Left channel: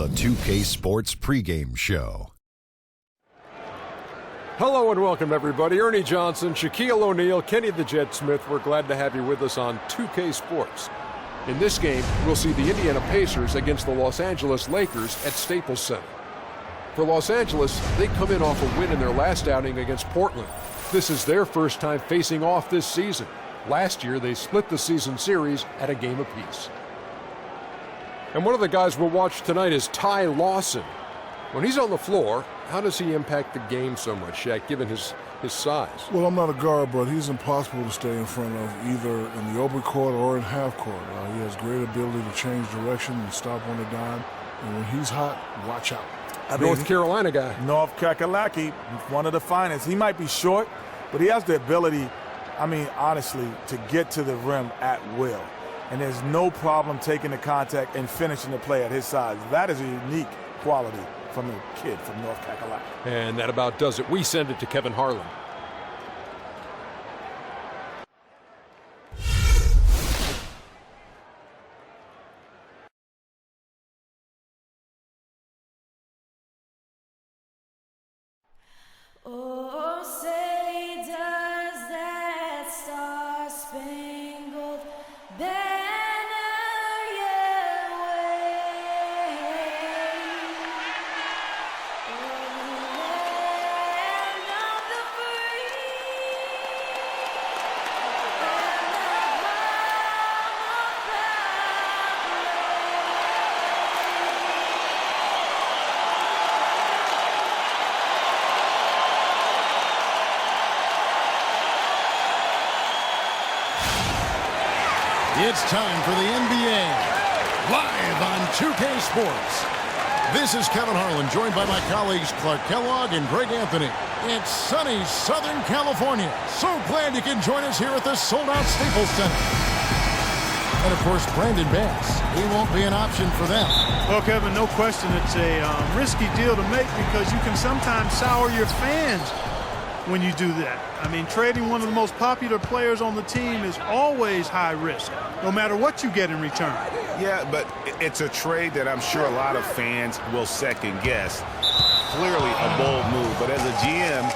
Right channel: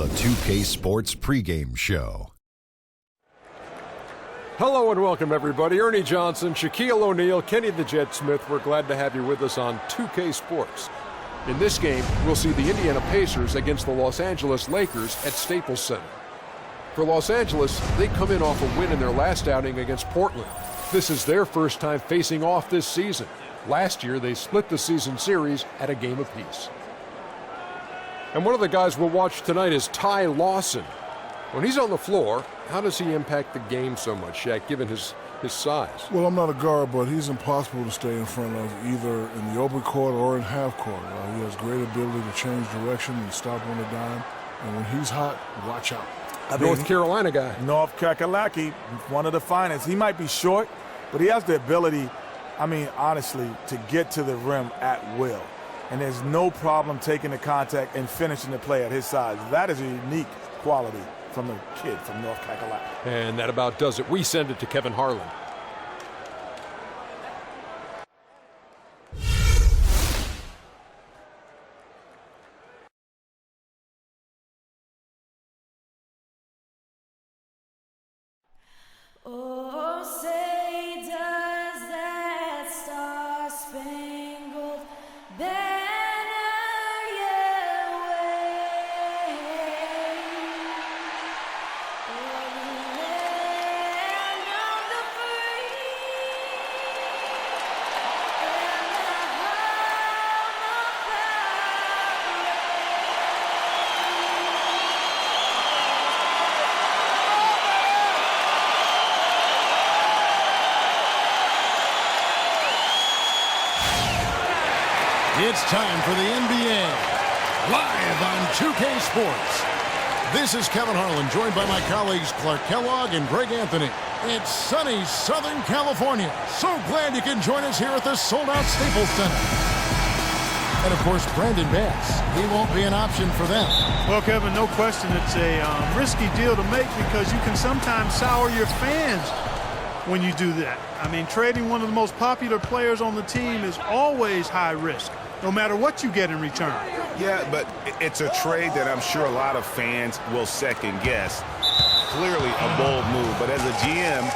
the 2K Sports pregame show. Hello and welcome, everybody. Ernie Johnson, Shaquille O'Neal, Kenny the Jet Smith. We're glad to have you with us on 2K Sports. In this game, we'll see the Indiana Pacers against the Los Angeles Lakers at Staples Center. For Los Angeles, they come in off a win in their last outing against Portland. This is their first time facing off this season. Last year, they split the season series at a game apiece. And one of the guys we'll watch tonight is Ty Lawson. When he's on the floor, how does he impact the game so much, Shaq, given his size? Well, I'm not a guard, but he's impossible to stay in front of either in the open court or in half court. He has great ability to change direction and stop on a dime. And when he's hot, watch out. North Carolina guy. North Kakalaki, one of the finest. He might be short, but he has the ability, honestly, to get to the rim at will. And there's no problem taking the contact and finishing the play at his size. That is a unique quality from the kid from North Kakalaki. And that about does it. We send it to Kevin Harlan. Oh, say does that star-spangled banner yet wave o'er the land of the free and the home of It's time for the NBA, live on 2K Sports. This is Kevin Harlan, joined by my colleagues Clark Kellogg and Greg Anthony. It's sunny Southern California. So glad you can join us here at the sold-out Staples Center. And, of course, Brandon Bass. He won't be an option for them. Well, Kevin, no question it's a risky deal to make because you can sometimes sour your fans when you do that. Trading one of the most popular players on the team is always high risk, no matter what you get in return. Yeah, but it's a trade that I'm sure a lot of fans will second guess. Clearly a bold move, but as a GM,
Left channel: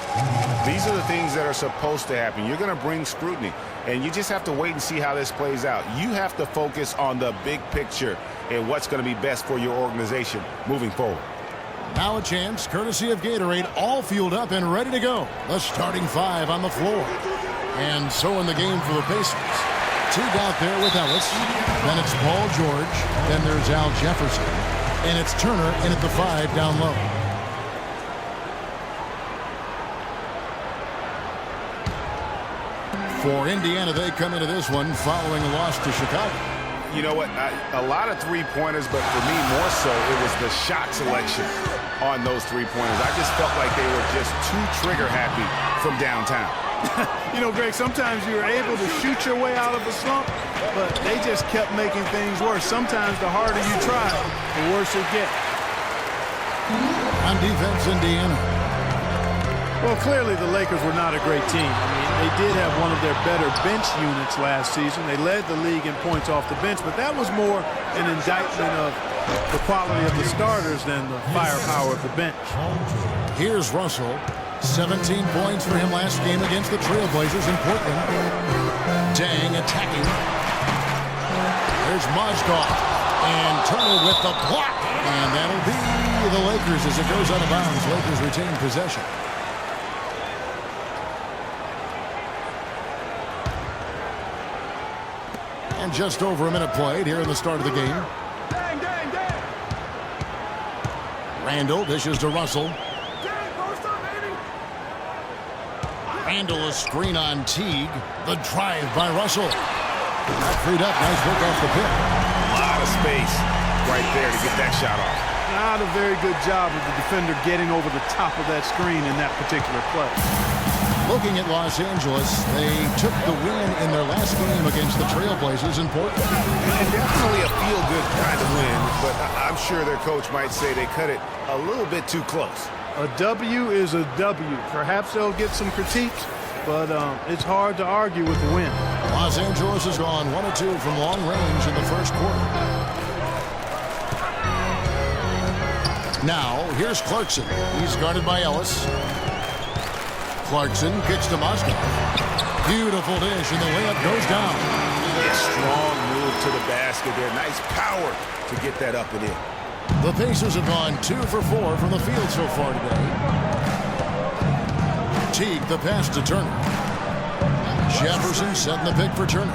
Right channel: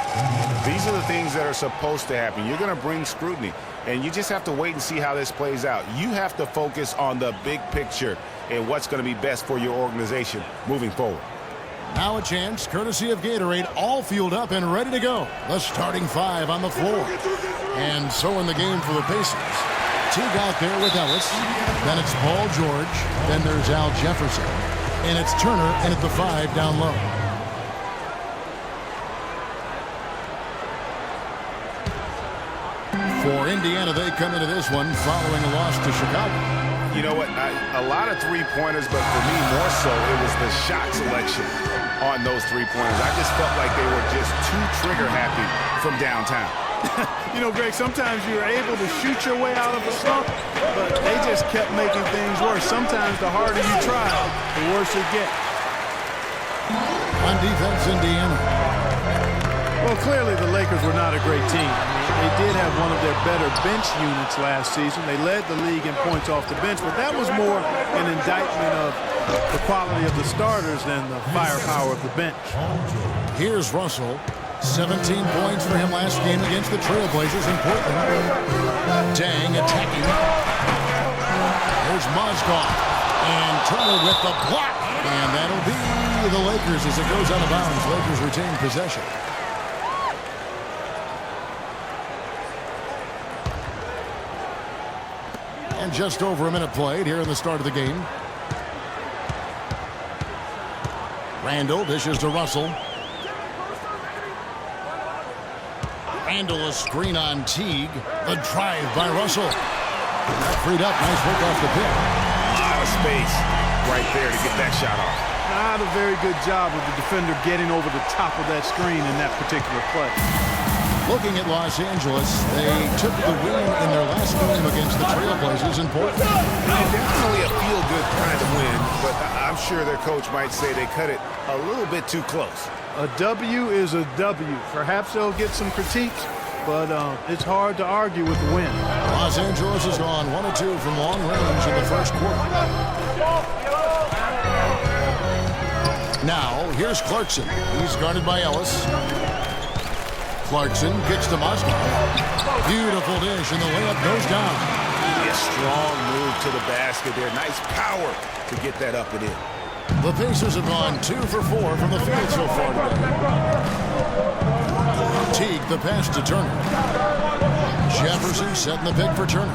these are the things that are supposed to happen. You're going to bring scrutiny, and you just have to wait and see how this plays out. You have to focus on the big picture and what's going to be best for your organization moving forward. Now a chance, courtesy of Gatorade, all fueled up and ready to go. The starting five on the floor. And so in the game for the Pacers. Teague out there with Ellis. Then it's Paul George. Then there's Al Jefferson. And it's Turner in at the 5 down low. For Indiana, they come into this one following a loss to Chicago. You know what? A lot of three-pointers, but for me more so, it was the shot selection on those three-pointers. I just felt like they were just too trigger-happy from downtown. Greg, sometimes you're able to shoot your way out of a slump, but they just kept making things worse. Sometimes the harder you try, the worse it gets. On defense, Indiana. Well, clearly the Lakers were not a great team. They did have one of their better bench units last season. They led the league in points off the bench, but that was more an indictment of the quality of the starters than the firepower of the bench. Here's Russell. 17 points for him last game against the Trailblazers in Portland. Dang attacking. There's Mozgov. And Turner with the block. And that'll be the Lakers as it goes out of bounds. Lakers retain possession. And just over a minute played here in the start of the game. Randall dishes to Russell. Randall a screen on Teague. The drive by Russell. Got freed up. Nice work off the pick. A lot of space right there to get that shot off. Not a very good job of the defender getting over the top of that screen in that particular play. Looking at Los Angeles, they took the win in their last game against the Trailblazers in Portland. And definitely a feel-good kind of win, but I'm sure their coach might say they cut it a little bit too close. A W is a W. Perhaps they'll get some critiques, but it's hard to argue with the win. Los Angeles has gone 1 of 2 from long range in the first quarter. Now, here's Clarkson. He's guarded by Ellis. Clarkson kicks to Moskov. Beautiful dish, and the layup goes down. Yeah, strong move to the basket there. Nice power to get that up and in. The Pacers have gone 2 for 4 from the field so far today. Teague, the pass to Turner. Jefferson setting the pick for Turner.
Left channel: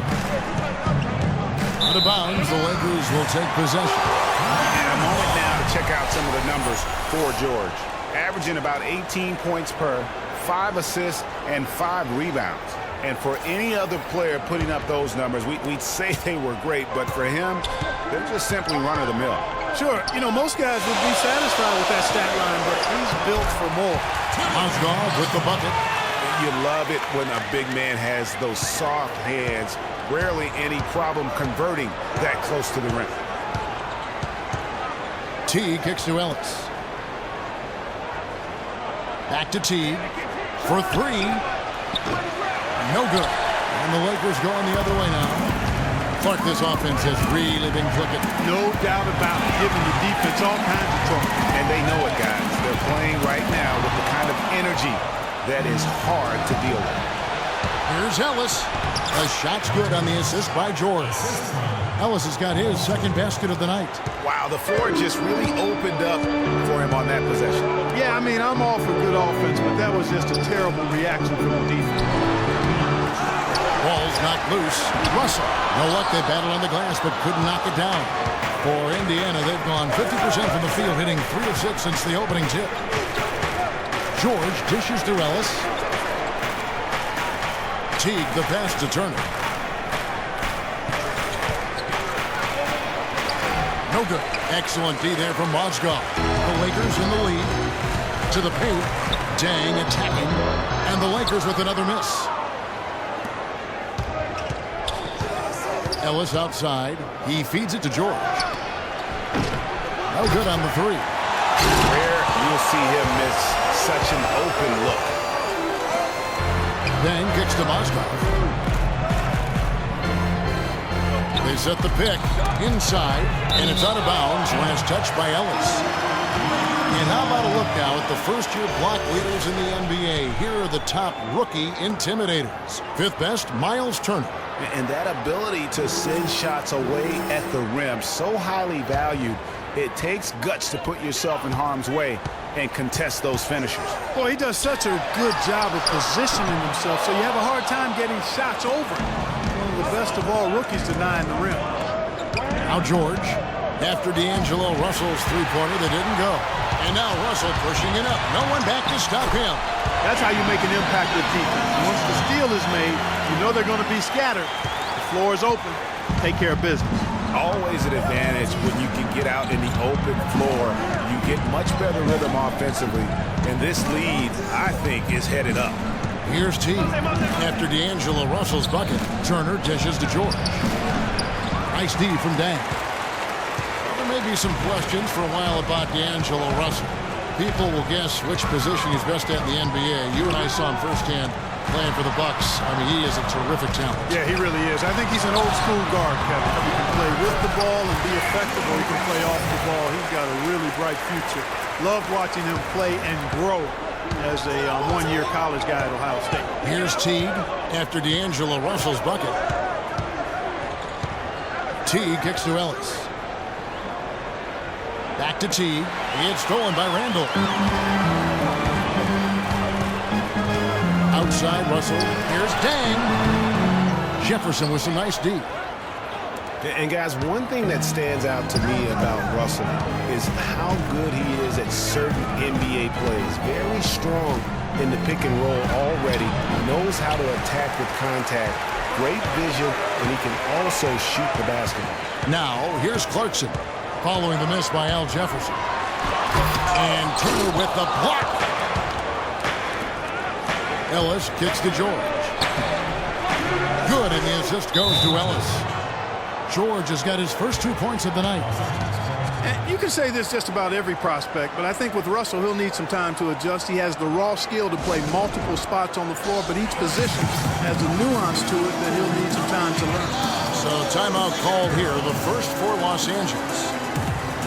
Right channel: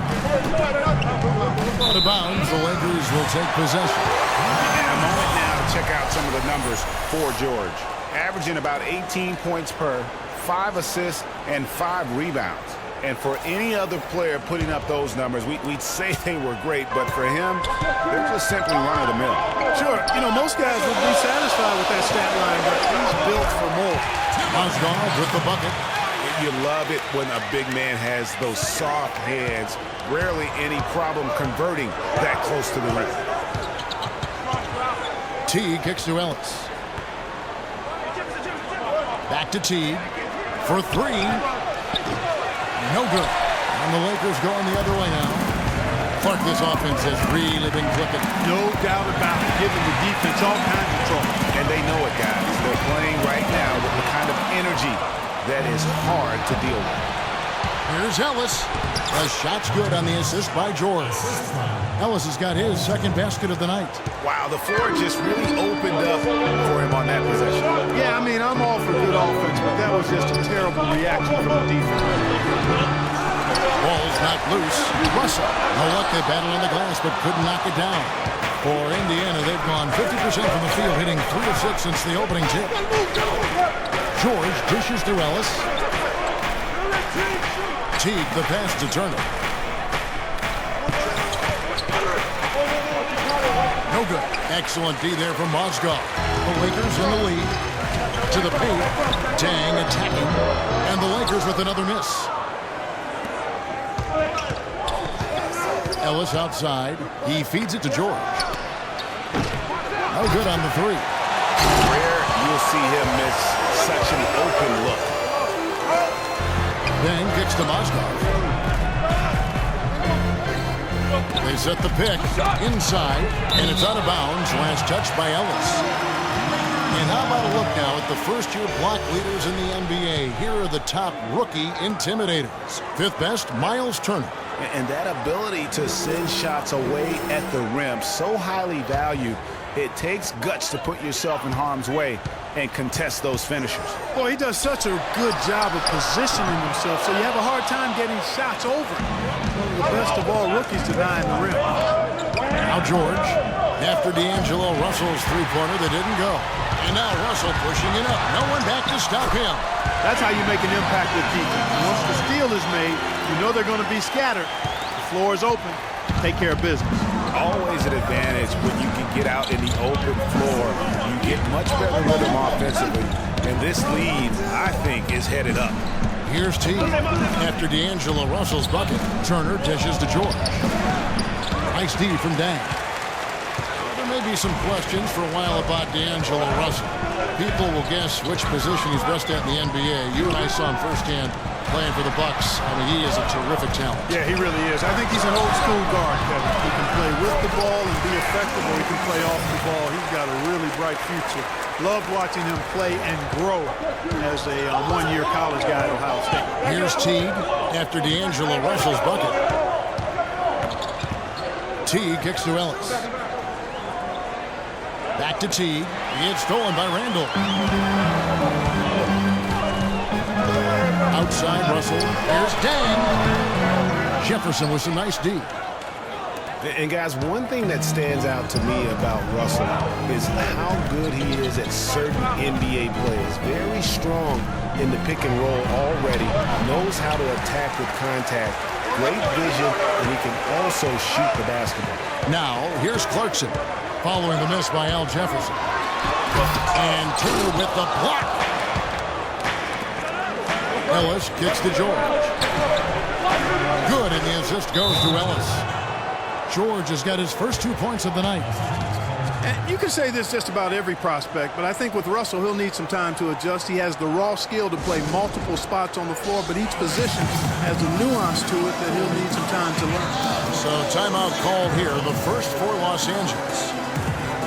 Out of bounds, the Lakers will take possession. And a moment now to check out some of the numbers for George. Averaging about 18 points per, 5 assists, and 5 rebounds. And for any other player putting up those numbers, we'd say they were great, but for him, they're just simply run-of-the-mill. Sure, you know, most guys would be satisfied with that stat line, but he's built for more. Moskov with the bucket. You love it when a big man has those soft hands. Rarely any problem converting that close to the rim. Teague kicks to Ellis. Back to Teague for 3. No good. And the Lakers going the other way now. Clark, this offense has really been clicking. No doubt about it, giving the defense all kinds of trouble. And they know it, guys. They're playing right now with the kind of energy that is hard to deal with. Here's Ellis. The shot's good on the assist by George. Ellis has got his second basket of the night. Wow, the floor just really opened up for him on that possession. Yeah, I mean, I'm all for good offense, but that was just a terrible reaction from the defense. Ball's knocked loose. Russell. No luck, they battled on the glass, but couldn't knock it down. For Indiana, they've gone 50% from the field, hitting 3 of 6 since the opening tip. George dishes to Ellis. Teague, the pass to Turner. No good. Excellent D there from Moskov. The Lakers in the lead. To the paint. Dang attacking. And the Lakers with another miss. Ellis outside. He feeds it to George. No good on the 3. Rare you'll see him miss such an open look. Then kicks to Moskov. They set the pick inside, and it's out of bounds. Last touch by Ellis. And how about a look now at the first-year block leaders in the NBA? Here are the top rookie intimidators. 5th best, Miles Turner. And that ability to send shots away at the rim, so highly valued. It takes guts to put yourself in harm's way and contest those finishers. Boy, he does such a good job of positioning himself, so you have a hard time getting shots over him. One of the best of all rookies to die in the rim. Now George, after D'Angelo Russell's three-pointer that didn't go. And now Russell pushing it up. No one back to stop him. That's how you make an impact with defense. Once the steal is made, you know they're going to be scattered. The floor is open. Take care of business. Always an advantage when you can get out in the open floor. You get much better rhythm offensively. And this lead, I think, is headed up. Here's T. After D'Angelo Russell's bucket, Turner dishes to George. Nice D from Dan. Well, there may be some questions for a while about D'Angelo Russell. People will guess which position he's best at in the NBA. You and I saw him firsthand playing for the Bucks. I mean, he is a terrific talent. Yeah, he really is. I think he's an old school guard, Kevin. He can play with the ball and be effective, or he can play off the ball. He's got a really bright future. Loved watching him play and grow as a one-year college guy at Ohio State. Here's Teague after D'Angelo Russell's bucket. Teague kicks to Ellis. Back to Teague. It's stolen by Randall. Outside Russell. Here's Dang. Jefferson with some nice D. And guys, one thing that stands out to me about Russell is how good he is at certain NBA plays. Very strong in the pick and roll already. Knows how to attack with contact. Great vision, and he can also shoot the basketball. Now, here's Clarkson, following the miss by Al Jefferson. And Turner with the block. Ellis kicks to George. Good, and the assist goes to Ellis. George has got his first 2 points of the night. And you can say this just about every prospect, but I think with Russell, he'll need some time to adjust. He has the raw skill to play multiple spots on the floor, but each position has a nuance to it that he'll need some time to learn. So timeout called here, the first for Los Angeles.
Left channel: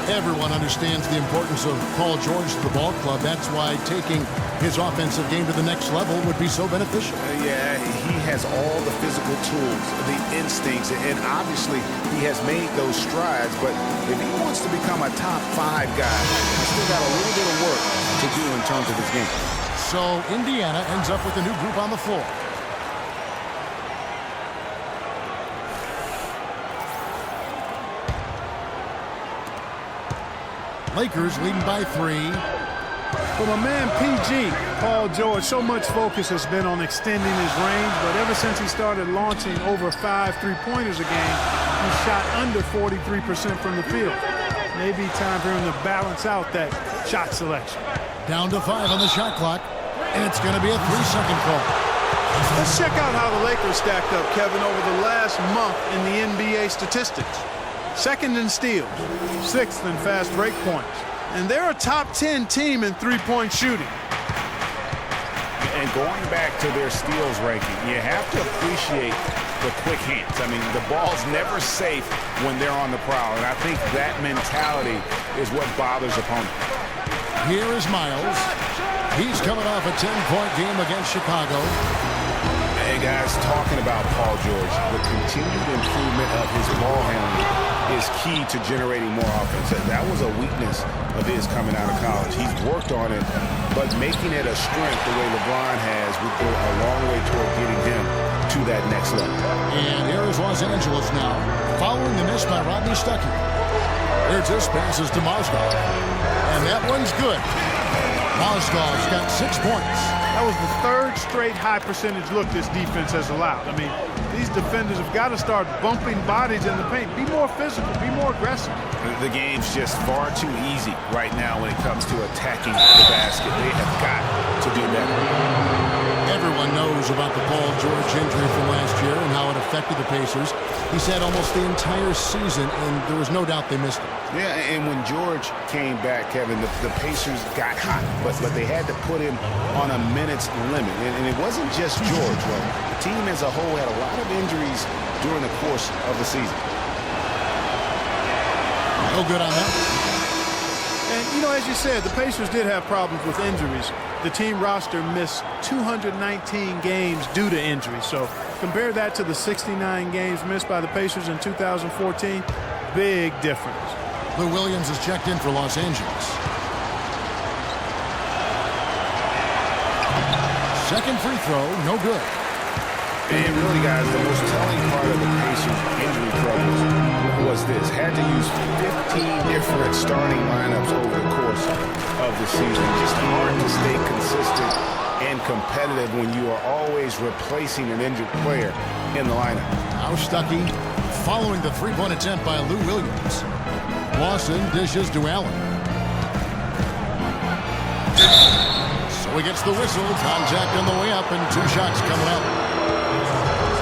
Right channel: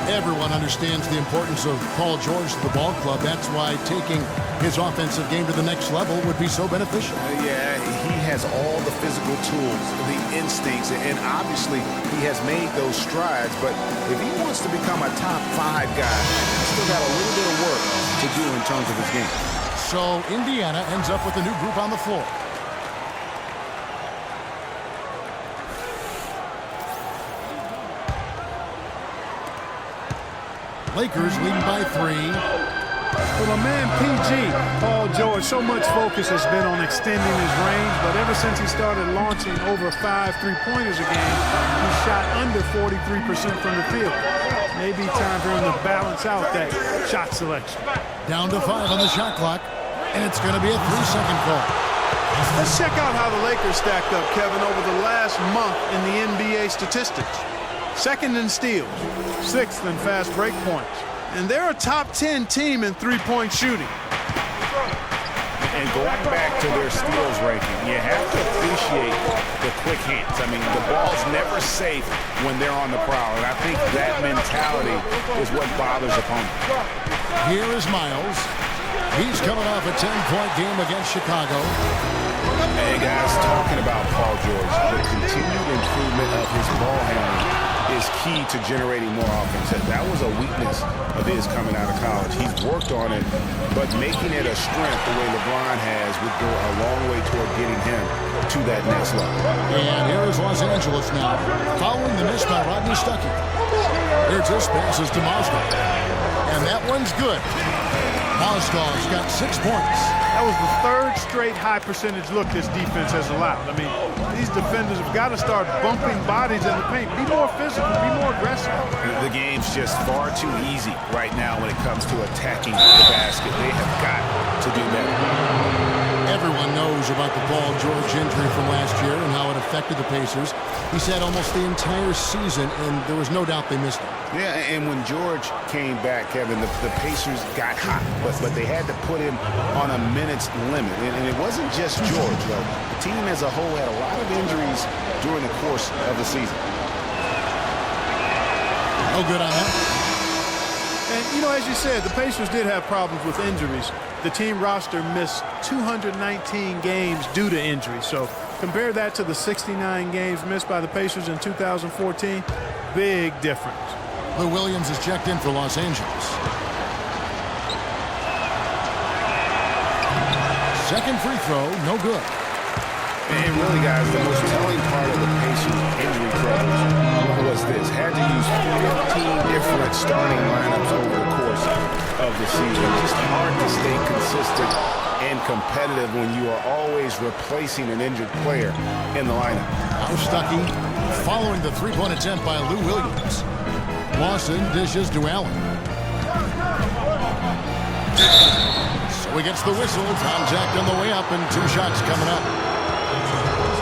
Everyone understands the importance of Paul George to the ball club. That's why taking his offensive game to the next level would be so beneficial. Yeah, he has all the physical tools, the instincts, and obviously he has made those strides. But if he wants to become a top 5 guy, he's still got a little bit of work to do in terms of his game. So Indiana ends up with a new group on the floor. Lakers leading by 3. For my man PG, Paul George, so much focus has been on extending his range, but ever since he started launching over 5 3-pointers a game, he shot under 43% from the field. Maybe time for him to balance out that shot selection. Down to 5 on the shot clock, and it's going to be a 3-second call. Let's check out how the Lakers stacked up, Kevin, over the last month in the NBA statistics. 2nd in steals, 6th in fast break points, and they're a top 10 team in 3-point shooting. And going back to their steals ranking, you have to appreciate the quick hands. I mean, the ball's never safe when they're on the prowl, and I think that mentality is what bothers opponents. Here is Miles. He's coming off a 10-point game against Chicago. Hey, guys, talking about Paul George, the continued improvement of his ball handling is key to generating more offense. That was a weakness of his coming out of college. He's worked on it, but making it a strength the way LeBron has would go a long way toward getting him to that next level. And here is Los Angeles now, following the miss by Rodney Stuckey. There's his passes to Mozgov, and that one's good. Mozgov's got 6 points. That was the 3rd straight high percentage look this defense has allowed. I mean, these defenders have got to start bumping bodies in the paint. Be more physical, be more aggressive. The game's just far too easy right now when it comes to attacking the basket. They have got to do better. Everyone knows about the Paul George injury from last year and how it affected the Pacers. He's had almost the entire season, and there was no doubt they missed him. Yeah, and when George came back, Kevin, the Pacers got hot, but they had to put him on a minutes limit. And it wasn't just George, though. The team as a whole had a lot of injuries during the course of the season. No good on that. And, you know, as you said, the Pacers did have problems with injuries. The team roster missed 219 games due to injury. So compare that to the 69 games missed by the Pacers in 2014. Big difference. Lou Williams is checked in for Los Angeles. Second free throw, no good. And really, guys, the most telling part of the Pacers' injury troubles was this. Had to use 15 different starting lineups over the course of the season. Just hard to stay consistent and competitive when you are always replacing an injured player in the lineup. Now Stuckey following the three-point attempt by Lou Williams. Lawson dishes to Allen. So he gets the whistle. Contact on the way up and 2 shots coming up.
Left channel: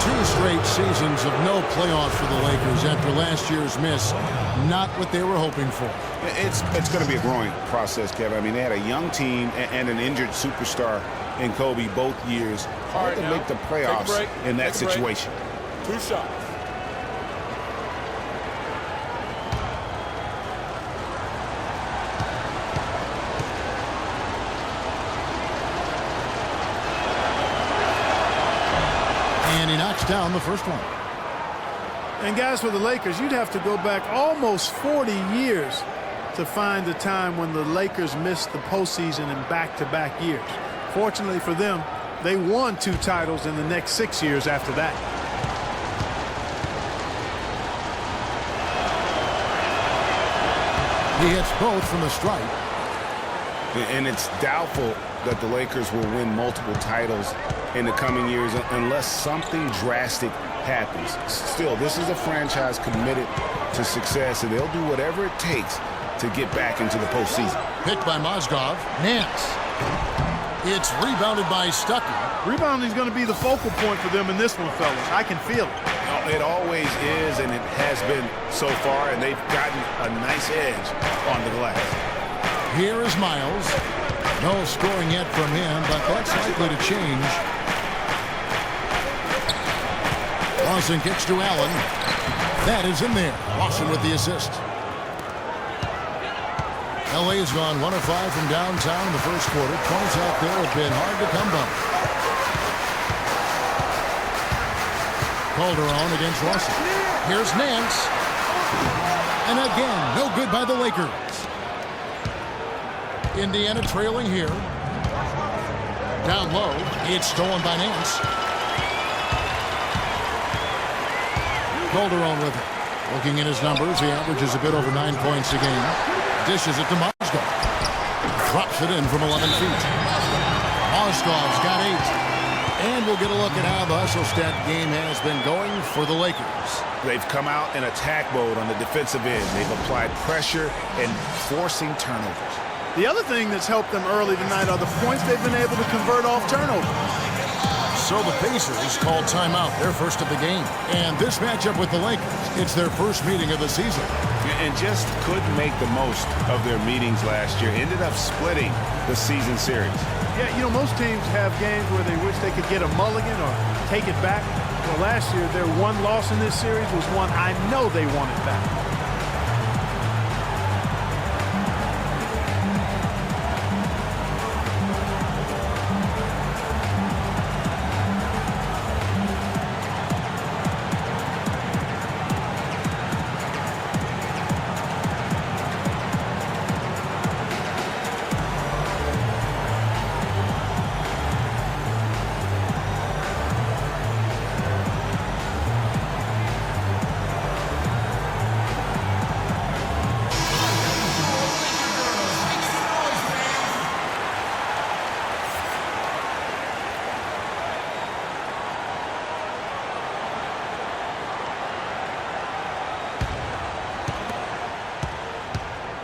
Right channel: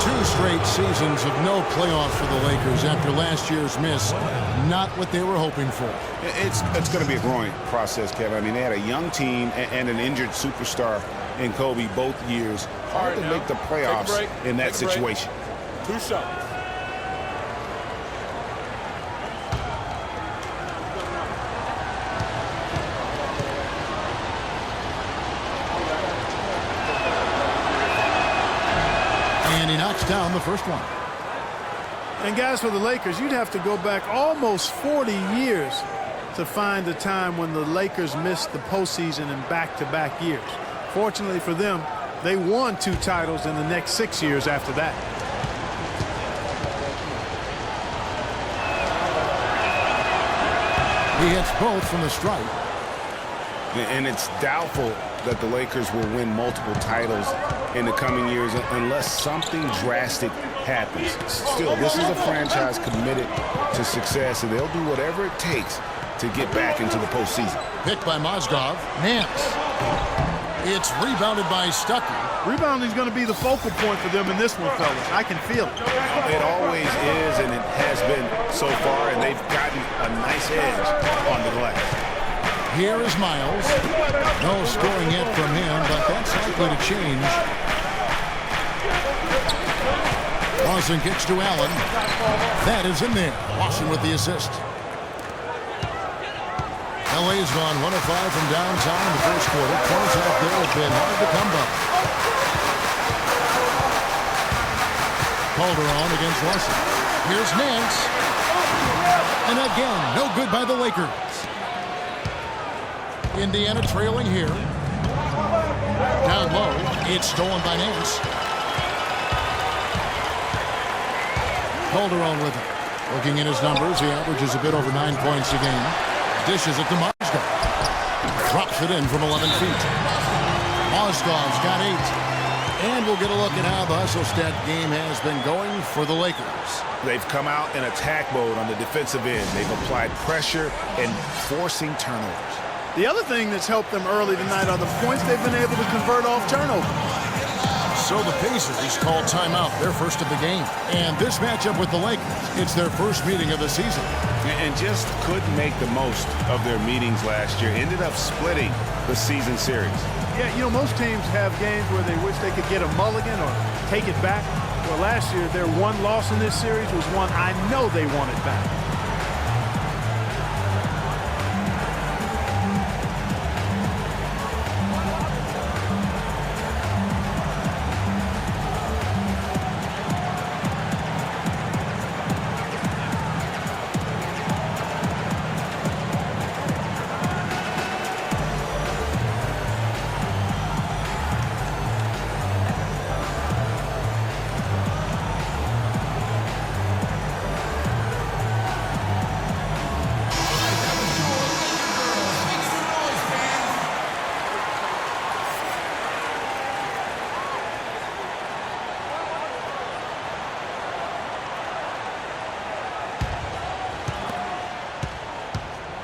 2 straight seasons of no playoffs for the Lakers after last year's miss. Not what they were hoping for. It's going to be a growing process, Kevin. I mean, they had a young team and an injured superstar in Kobe both years. Hard to make the playoffs in that situation. 2 shots. And he knocks down the first one. And guys, for the Lakers, you'd have to go back almost 40 years to find a time when the Lakers missed the postseason in back-to-back years. Fortunately for them, they won 2 titles in the next 6 years after that. He hits both from the stripe. And it's doubtful that the Lakers will win multiple titles in the coming years unless something drastic happens. Still, this is a franchise committed to success, and they'll do whatever it takes to get back into the postseason. Picked by Mozgov. Nance. It's rebounded by Stuckey. Rebounding is going to be the focal point for them in this one, fellas. I can feel it. It always is, and it has been so far, and they've gotten a nice edge on the glass. Here is Miles. No scoring yet from him, but that's likely to change. Lawson kicks to Allen. That is in there. Lawson with the assist. LA has gone 1 of 5 from downtown in the first quarter. Points out there have been hard to come by. Calderon against Lawson. Here's Nance. And again, no good by the Lakers. Indiana trailing here. Down low, it's stolen by Nance. Calderon with it. Looking at his numbers, he averages a bit over 9 points a game. Dishes it to Mozgov. Drops it in from 11 feet. Mozgov's got 8. And we'll get a look at how the hustle stat game has been going for the Lakers. They've come out in attack mode on the defensive end. They've applied pressure and forcing turnovers. The other thing that's helped them early tonight are the points they've been able to convert off turnovers. So the Pacers called timeout, their first of the game. And this matchup with the Lakers, it's their first meeting of the season. And just couldn't make the most of their meetings last year. Ended up splitting the season series. Yeah, you know, most teams have games where they wish they could get a mulligan or take it back. Well, last year, their one loss in this series was one I know they wanted back.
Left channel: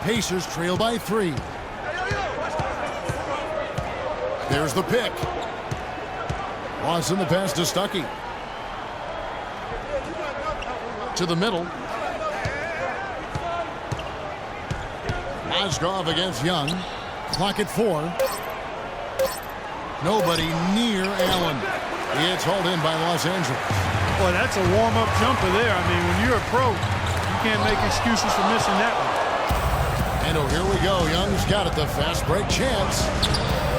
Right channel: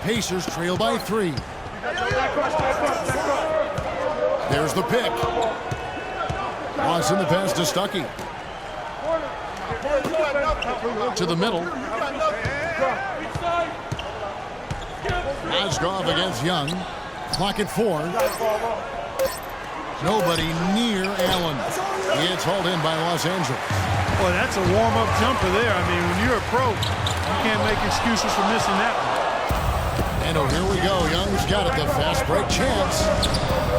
Pacers trail by 3. There's the pick. Watson the pass to Stuckey. To the middle. Mozgov against Young. Clock at 4. Nobody near Allen. It's hauled in by Los Angeles. Boy, that's a warm-up jumper there. I mean, when you're a pro, you can't make excuses for missing that one. And oh, here we go. Young's got it. The fast break chance.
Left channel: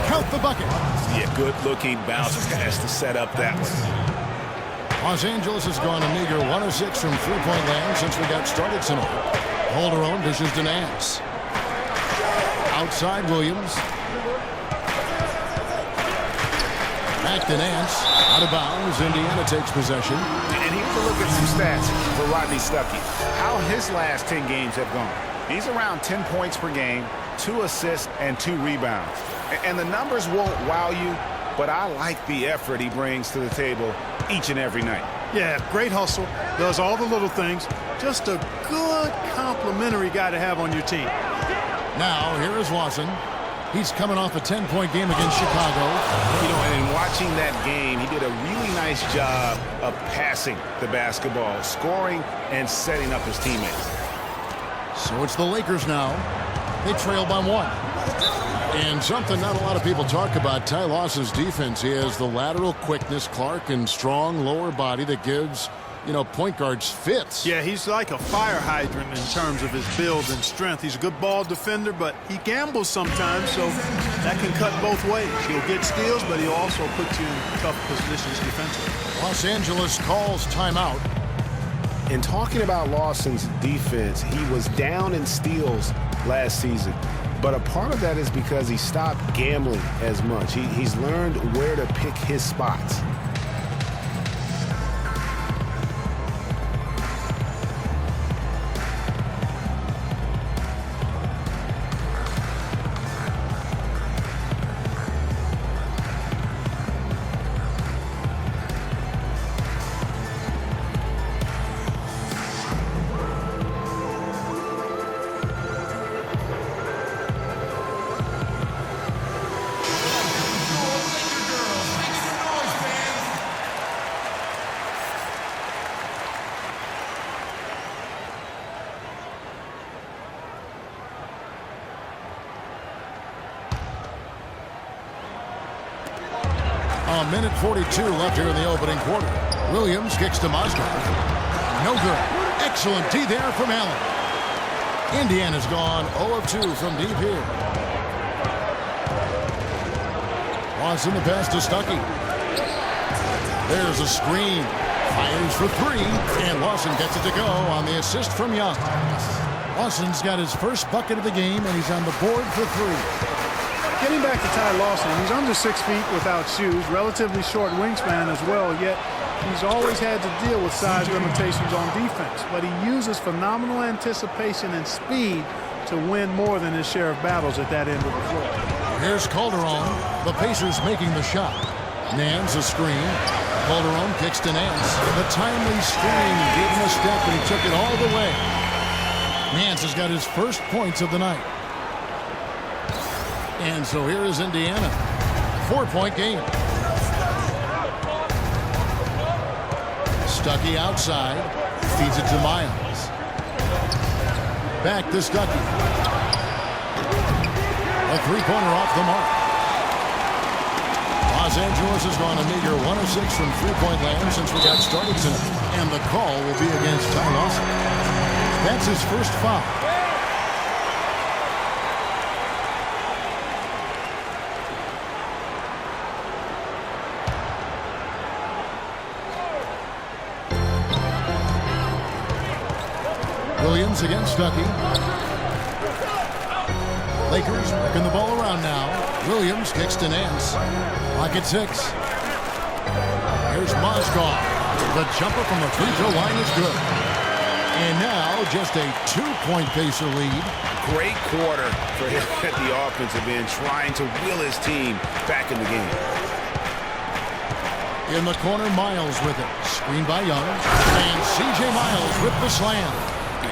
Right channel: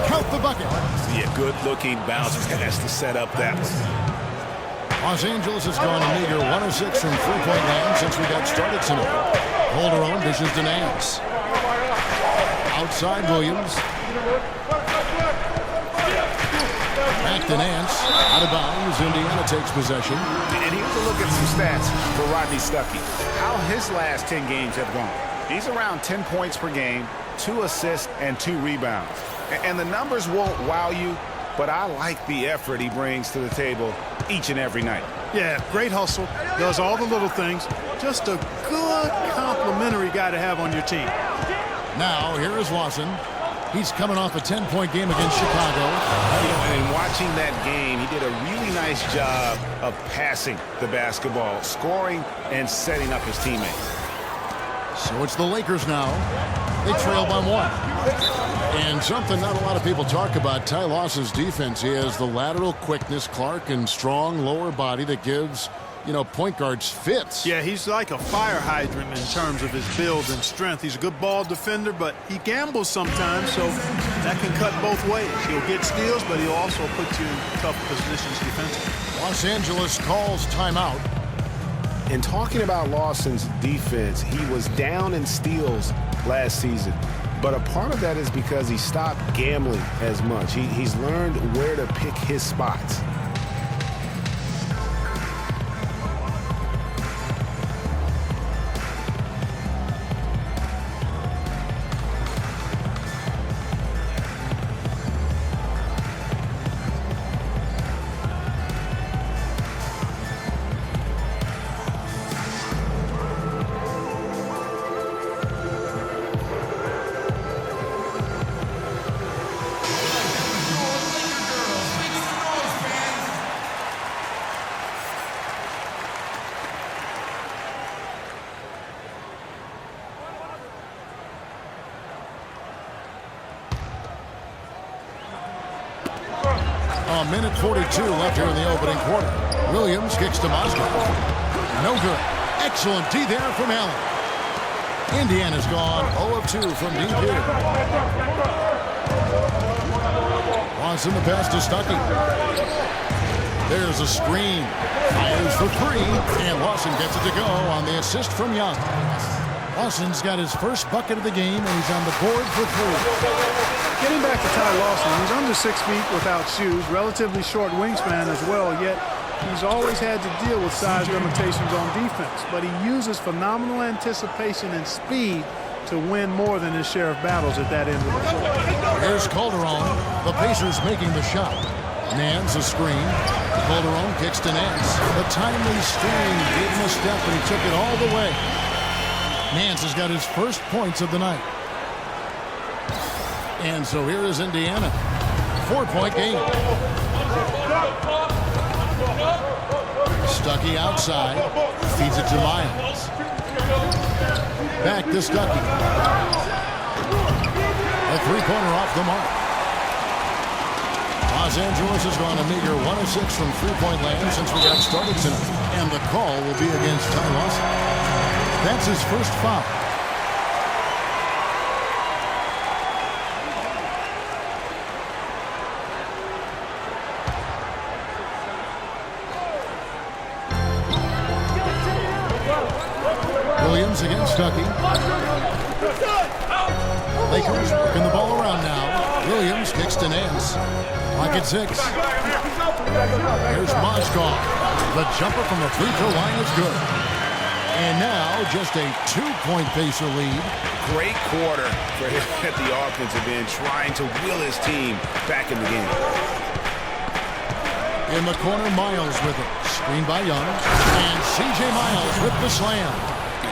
Count the bucket. Yeah, good-looking bounce pass to set up that one. Los Angeles has gone a meager 1 of 6 from three-point land since we got started tonight. Calderon dishes to Nance. Outside Williams. Back to Nance. Out of bounds. Indiana takes possession. And here's a look at some stats for Rodney Stuckey. How his last 10 games have gone. He's around 10 points per game, 2 assists, and 2 rebounds. And the numbers won't wow you, but I like the effort he brings to the table each and every night. Yeah, great hustle. Does all the little things. Just a good complimentary guy to have on your team. Now, here is Lawson. He's coming off a 10-point game against Chicago. You know, and in watching that game, he did a really nice job of passing the basketball, scoring, and setting up his teammates. So it's the Lakers now. They trail by 1. And something not a lot of people talk about, Ty Lawson's defense. He has the lateral quickness, Clark, and strong lower body that gives, you know, point guards fits. Yeah, he's like a fire hydrant in terms of his build and strength. He's a good ball defender, but he gambles sometimes, so that can cut both ways. He'll get steals, but he'll also put you in tough positions defensively. Los Angeles calls timeout. In talking about Lawson's defense, he was down in steals last season. But a part of that is because he stopped gambling as much. He's learned where to pick his spots. A minute 42 left here in the opening quarter. Williams kicks to Mozgov. No good. Excellent D there from Allen. Indiana's gone 0 of 2 from deep here. Lawson the pass to Stuckey. There's a screen. Fires for 3, and Lawson gets it to go on the assist from Young. Lawson's got his first bucket of the game, and he's on the board for 3. Getting back to Ty Lawson, he's under 6 feet without shoes, relatively short wingspan as well, yet he's always had to deal with size limitations on defense. But he uses phenomenal anticipation and speed to win more than his share of battles at that end of the floor. Here's Calderon, the Pacers making the shot. Nance a screen. Calderon kicks to Nance. The timely screen gave him a step, and he took it all the way. Nance has got his first points of the night. And so here is Indiana. 4-point game. Stuckey outside. Feeds it to Miles. Back to Stuckey. A three-pointer off the mark. Los Angeles has gone a meager 1 of 6 from three-point land since we got started tonight. And the call will be against Ty Lawson. That's his first foul. Williams against Stuckey. Lakers working the ball around now. Williams kicks to Nance. Lock at 6. Here's Mozgov. The jumper from the free throw line is good. And now just a 2-point Pacer lead. Great quarter for him at the offensive end, trying to will his team back in the game. In the corner, Miles with it. Screen by Young. And C.J. Miles with the slam.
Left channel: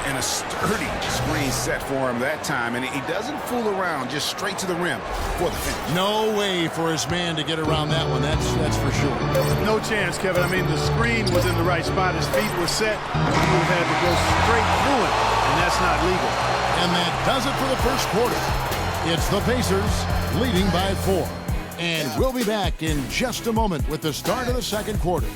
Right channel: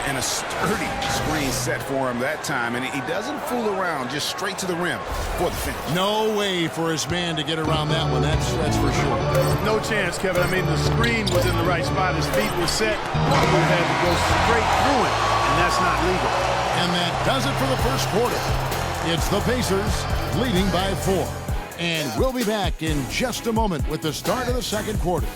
And a sturdy screen set for him that time, and he doesn't fool around, just straight to the rim for the finish. No way for his man to get around that one, that's for sure. No chance, Kevin. I mean, the screen was in the right spot. His feet were set. He would have had to go straight through it, and that's not legal. And that does it for the first quarter. It's the Pacers leading by 4. And we'll be back in just a moment with the start of the second quarter.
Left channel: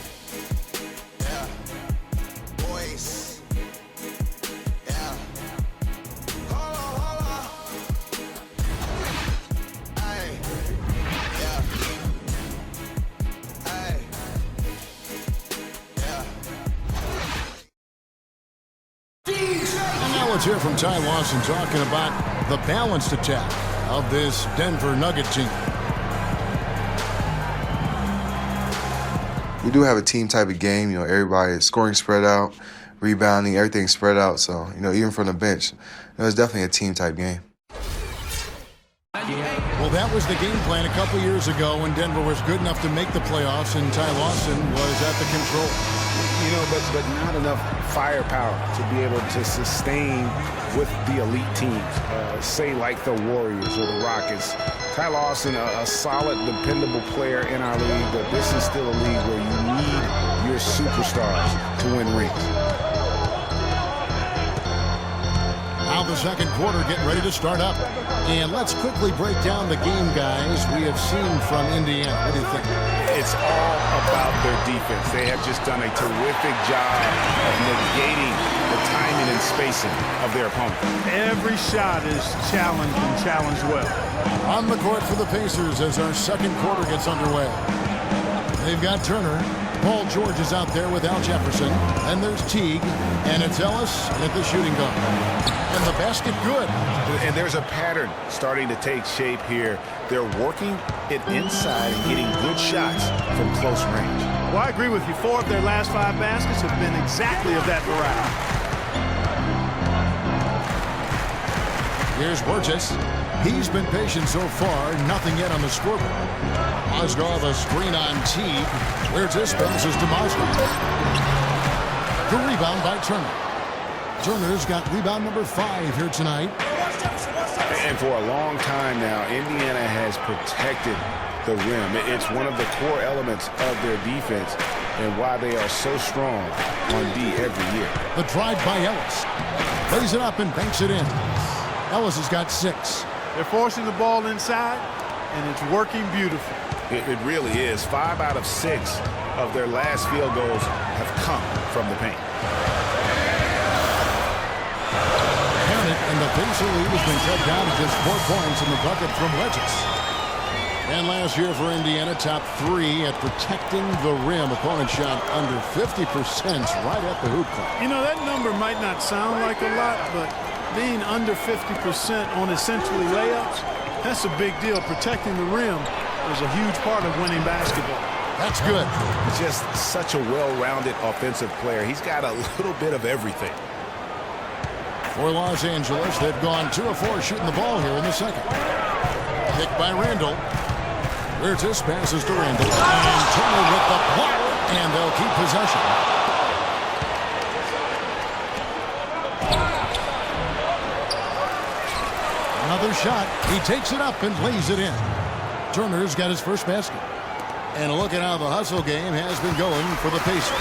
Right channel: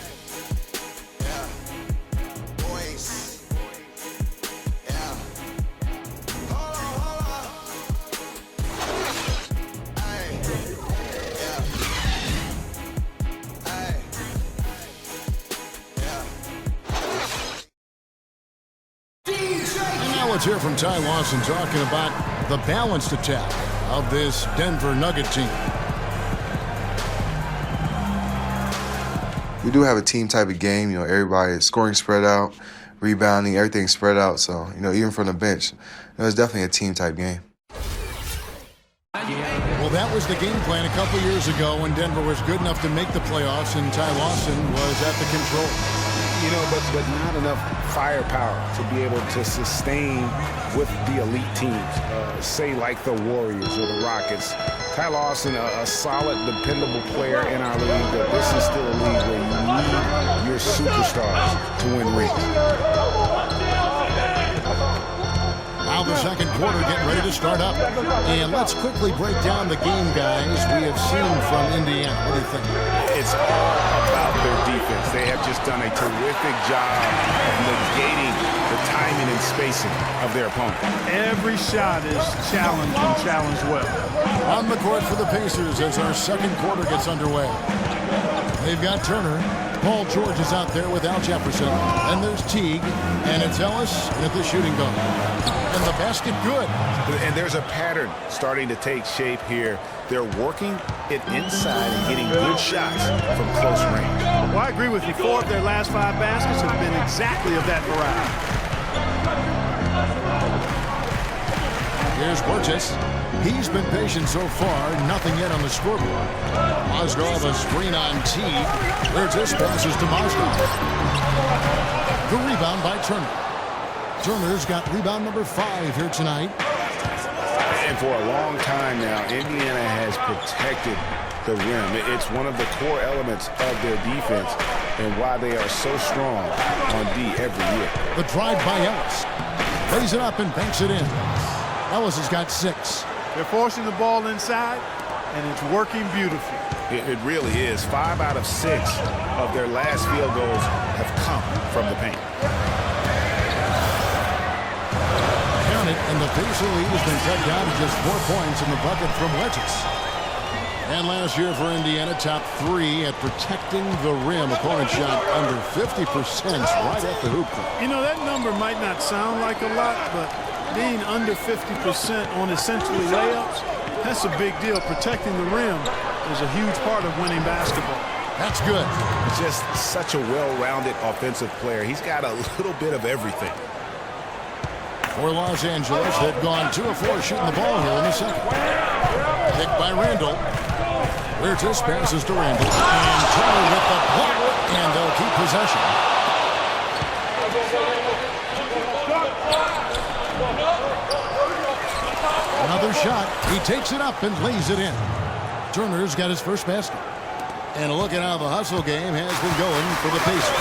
Let's hear from Ty Lawson talking about the balanced attack of this Denver Nugget team. We do have a team type of game. You know, everybody is scoring spread out, rebounding, everything spread out. So, you know, even from the bench, it's definitely a team type game. Well, that was the game plan a couple years ago when Denver was good enough to make the playoffs and Ty Lawson was at the control. You know, but not enough firepower to be able to sustain with the elite teams, say like the Warriors or the Rockets. Ty Lawson, a solid, dependable player in our league, but this is still a league where you need your superstars to win rings. Now the second quarter getting ready to start up. And let's quickly break down the game, guys, we have seen from Indiana. What do you think? It's all about their defense. They have just done a terrific job of negating the timing and spacing of their opponent. Every shot is challenged and challenged well. On the court for the Pacers as our second quarter gets underway. They've got Turner. Paul George is out there with Al Jefferson. And there's Teague. And it's Ellis at the shooting guard. And the basket good. And there's a pattern starting to take shape here. They're working it inside and getting good shots from close range. Well, I agree with you. 4 of their last 5 baskets have been exactly of that variety. Here's Burgess. He's been patient so far. Nothing yet on the scoreboard. Mozgov a screen on Teague. Burgess passes to Mozgov. The rebound by Turner. Turner's got rebound number 5 here tonight. And for a long time now, Indiana has protected the rim. It's one of the core elements of their defense and why they are so strong on D every year. The drive by Ellis. Lays it up and banks it in. Ellis has got 6. They're forcing the ball inside, and it's working beautifully. It really is. 5 out of 6 of their last field goals have come from the paint. it, and the Pacer lead has been cut down to just 4 points in the bucket from wedges. And last year for Indiana, top 3 at protecting the rim. Opponent shot under 50% right at the hoop club. You know, that number might not sound like a lot, but being under 50% on essentially layups, that's a big deal. Protecting the rim is a huge part of winning basketball. That's good. Just such a well-rounded offensive player. He's got a little bit of everything. For Los Angeles, they've gone 2 of 4 shooting the ball here in the second. Picked by Randall. Huertas passes to Randall. And Turner with the block. And they'll keep possession. Another shot. He takes it up and lays it in. Turner's got his first basket. And look at how the hustle game has been going for the Pacers.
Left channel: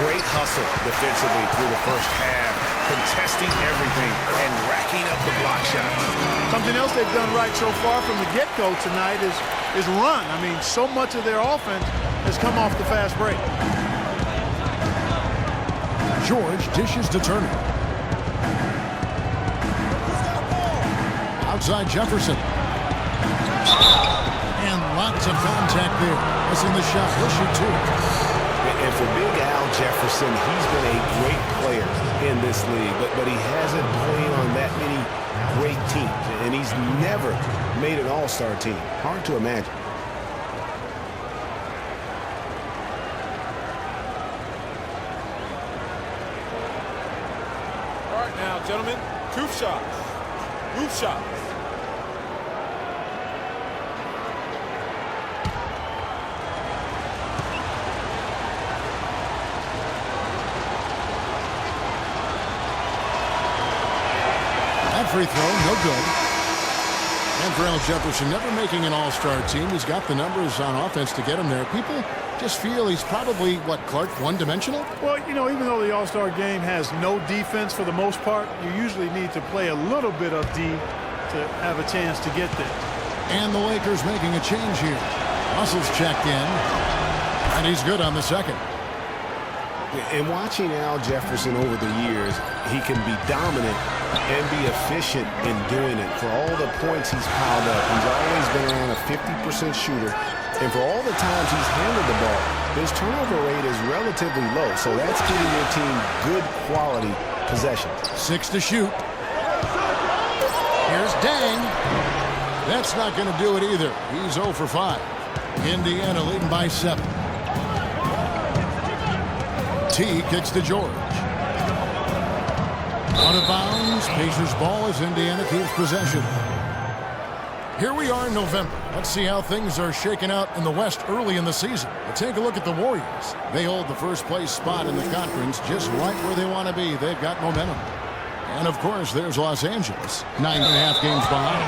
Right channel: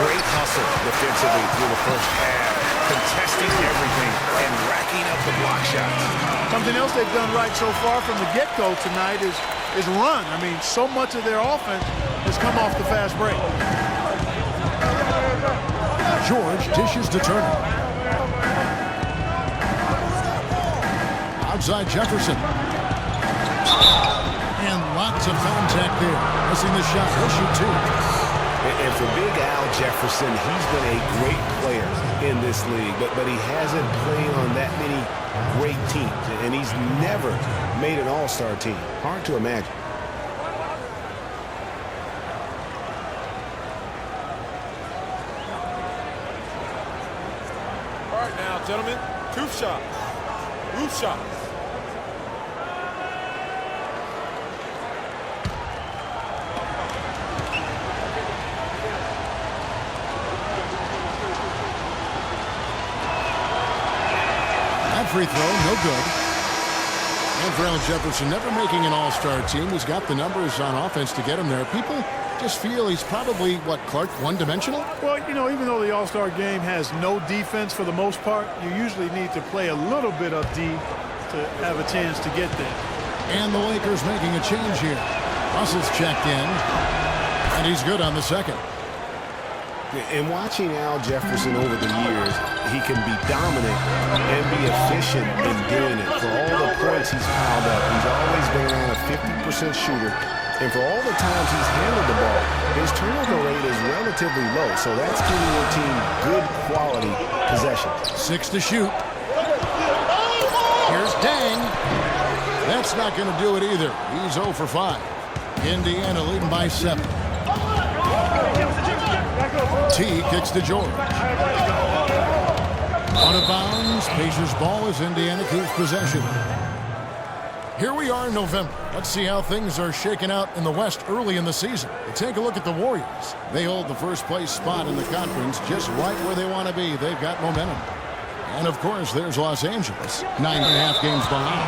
Great hustle defensively through the first half, contesting everything and racking up the block shots. Something else they've done right so far from the get-go tonight is run. I mean, so much of their offense has come off the fast break. George dishes to Turner. Outside Jefferson. And lots of contact there. Missing the shot. He'll shoot 2. And for Big Al Jefferson, he's been a great player in this league, but he hasn't played on that many great teams, and he's never made an all-star team. Hard to imagine. All right now, gentlemen, 2 shots. Roof shots. That free throw, no good. And for Al Jefferson, never making an all-star team, he's got the numbers on offense to get him there. People just feel he's probably, what, Clark, one-dimensional? Well, you know, even though the All-Star game has no defense for the most part, you usually need to play a little bit of D to have a chance to get there. And the Lakers making a change here. Russell's checked in, and he's good on the second. And watching Al Jefferson over the years, he can be dominant and be efficient in doing it. For all the points he's piled up, he's always been around a 50% shooter. And for all the times he's handled the ball, his turnover rate is relatively low. So that's giving your team good quality possessions. 6 to shoot. Here's Dang. That's not going to do it either. He's 0 for 5. Indiana leading by 7. T kicks to George. Out of bounds. Pacers ball as Indiana keeps possession. Here we are in November. Let's see how things are shaking out in the West early in the season. But take a look at the Warriors. They hold the first place spot in the conference just right where they want to be. They've got momentum. And of course, there's Los Angeles, 9.5 games behind.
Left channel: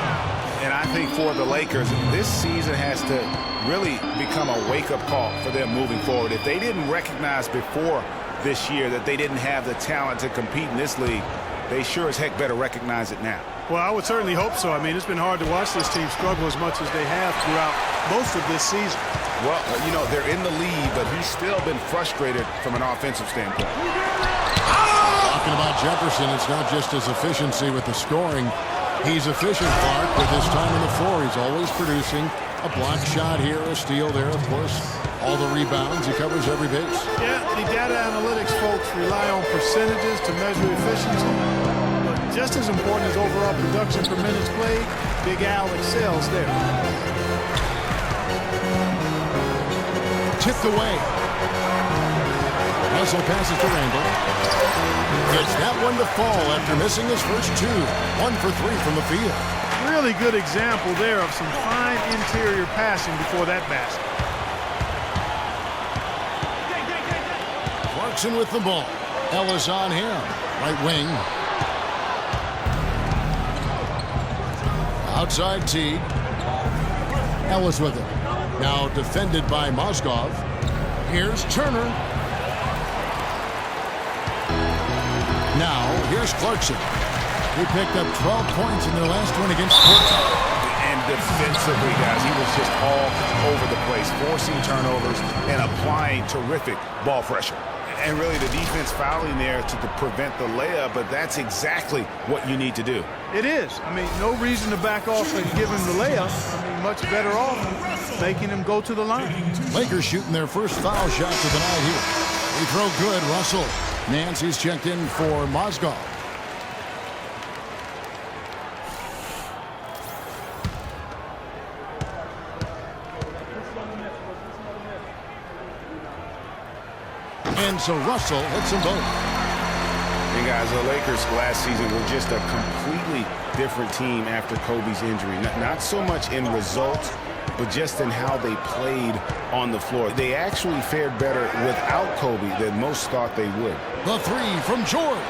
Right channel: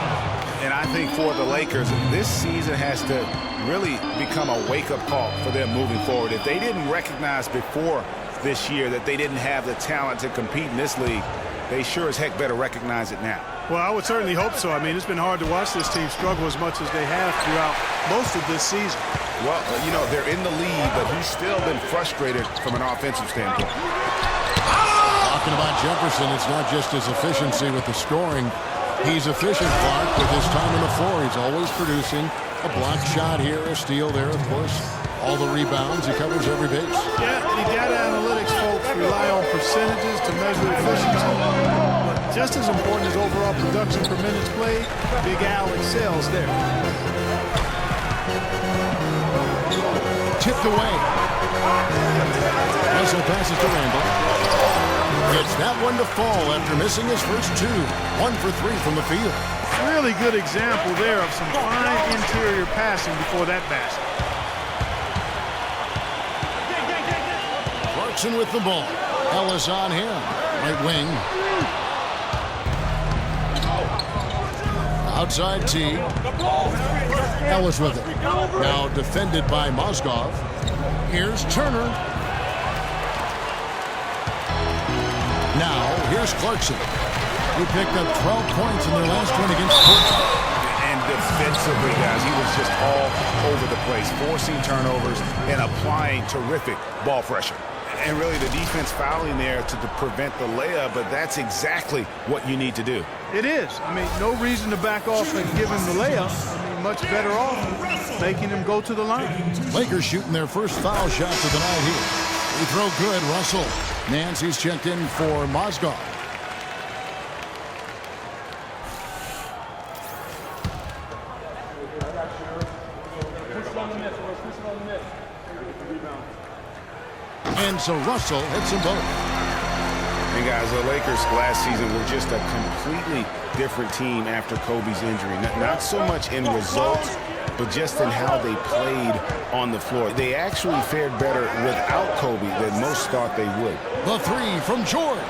And I think for the Lakers, this season has to really become a wake-up call for them moving forward. If they didn't recognize before this year that they didn't have the talent to compete in this league, they sure as heck better recognize it now. Well, I would certainly hope so. I mean, it's been hard to watch this team struggle as much as they have throughout most of this season. Well, you know, they're in the lead, but he's still been frustrated from an offensive standpoint. Talking about Jefferson, it's not just his efficiency with the scoring. He's efficient, Clark, with his time on the floor. He's always producing a block shot here, a steal there, of course. All the rebounds, he covers every base. Yeah, the data analytics folks rely on percentages to measure efficiency. But just as important as overall production per minutes played, Big Al excels there. Tipped away. Russell passes to Randall. Gets that one to fall after missing his first 2. 1 for 3 from the field. Really good example there of some fine interior passing before that basket. Clarkson with the ball. Ellis on him. Right wing. Outside T. Ellis with it. Now defended by Mozgov. Here's Turner. Now, here's Clarkson. He picked up 12 points in their last one against Portland. And defensively, guys, he was just all over the place, forcing turnovers and applying terrific ball pressure. And really the defense fouling there to prevent the layup, but that's exactly what you need to do. It is. I mean, no reason to back off and give him the layup. I mean, much better off making him go to the line. Lakers shooting their first foul shots of the night here. Free throw good, Russell. Nancy's checked in for Mozgov. And so Russell hits them both. And guys, the Lakers last season were just a completely different team after Kobe's injury. Not so much in results, but just in how they played on the floor. They actually fared better without Kobe than most thought they would. The three from George.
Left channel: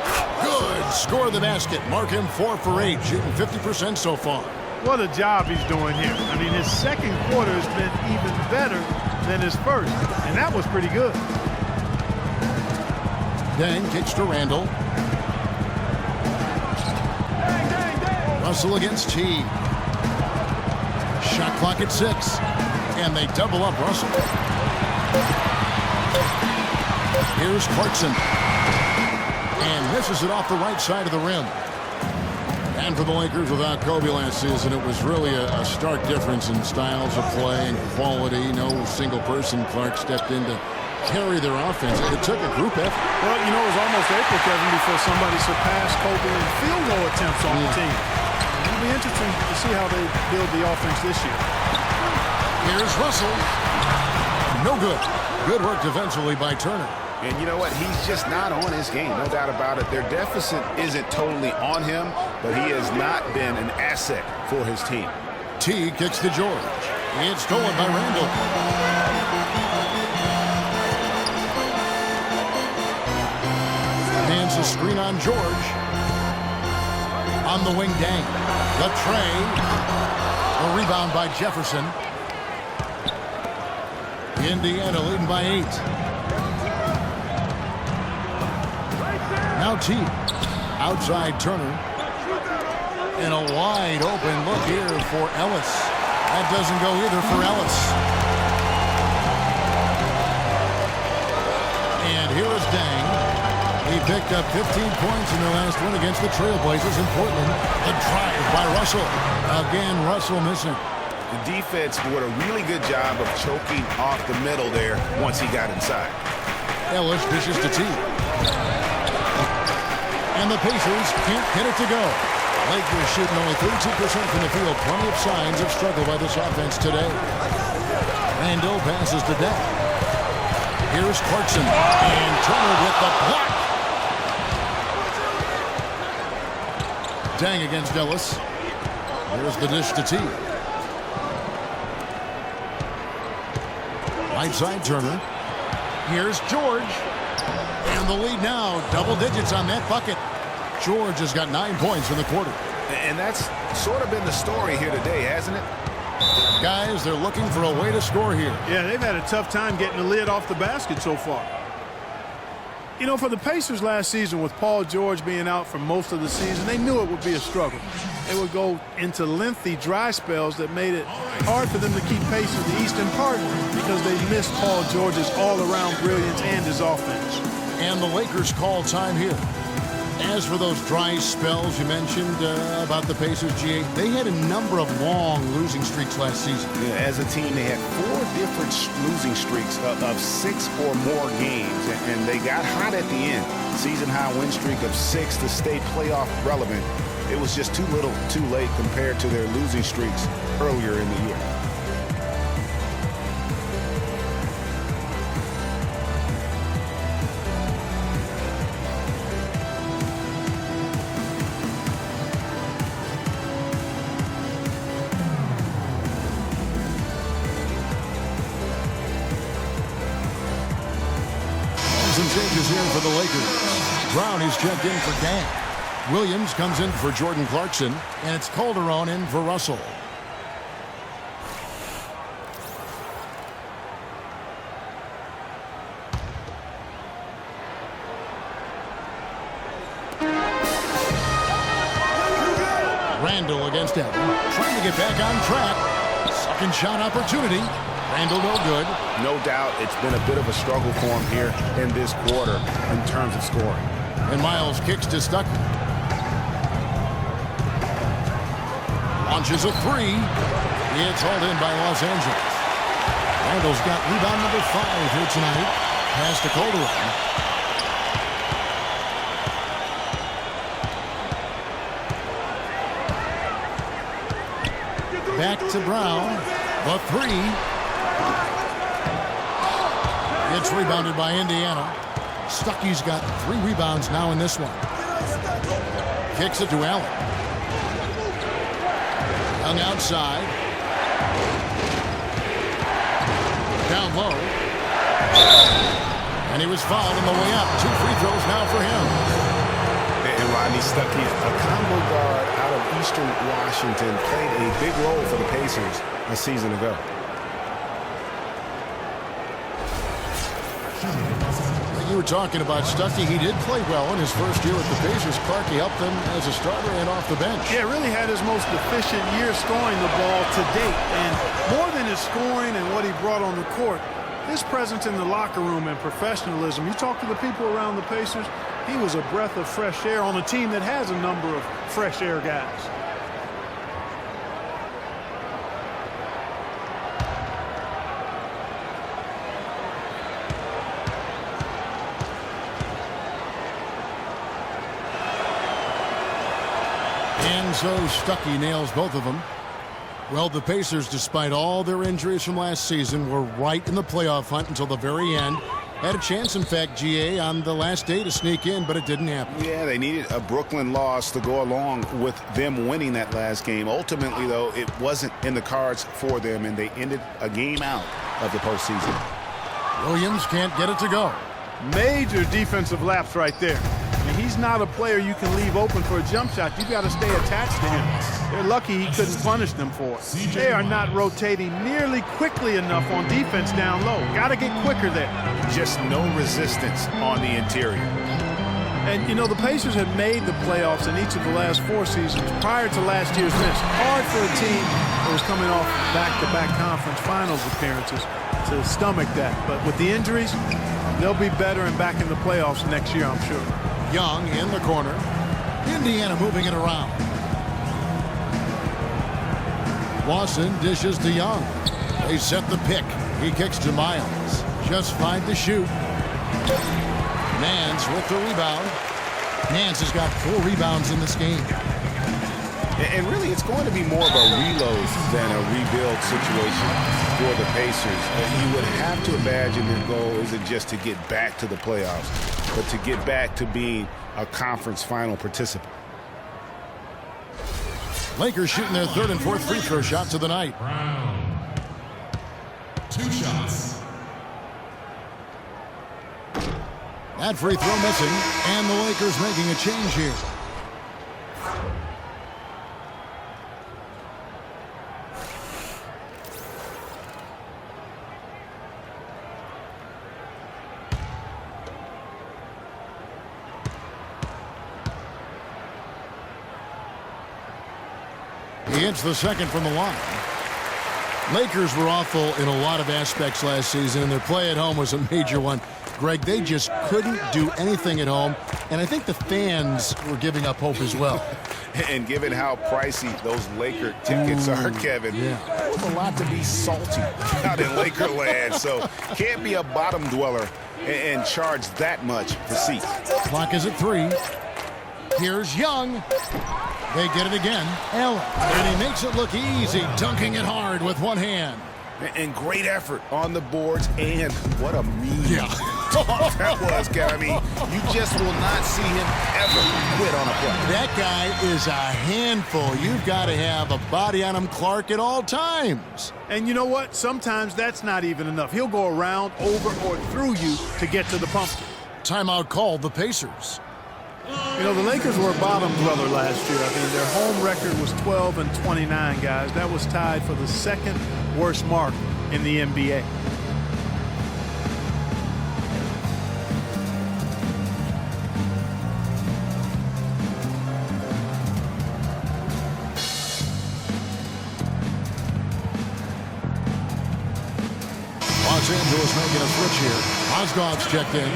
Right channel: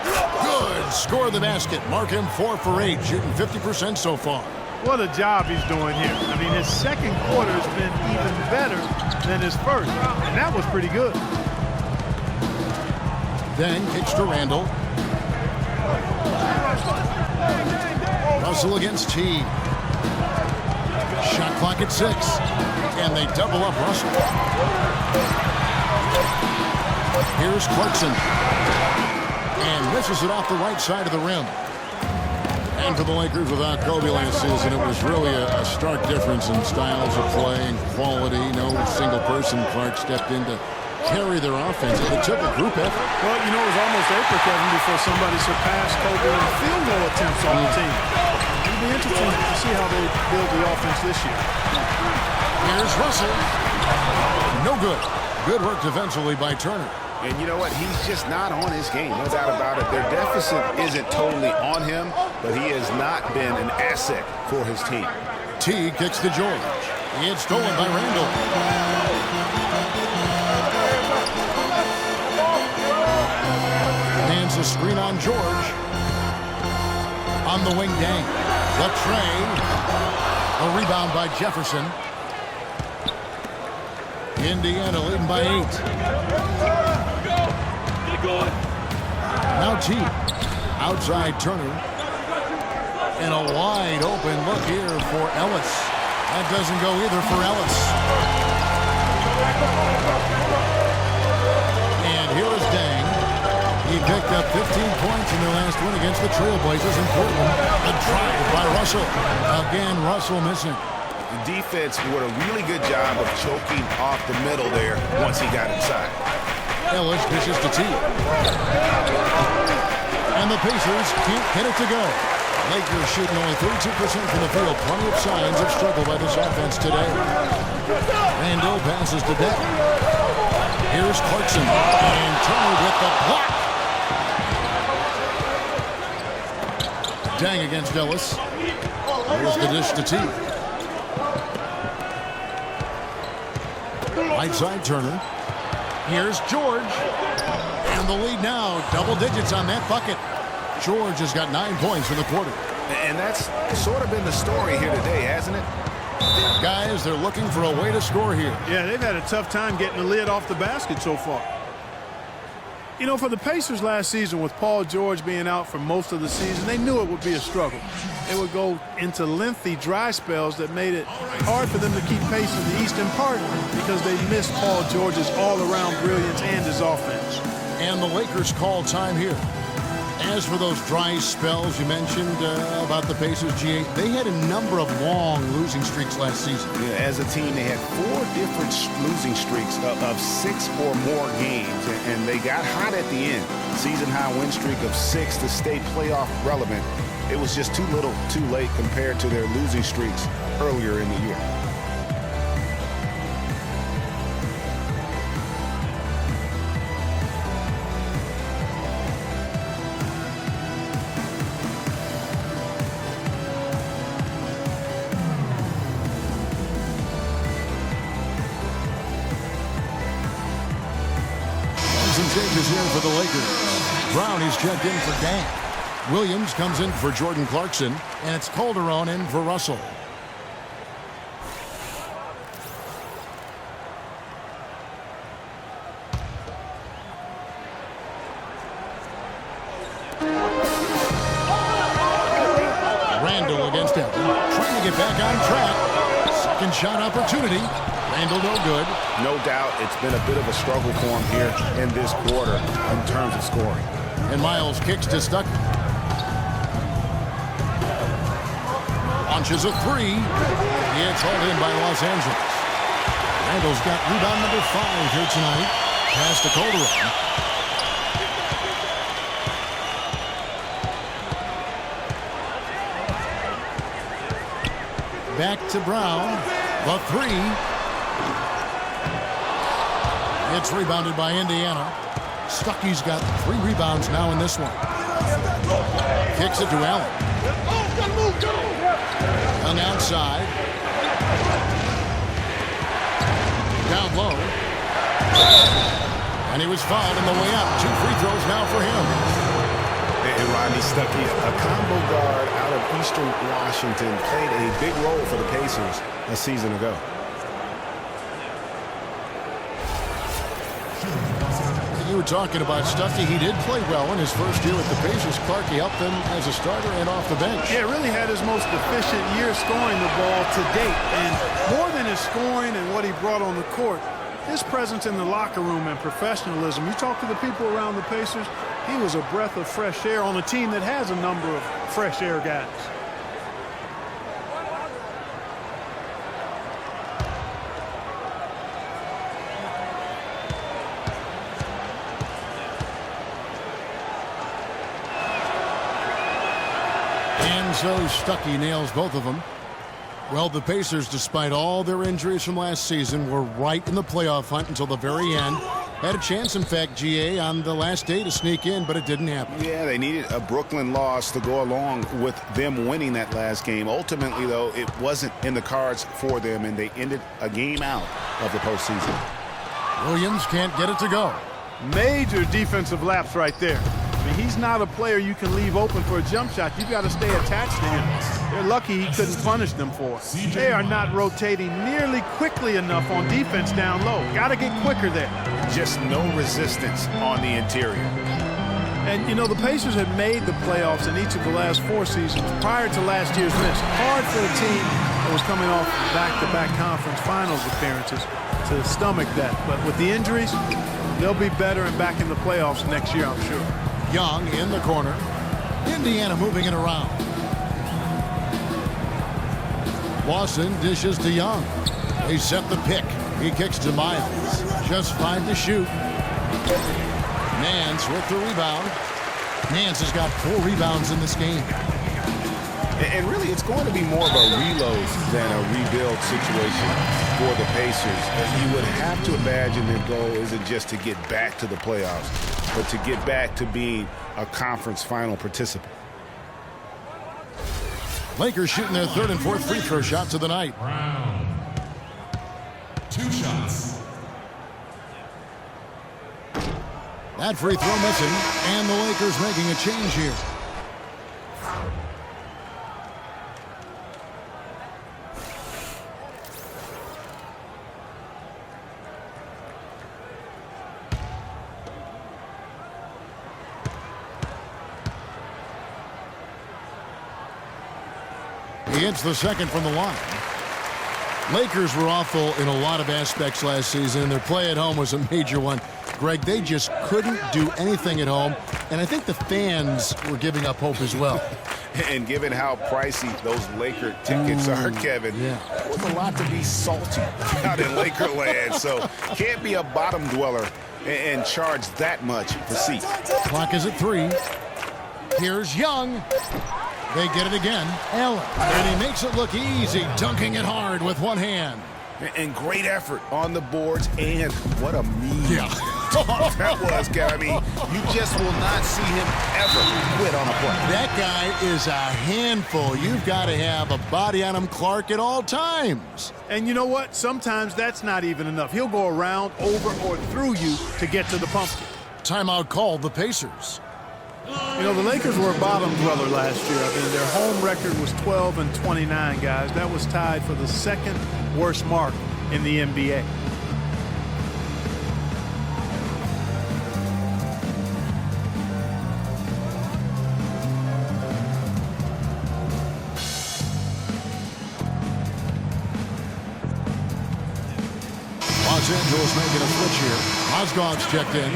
Good. Score the basket. Mark him 4 for 8, shooting 50% so far. What a job he's doing here. I mean, his second quarter has been even better than his first, and that was pretty good. Then kicks to Randall. Russell against T. Shot clock at 6. And they double up Russell. Here's Clarkson. And misses it off the right side of the rim. And for the Lakers, without Kobe last season, it was really a stark difference in styles of play and quality. No single person, Clark, stepped in to carry their offense. It took a group effort. Well, you know, it was almost April, Kevin, before somebody surpassed Kobe in field goal attempts on the team. It'll be interesting to see how they build the offense this year. Here's Russell. No good. Good work defensively by Turner. And you know what? He's just not on his game, no doubt about it. Their deficit isn't totally on him, but he has not been an asset for his team. T kicks to George. It's stolen by Randall. Hands a screen on George. On the wing, Dang. The tray. The rebound by Jefferson. Indiana leading by 8. Now T. Outside Turner. And a wide open look here for Ellis. That doesn't go either for Ellis. And here is Dang. He picked up 15 points in their last win against the Trailblazers in Portland. A drive by Russell. Again, Russell missing. The defense did a really good job of choking off the middle there once he got inside. Ellis dishes to T. And the Pacers can't get it to go. Lakers shooting only 32% from the field. Plenty of signs of struggle by this offense today. Randall passes to Deck. Here's Clarkson. And Turner with the block. Dang against Ellis. Here's the dish to T. Right side Turner. Here's George. And the lead now, double digits on that bucket. George has got 9 points in the quarter. And that's sort of been the story here today, hasn't it? Guys, they're looking for a way to score here. Yeah, they've had a tough time getting the lid off the basket so far. You know, for the Pacers last season, with Paul George being out for most of the season, they knew it would be a struggle. They would go into lengthy dry spells that made it hard for them to keep pace in the East, in part because they missed Paul George's all-around brilliance and his offense. And the Lakers call time here. As for those dry spells you mentioned about the Pacers, GA, they had a number of long losing streaks last season. Yeah, as a team, they had 4 different losing streaks of 6 or more games, and they got hot at the end. Season-high win streak of 6 to stay playoff relevant. It was just too little, too late compared to their losing streaks earlier in the year. Some changes here for the Lakers. Brown is checked in for Dang. Williams comes in for Jordan Clarkson, and it's Calderon in for Russell. Randall against Allen, trying to get back on track. Second shot opportunity. Randall no good. No doubt it's been a bit of a struggle for him here in this quarter in terms of scoring. And Miles kicks to Stuckey. Launches a three. It's hauled in by Los Angeles. Randall's got rebound number 5 here tonight. Pass to Calderon. Back to Brown. The three. It's rebounded by Indiana. Stuckey's got 3 rebounds now in this one. Kicks it to Allen. Young outside. Down low. And he was fouled on the way up. 2 free throws now for him. And Rodney Stuckey, a combo guard out of Eastern Washington, played a big role for the Pacers a season ago. You were talking about Stuckey. He did play well in his first year with the Pacers. Clark, he helped them as a starter and off the bench. Yeah, really had his most efficient year scoring the ball to date. And more than his scoring and what he brought on the court, his presence in the locker room and professionalism. You talk to the people around the Pacers, he was a breath of fresh air on a team that has a number of fresh air guys. And so Stuckey nails both of them. Well, the Pacers, despite all their injuries from last season, were right in the playoff hunt until the very end. Had a chance, in fact, GA, on the last day to sneak in, but it didn't happen. Yeah, they needed a Brooklyn loss to go along with them winning that last game. Ultimately, though, it wasn't in the cards for them, and they ended a game out of the postseason. Williams can't get it to go. Major defensive lapse right there. I mean, he's not a player you can leave open for a jump shot. You've got to stay attached to him. They're lucky he couldn't punish them for it. They are not rotating nearly quickly enough on defense down low. Got to get quicker there. Just no resistance on the interior. And, you know, the Pacers had made the playoffs in each of the last 4 seasons prior to last year's miss. Hard for a team that was coming off back-to-back conference finals appearances to stomach that. But with the injuries, they'll be better and back in the playoffs next year, I'm sure. Young in the corner. Indiana moving it around. Lawson dishes to Young. They set the pick. He kicks to Miles. Just 5 to shoot. Nance with the rebound. Nance has got 4 rebounds in this game. And really, it's going to be more of a reload than a rebuild situation for the Pacers. You would have to imagine their goal isn't just to get back to the playoffs, but to get back to being a conference final participant. Lakers shooting their 3rd and 4th free throw shots of the night. Round. 2 shots. That free throw missing, and the Lakers making a change here. He hits the second from the line. Lakers were awful in a lot of aspects last season, and their play at home was a major one. Greg, they just couldn't do anything at home, and I think the fans were giving up hope as well. And given how pricey those Laker tickets are, Kevin, yeah, it was a lot to be salty out in Laker land. So can't be a bottom dweller and charge that much for seats. Clock is at 3. Here's Young. They get it again. Allen. And he makes it look easy, dunking it hard with one hand. And great effort on the boards, and what a mean that was, Kevin. I mean, you just will not see him ever quit on a play. That guy is a handful. You've got to have a body on him, Clark, at all times. And you know what? Sometimes that's not even enough. He'll go around, over, or through you to get to the pumpkin. Timeout called the Pacers. You know, the Lakers were a bottom dweller last year. I mean, their home record was 12-29, guys. That was tied for the 2nd worst mark in the NBA. Los Angeles making a switch here. Mozgov's checked in.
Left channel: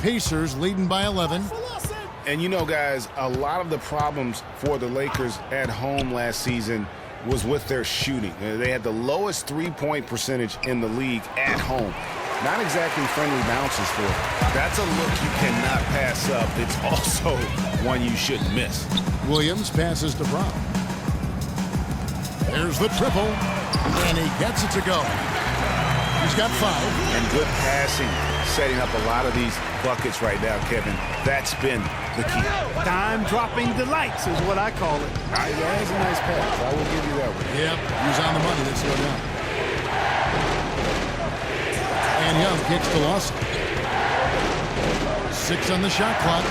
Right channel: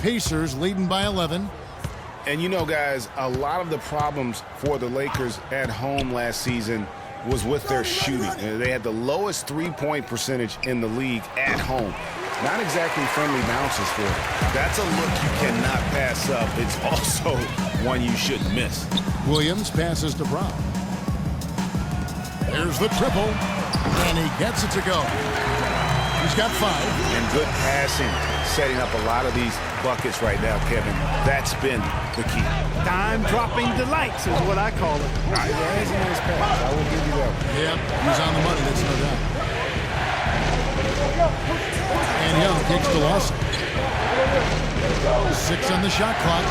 Pacers leading by 11. And you know, guys, a lot of the problems for the Lakers at home last season was with their shooting. They had the lowest three-point percentage in the league at home. Not exactly friendly bounces for them. That's a look you cannot pass up. It's also one you shouldn't miss. Williams passes to Brown. There's the triple, and he gets it to go. He's got 5. And good passing, setting up a lot of these buckets right now, Kevin. That's been the key. Dime-dropping delights is what I call it. That is a nice pass. I will give you that one. Yep, he's on the money, that's no doubt. And Young kicks to Lawson. 6 on the shot clock.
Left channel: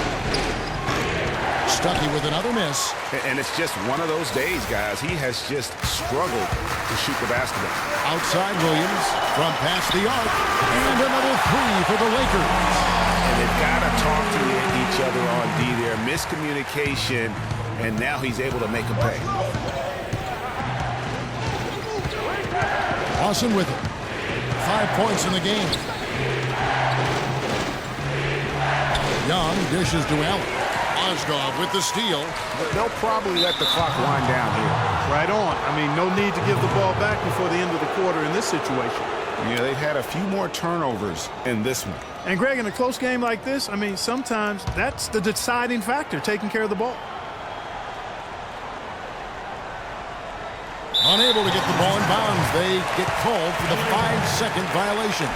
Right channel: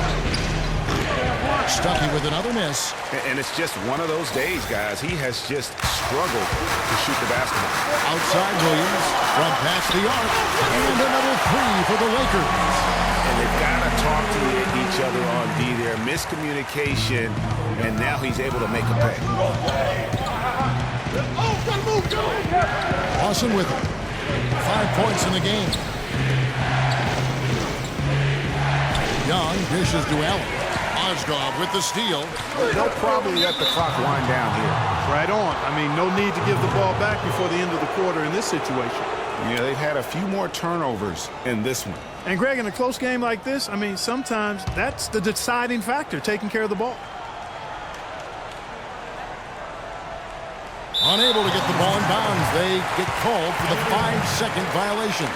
Stuckey with another miss. And it's just one of those days, guys. He has just struggled to shoot the basketball. Outside Williams from past the arc. And another 3 for the Lakers. And they've got to talk to each other on D there. Miscommunication, and now he's able to make a pay. Lawson with it. 5 points in the game. Young dishes to Allen. Mozgov with the steal. They'll probably let the clock wind down here. Right on. I mean, no need to give the ball back before the end of the quarter in this situation. Yeah, they've had a few more turnovers in this one. And, Greg, in a close game like this, I mean, sometimes that's the deciding factor, taking care of the ball. Unable to get the ball in bounds. They get called for the 5-second violation.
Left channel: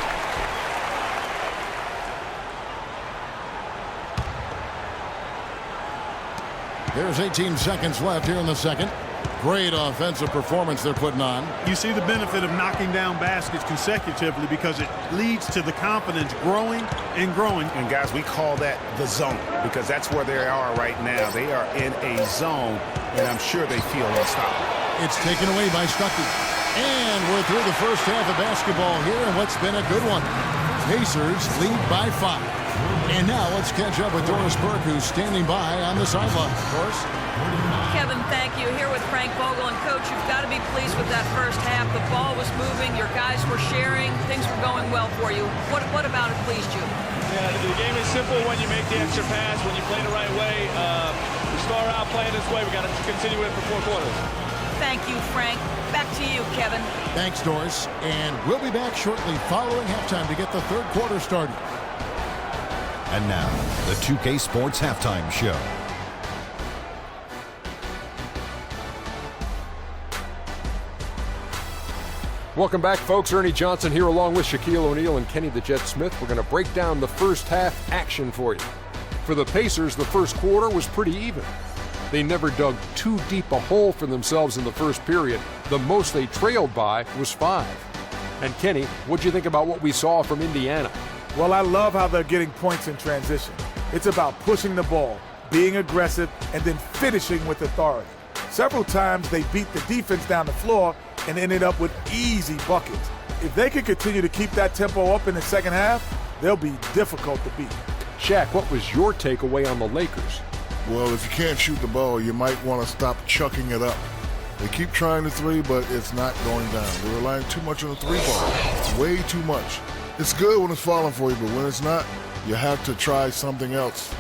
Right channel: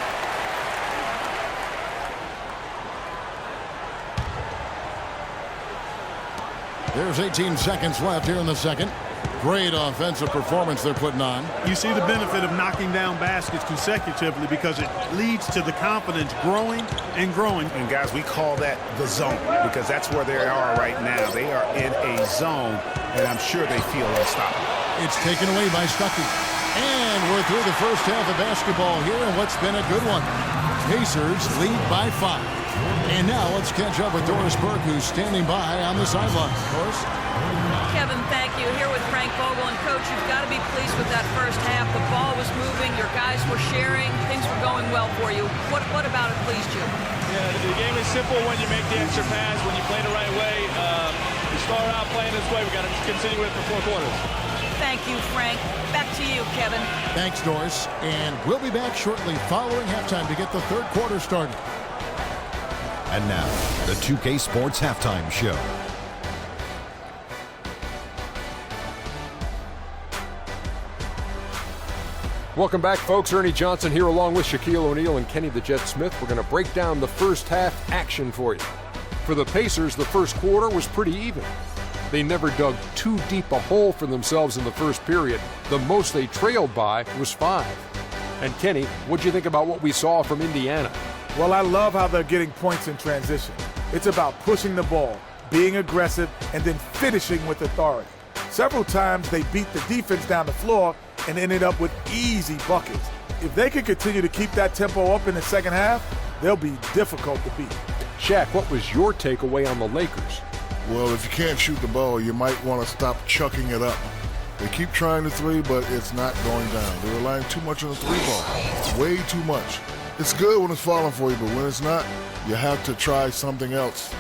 There's 18 seconds left here in the second. Great offensive performance they're putting on. You see the benefit of knocking down baskets consecutively because it leads to the confidence growing and growing. And, guys, we call that the zone because that's where they are right now. They are in a zone, and I'm sure they feel unstoppable. It's taken away by Stuckey. And we're through the first half of basketball here, and what's been a good one. Pacers lead by 5. And now let's catch up with Doris Burke, who's standing by on the sideline. Doris? Kevin, thank you. Here with Frank Vogel. And, Coach, you've got to be pleased with that first half. The ball was moving. Your guys were sharing. Things were going well for you. What about it pleased you? Yeah, the game is simple when you make the extra pass, when you play the right way. We start out playing this way. We got to continue it for 4 quarters. Thank you, Frank. Back to you, Kevin. Thanks, Doris. And we'll be back shortly following halftime to get the third quarter started. And now, the 2K Sports Halftime Show. Welcome back, folks. Ernie Johnson here along with Shaquille O'Neal and Kenny the Jet Smith. We're going to break down the first half action for you. For the Pacers, the first quarter was pretty even. They never dug too deep a hole for themselves in the first period. The most they trailed by was 5. And Kenny, what'd you think about what we saw from Indiana? Well, I love how they're getting points in transition. It's about pushing the ball, being aggressive, and then finishing with authority. Several times they beat the defense down the floor and ended up with easy buckets. If they can continue to keep that tempo up in the second half, they'll be difficult to beat. Shaq, what was your takeaway on the Lakers? Well, if you can't shoot the ball, you might want to stop chucking it up. They keep trying the 3, but it's not going down. They're relying too much on the 3 ball. Way too much. It's good when it's falling for you, but when it's not, you have to try something else.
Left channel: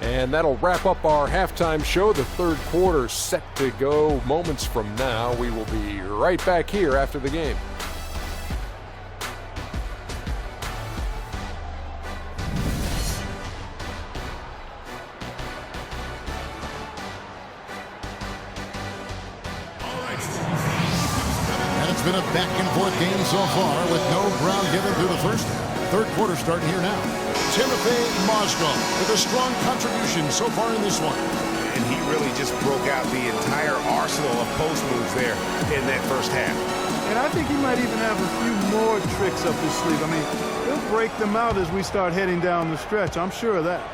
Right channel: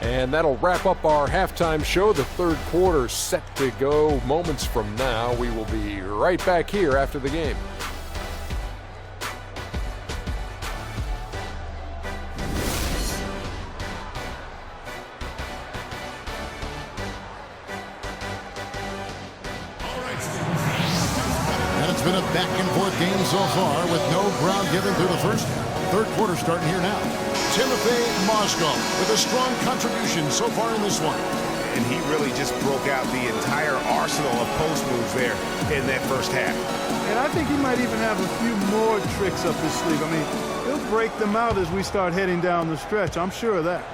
And that'll wrap up our halftime show. The third quarter set to go moments from now. We will be right back here after the game. And it's been a back-and-forth game so far with no ground given through the first half. Third quarter starting here now. Timothy Mozgov with a strong contribution so far in this one. And he really just broke out the entire arsenal of post moves there in that first half. And I think he might even have a few more tricks up his sleeve. I mean, he'll break them out as we start heading down the stretch. I'm sure of that.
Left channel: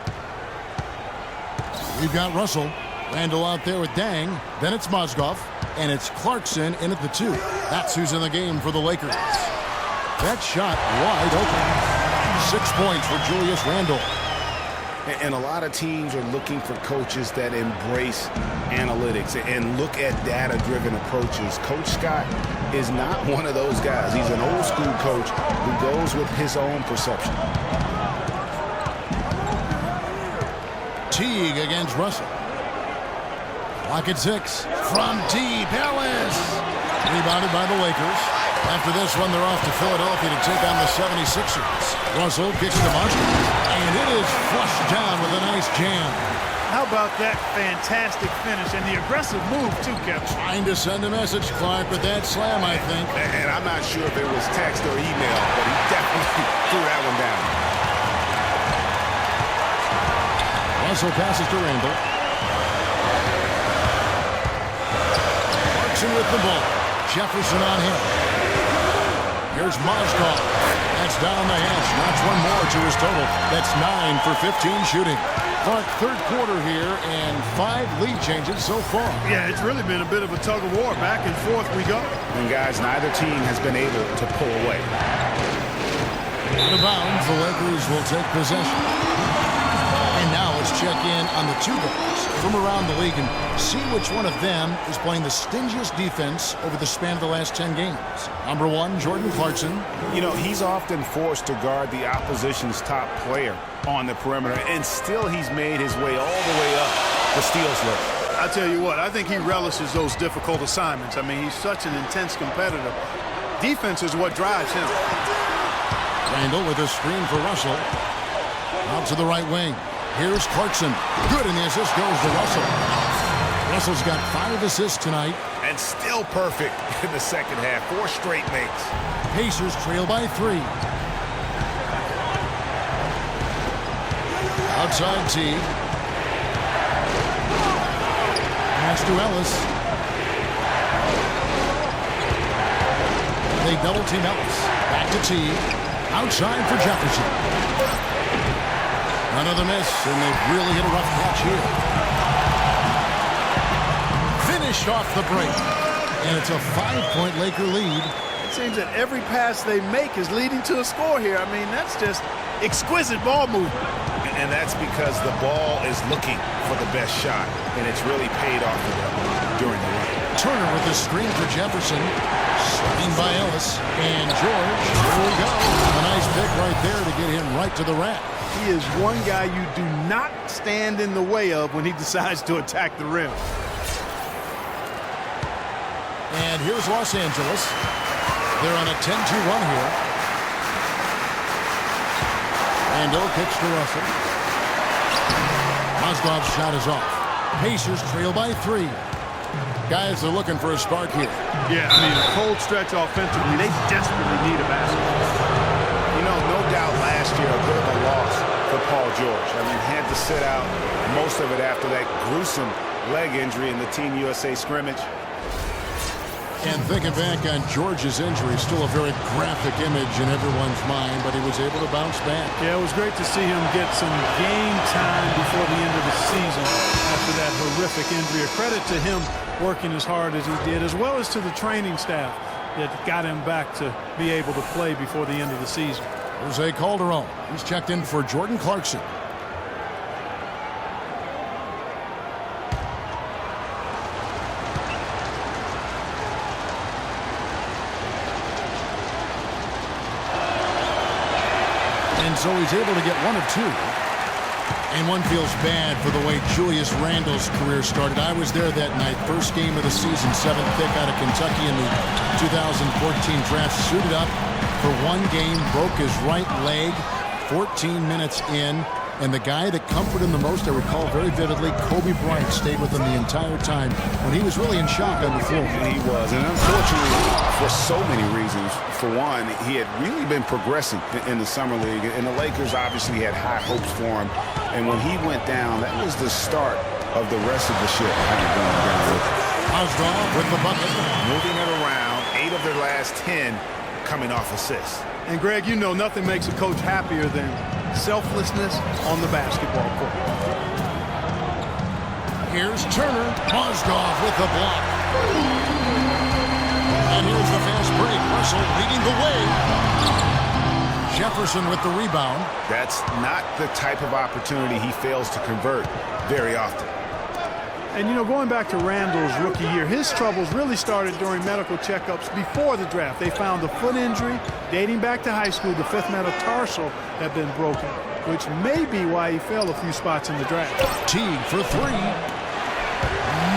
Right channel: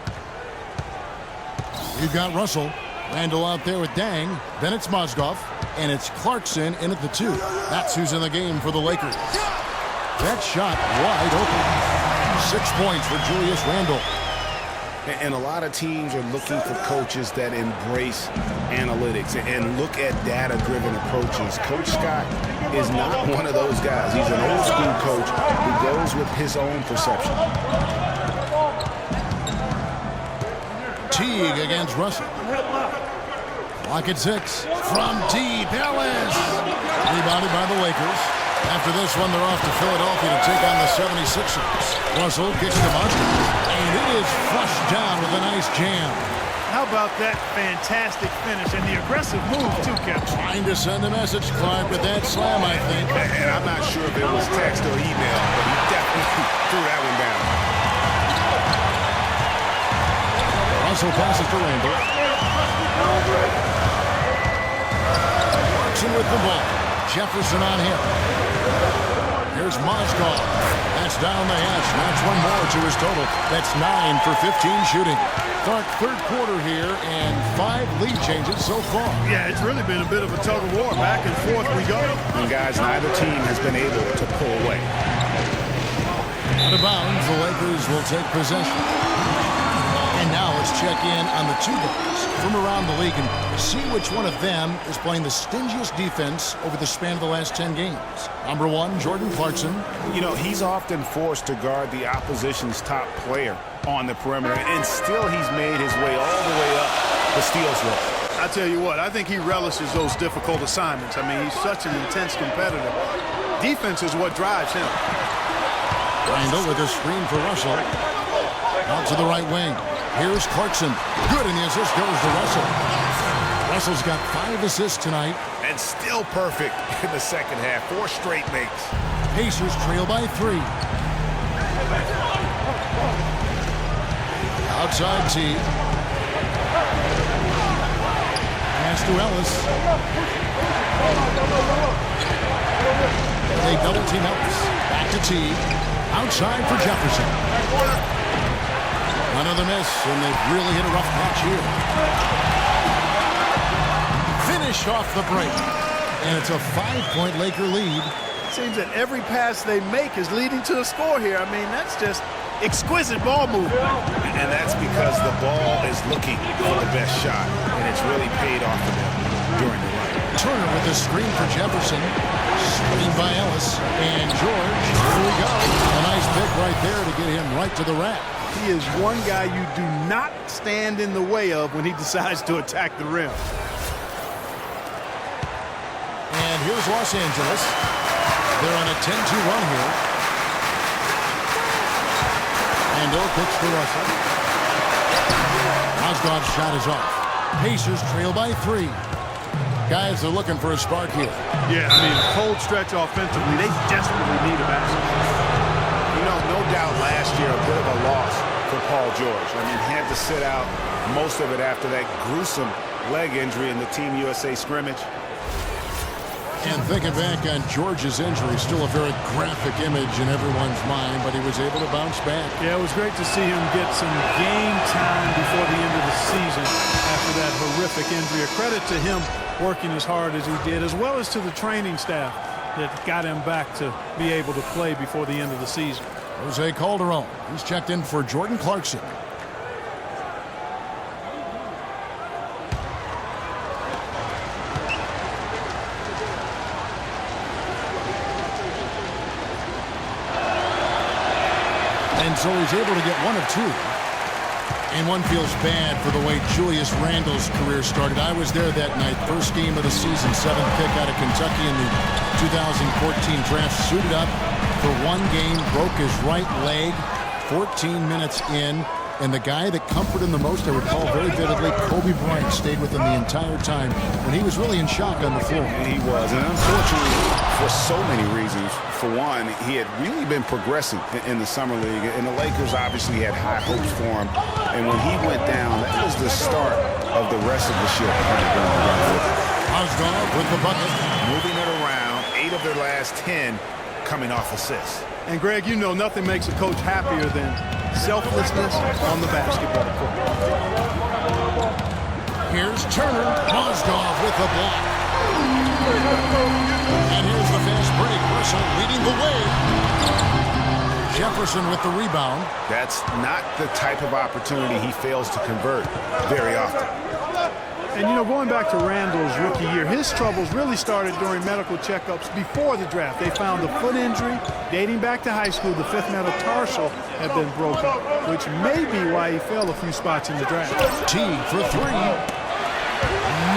We've got Russell. Randall out there with Dang. Then it's Mozgov. And it's Clarkson in at the 2. That's who's in the game for the Lakers. That shot wide open. 6 points for Julius Randle. And a lot of teams are looking for coaches that embrace analytics and look at data-driven approaches. Coach Scott is not one of those guys. He's an old-school coach who goes with his own perception. Teague against Russell. Clock at 6. From deep, Ellis. Rebounded by the Lakers. After this one, they're off to Philadelphia to take on the 76ers. Russell kicks to Monster, and it is flushed down with a nice jam. How about that fantastic finish and the aggressive move, too, Kevin? Trying to send a message, Clark, with that slam, I think. And I'm not sure if it was text or email, but he definitely threw that one down. Russell passes to Randle. Clarkson with the ball. Jefferson on him. Here's Mozgov. That's down the hatch. Knocks one more to his total. That's 9 for 15 shooting. Clark, third quarter here, and 5 lead changes so far. Yeah, it's really been a bit of a tug of war. Back and forth we go. And guys, neither team has been able to pull away. Out of bounds, the Lakers will take possession. And now let's check in on the two guys from around the league and see which one of them is playing the stingiest defense over the span of the last 10 games. Number 1, Jordan Clarkson. You know, he's often forced to guard the opposition's top player on the perimeter, and still he's made his way all the way up the steals list. I tell you what, I think he relishes those difficult assignments. I mean, he's such an intense competitor. Defense is what drives him. Randle with a screen for Russell. Out to the right wing. Here's Clarkson. Good, and the assist goes to Russell. Russell's got 5 assists tonight. And still perfect in the second half. 4 straight makes. Pacers trail by 3. Outside Teague. Pass to Ellis. They double team Ellis. Back to Teague. Outside for Jefferson. Another miss, and they've really hit a rough patch here. Finished off the break. And it's a 5-point Laker lead. It seems that every pass they make is leading to a score here. I mean, that's just exquisite ball movement. And that's because the ball is looking for the best shot, and it's really paid off for them during the run. Turner with the screen for Jefferson. Screen by Ellis. And George, here we go. A nice pick right there to get him right to the rack. He is one guy you do not stand in the way of when he decides to attack the rim. And here's Los Angeles. They're on a 10-2 run here. Randle kicks to Russell. Mozgov's shot is off. Pacers trail by 3. Guys, they're looking for a spark here. Yeah, I mean, a cold stretch offensively. They desperately need a basket. You know, no doubt last year a bit of a loss for Paul George. I mean, had to sit out most of it after that gruesome leg injury in the Team USA scrimmage. And thinking back on George's injury, still a very graphic image in everyone's mind, but he was able to bounce back. Yeah, it was great to see him get some game time before the end of the season after that horrific injury. A credit to him working as hard as he did, as well as to the training staff that got him back to be able to play before the end of the season. Jose Calderon, he's checked in for Jordan Clarkson. And so he's able to get 1 of 2. And one feels bad for the way Julius Randle's career started. I was there that night, first game of the season, 7th pick out of Kentucky in the 2014 draft. Suited up for 1 game, broke his right leg 14 minutes in. And the guy that comforted him the most, I recall very vividly, Kobe Bryant stayed with him the entire time when he was really in shock on the floor. And he was. And unfortunately, for so many reasons, for one, he had really been progressing in the Summer League. And the Lakers obviously had high hopes for him. And when he went down, that was the start of the rest of the ship kind of going down with it. Mozgov with the bucket. Moving it around, 8 of their last 10 coming off assists. And Greg, you know nothing makes a coach happier than selflessness on the basketball court. Here's Turner. Mozgov with the block. And here's the fast break. Russell leading the way. Jefferson with the rebound. That's not the type of opportunity he fails to convert very often. And, you know, going back to Randall's rookie year, his troubles really started during medical checkups before the draft. They found a foot injury dating back to high school. The fifth metatarsal had been broken, which may be why he fell a few spots in the draft. T for three.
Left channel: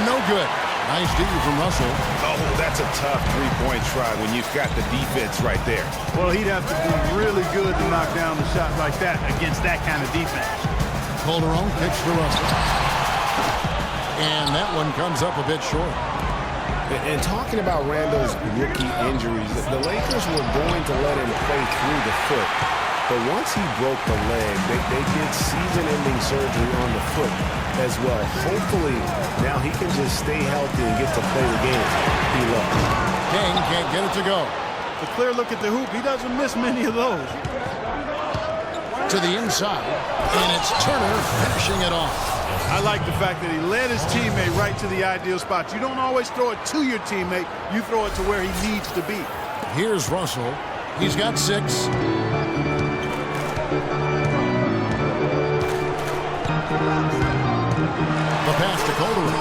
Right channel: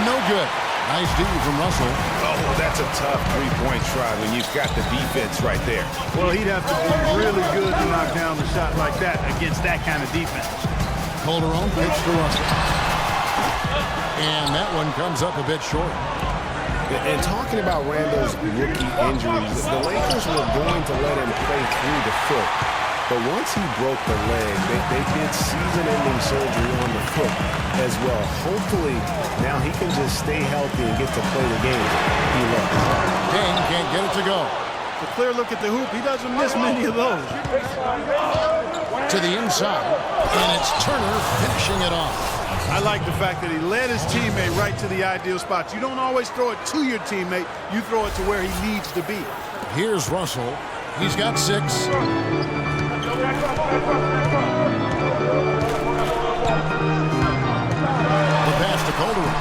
No good. Nice D from Russell. Oh, that's a tough three-point try when you've got the defense right there. Well, he'd have to be really good to knock down the shot like that against that kind of defense. Calderon kicks to Russell. And that one comes up a bit short. And talking about Randall's rookie injuries, the Lakers were going to let him play through the foot. But once he broke the leg, they did season-ending surgery on the foot as well. Hopefully, now he can just stay healthy and get to play the game he loves. King can't get it to go. The clear look at the hoop. He doesn't miss many of those. To the inside, and it's Turner finishing it off. I like the fact that he led his teammate right to the ideal spot. You don't always throw it to your teammate. You throw it to where he needs to be. Here's Russell. He's got 6. The pass to Calderon.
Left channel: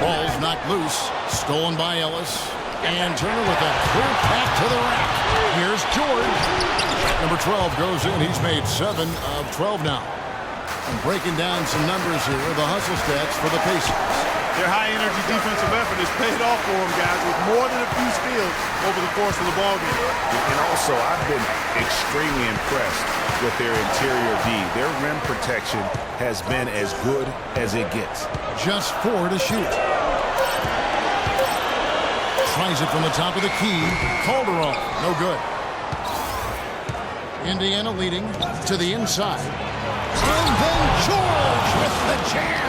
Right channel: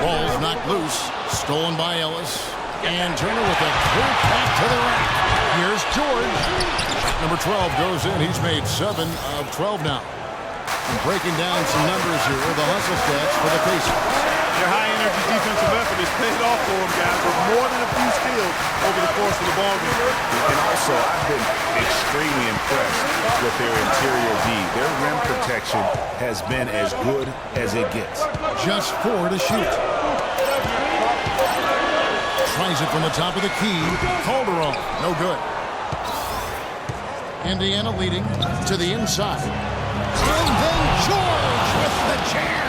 Ball's knocked loose. Stolen by Ellis. And Turner with a clear path to the rack. Here's George. Shot number 12 goes in. He's made 7 of 12 now. And breaking down some numbers here, the hustle stats for the Pacers. Their high-energy defensive effort has paid off for them, guys, with more than a few steals over the course of the ballgame. And also, I've been extremely impressed with their interior D. Their rim protection has been as good as it gets. Just 4 to shoot. Tries it from the top of the key. Calderon, no good. Indiana leading to the inside. And then George with the jam.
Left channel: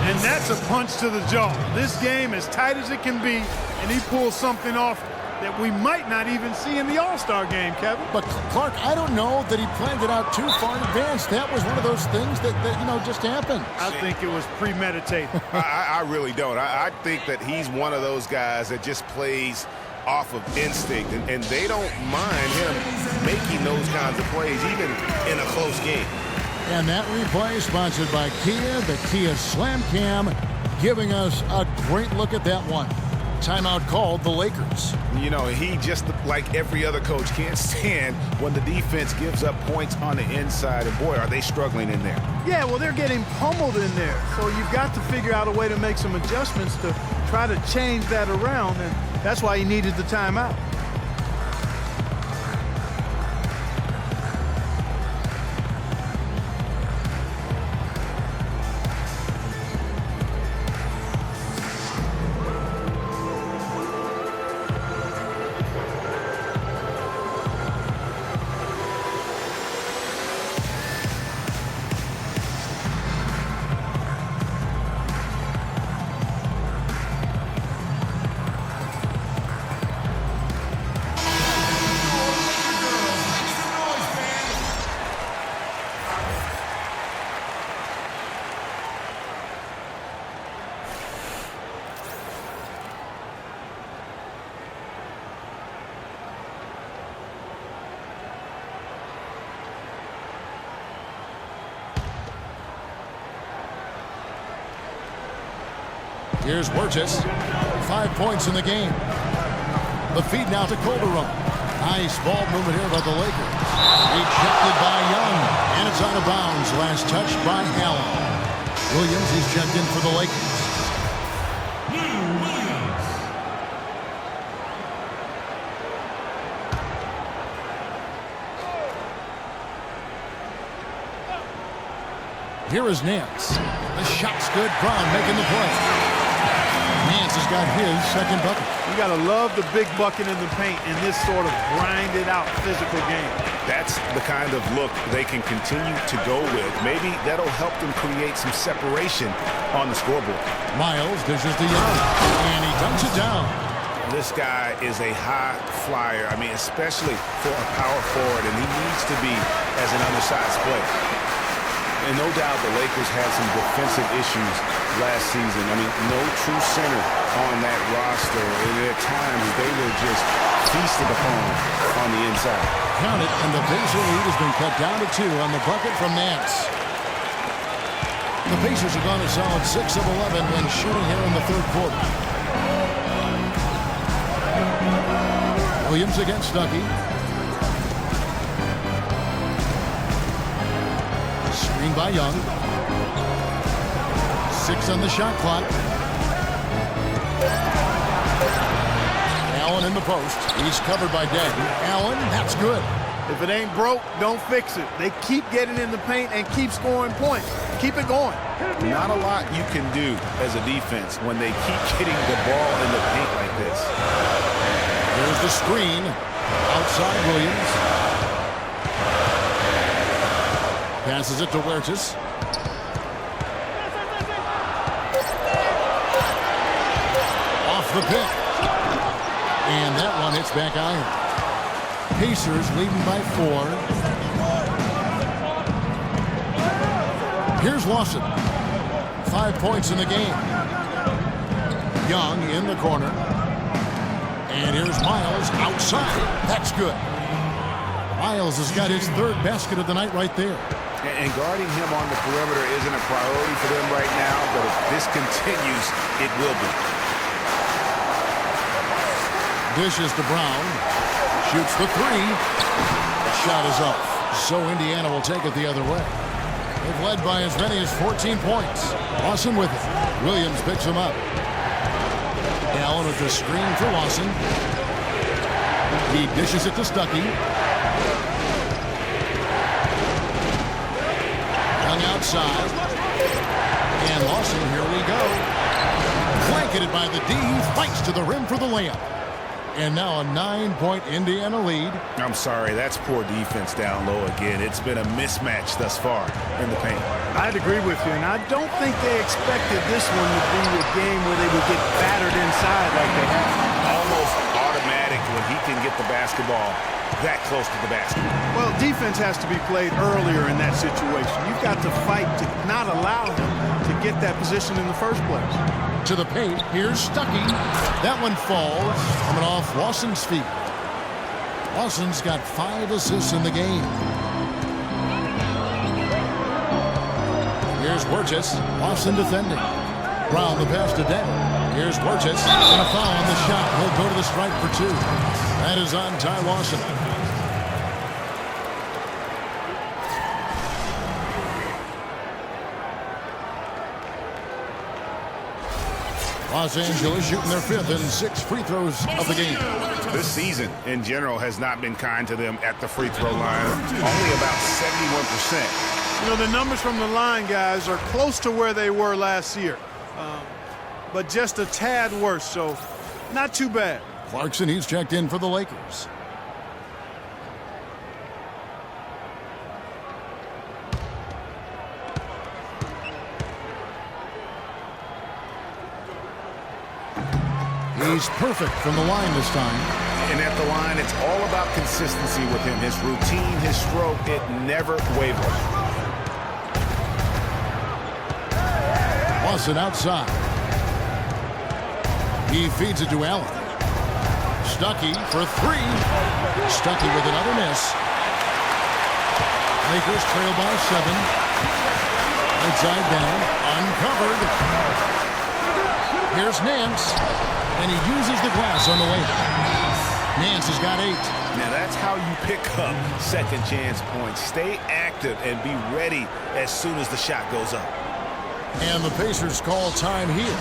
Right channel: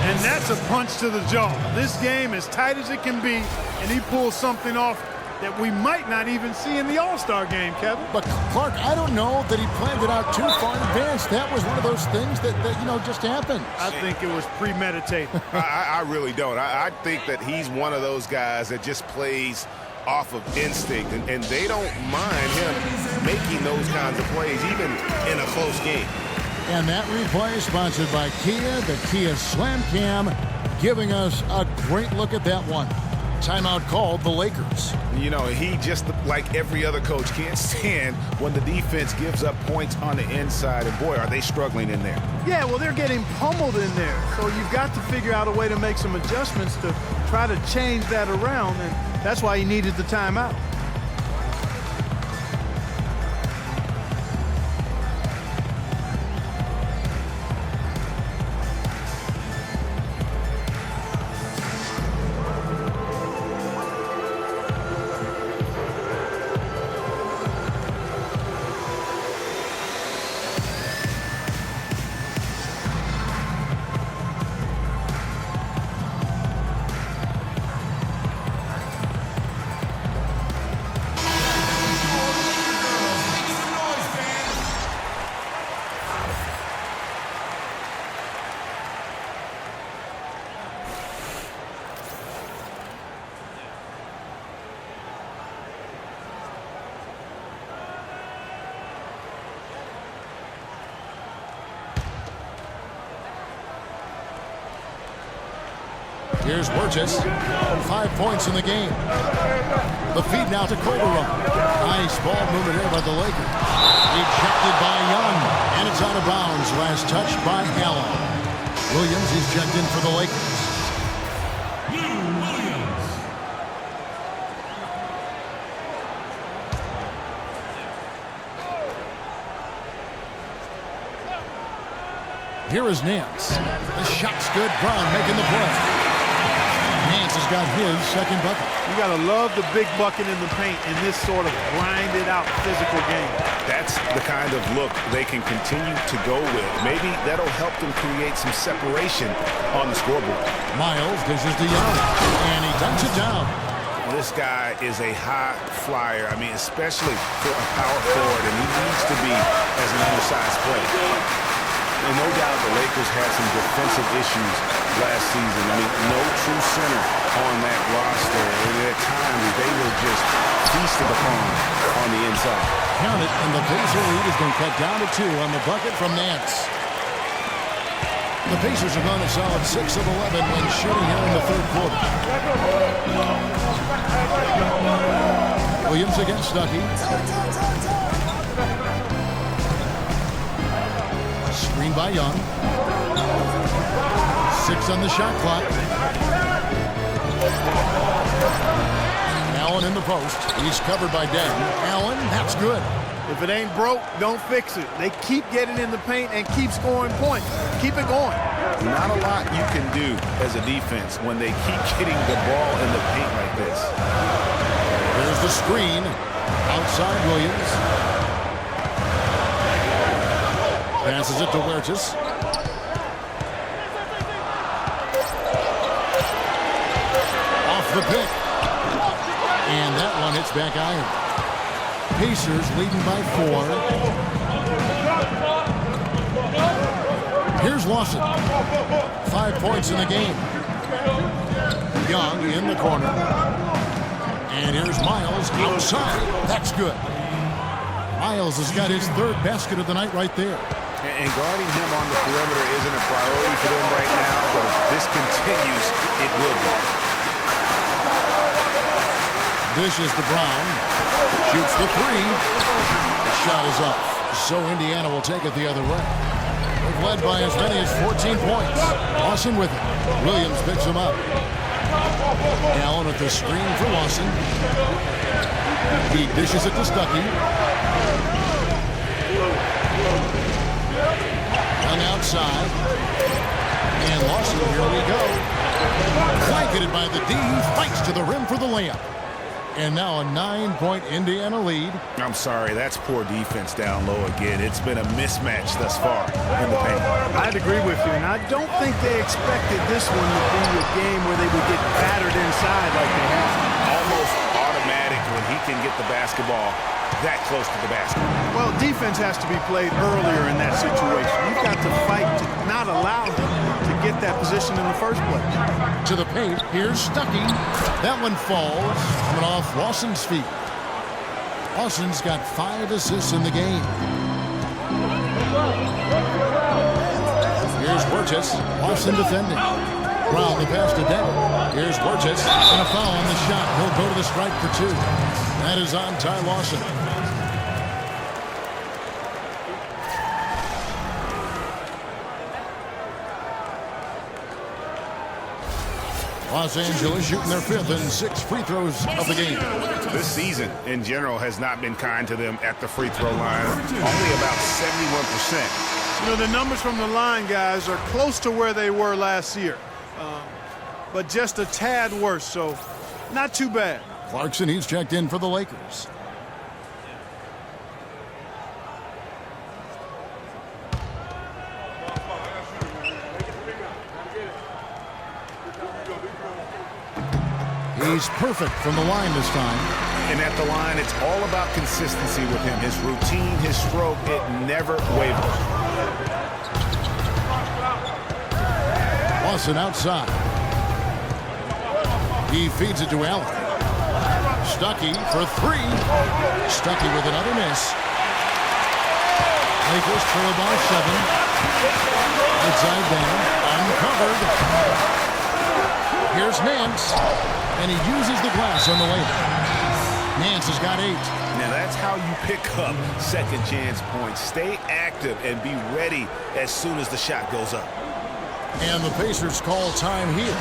And that's a punch to the jaw. This game as tight as it can be, and he pulls something off that we might not even see in the All-Star game, Kevin. But, Clark, I don't know that he planned it out too far in advance. That was one of those things that you know, just happened. I think it was premeditated. I really don't. I think that he's one of those guys that just plays off of instinct, and they don't mind him making those kinds of plays, even in a close game. And that replay sponsored by Kia, the Kia Slam Cam, giving us a great look at that one. Timeout called the Lakers. You know, he just, like every other coach, can't stand when the defense gives up points on the inside. And boy, are they struggling in there. Yeah, well, they're getting pummeled in there. So you've got to figure out a way to make some adjustments to try to change that around. And that's why he needed the timeout. Here's Burgess. 5 points in the game. The feed now to Calderon. Nice ball movement here by the Lakers. Rejected by Young. And it's out of bounds. Last touch by Allen. Williams is checked in for the Lakers. Lou Williams. Here is Nance. The shot's good. Brown making the play. Nance has got his second bucket. You got to love the big bucket in the paint in this sort of grinded-out physical game. That's the kind of look they can continue to go with. Maybe that'll help them create some separation on the scoreboard. Miles dishes to Young, and he dunks it down. This guy is a high flyer. I mean, especially for a power forward, and he needs to be as an undersized player. And no doubt the Lakers had some defensive issues last season. I mean, no true center on that roster. And at times, they were just feasted upon on the inside. Count it, and the Pacer lead has been cut down to 2 on the bucket from Nance. The Pacers have gone a solid 6 of 11 when shooting here in the third quarter. Williams against Stuckey. Screen by Young. 6 on the shot clock. Allen in the post. He's covered by Denton. Allen, that's good. If it ain't broke, don't fix it. They keep getting in the paint and keep scoring points. Keep it going. Not a lot you can do as a defense when they keep getting the ball in the paint like this. There's the screen. Outside Williams. Passes it to Huertas. Off the pick. And that one hits back iron. Pacers leading by 4. Here's Lawson. 5 points in the game. Young in the corner. And here's Miles outside. That's good. Miles has got his 3rd basket of the night right there. And guarding him on the perimeter isn't a priority for them right now, but if this continues, it will be. Dishes to Brown. Shoots the 3. The shot is off. So Indiana will take it the other way. They've led by as many as 14 points. Lawson with it. Williams picks him up. Allen with the screen for Lawson. He dishes it to Stuckey. Young outside. And Lawson, here we go. Blanketed by the D. Fights to the rim for the layup. And now a 9-point Indiana lead. I'm sorry, that's poor defense down low again. It's been a mismatch thus far in the paint. I'd agree with you, and I don't think they expected this one to be a game where they would get battered inside like they have. Almost automatic when he can get the basketball that close to the basket. Well, defense has to be played earlier in that situation. You've got to fight to not allow him to get that position in the first place. To the paint, here's Stuckey. That one falls, coming off Lawson's feet. Lawson's got 5 assists in the game. Here's Huertas. Lawson defending. Brown the pass to Denton. Here's Huertas. And a foul on the shot. He'll go to the stripe for 2. That is on Ty Lawson. Los Angeles shooting their 5th and 6 free throws of the game. This season, in general, has not been kind to them at the free throw line. Only about 71%. You know, the numbers from the line, guys, are close to where they were last year. But just a tad worse, so not too bad. Clarkson, he's checked in for the Lakers. He's perfect from the line this time. And at the line, it's all about consistency with him. His routine, his stroke, it never wavers. Lawson outside. He feeds it to Allen. Stuckey for 3. Stuckey with another miss. Lakers trail by 7. Right side down. Uncovered. Here's Nance. And he uses the glass on the layup. Nance has got 8. Now that's how you pick up second chance points. Stay active and be ready as soon as the shot goes up. And the Pacers call time here.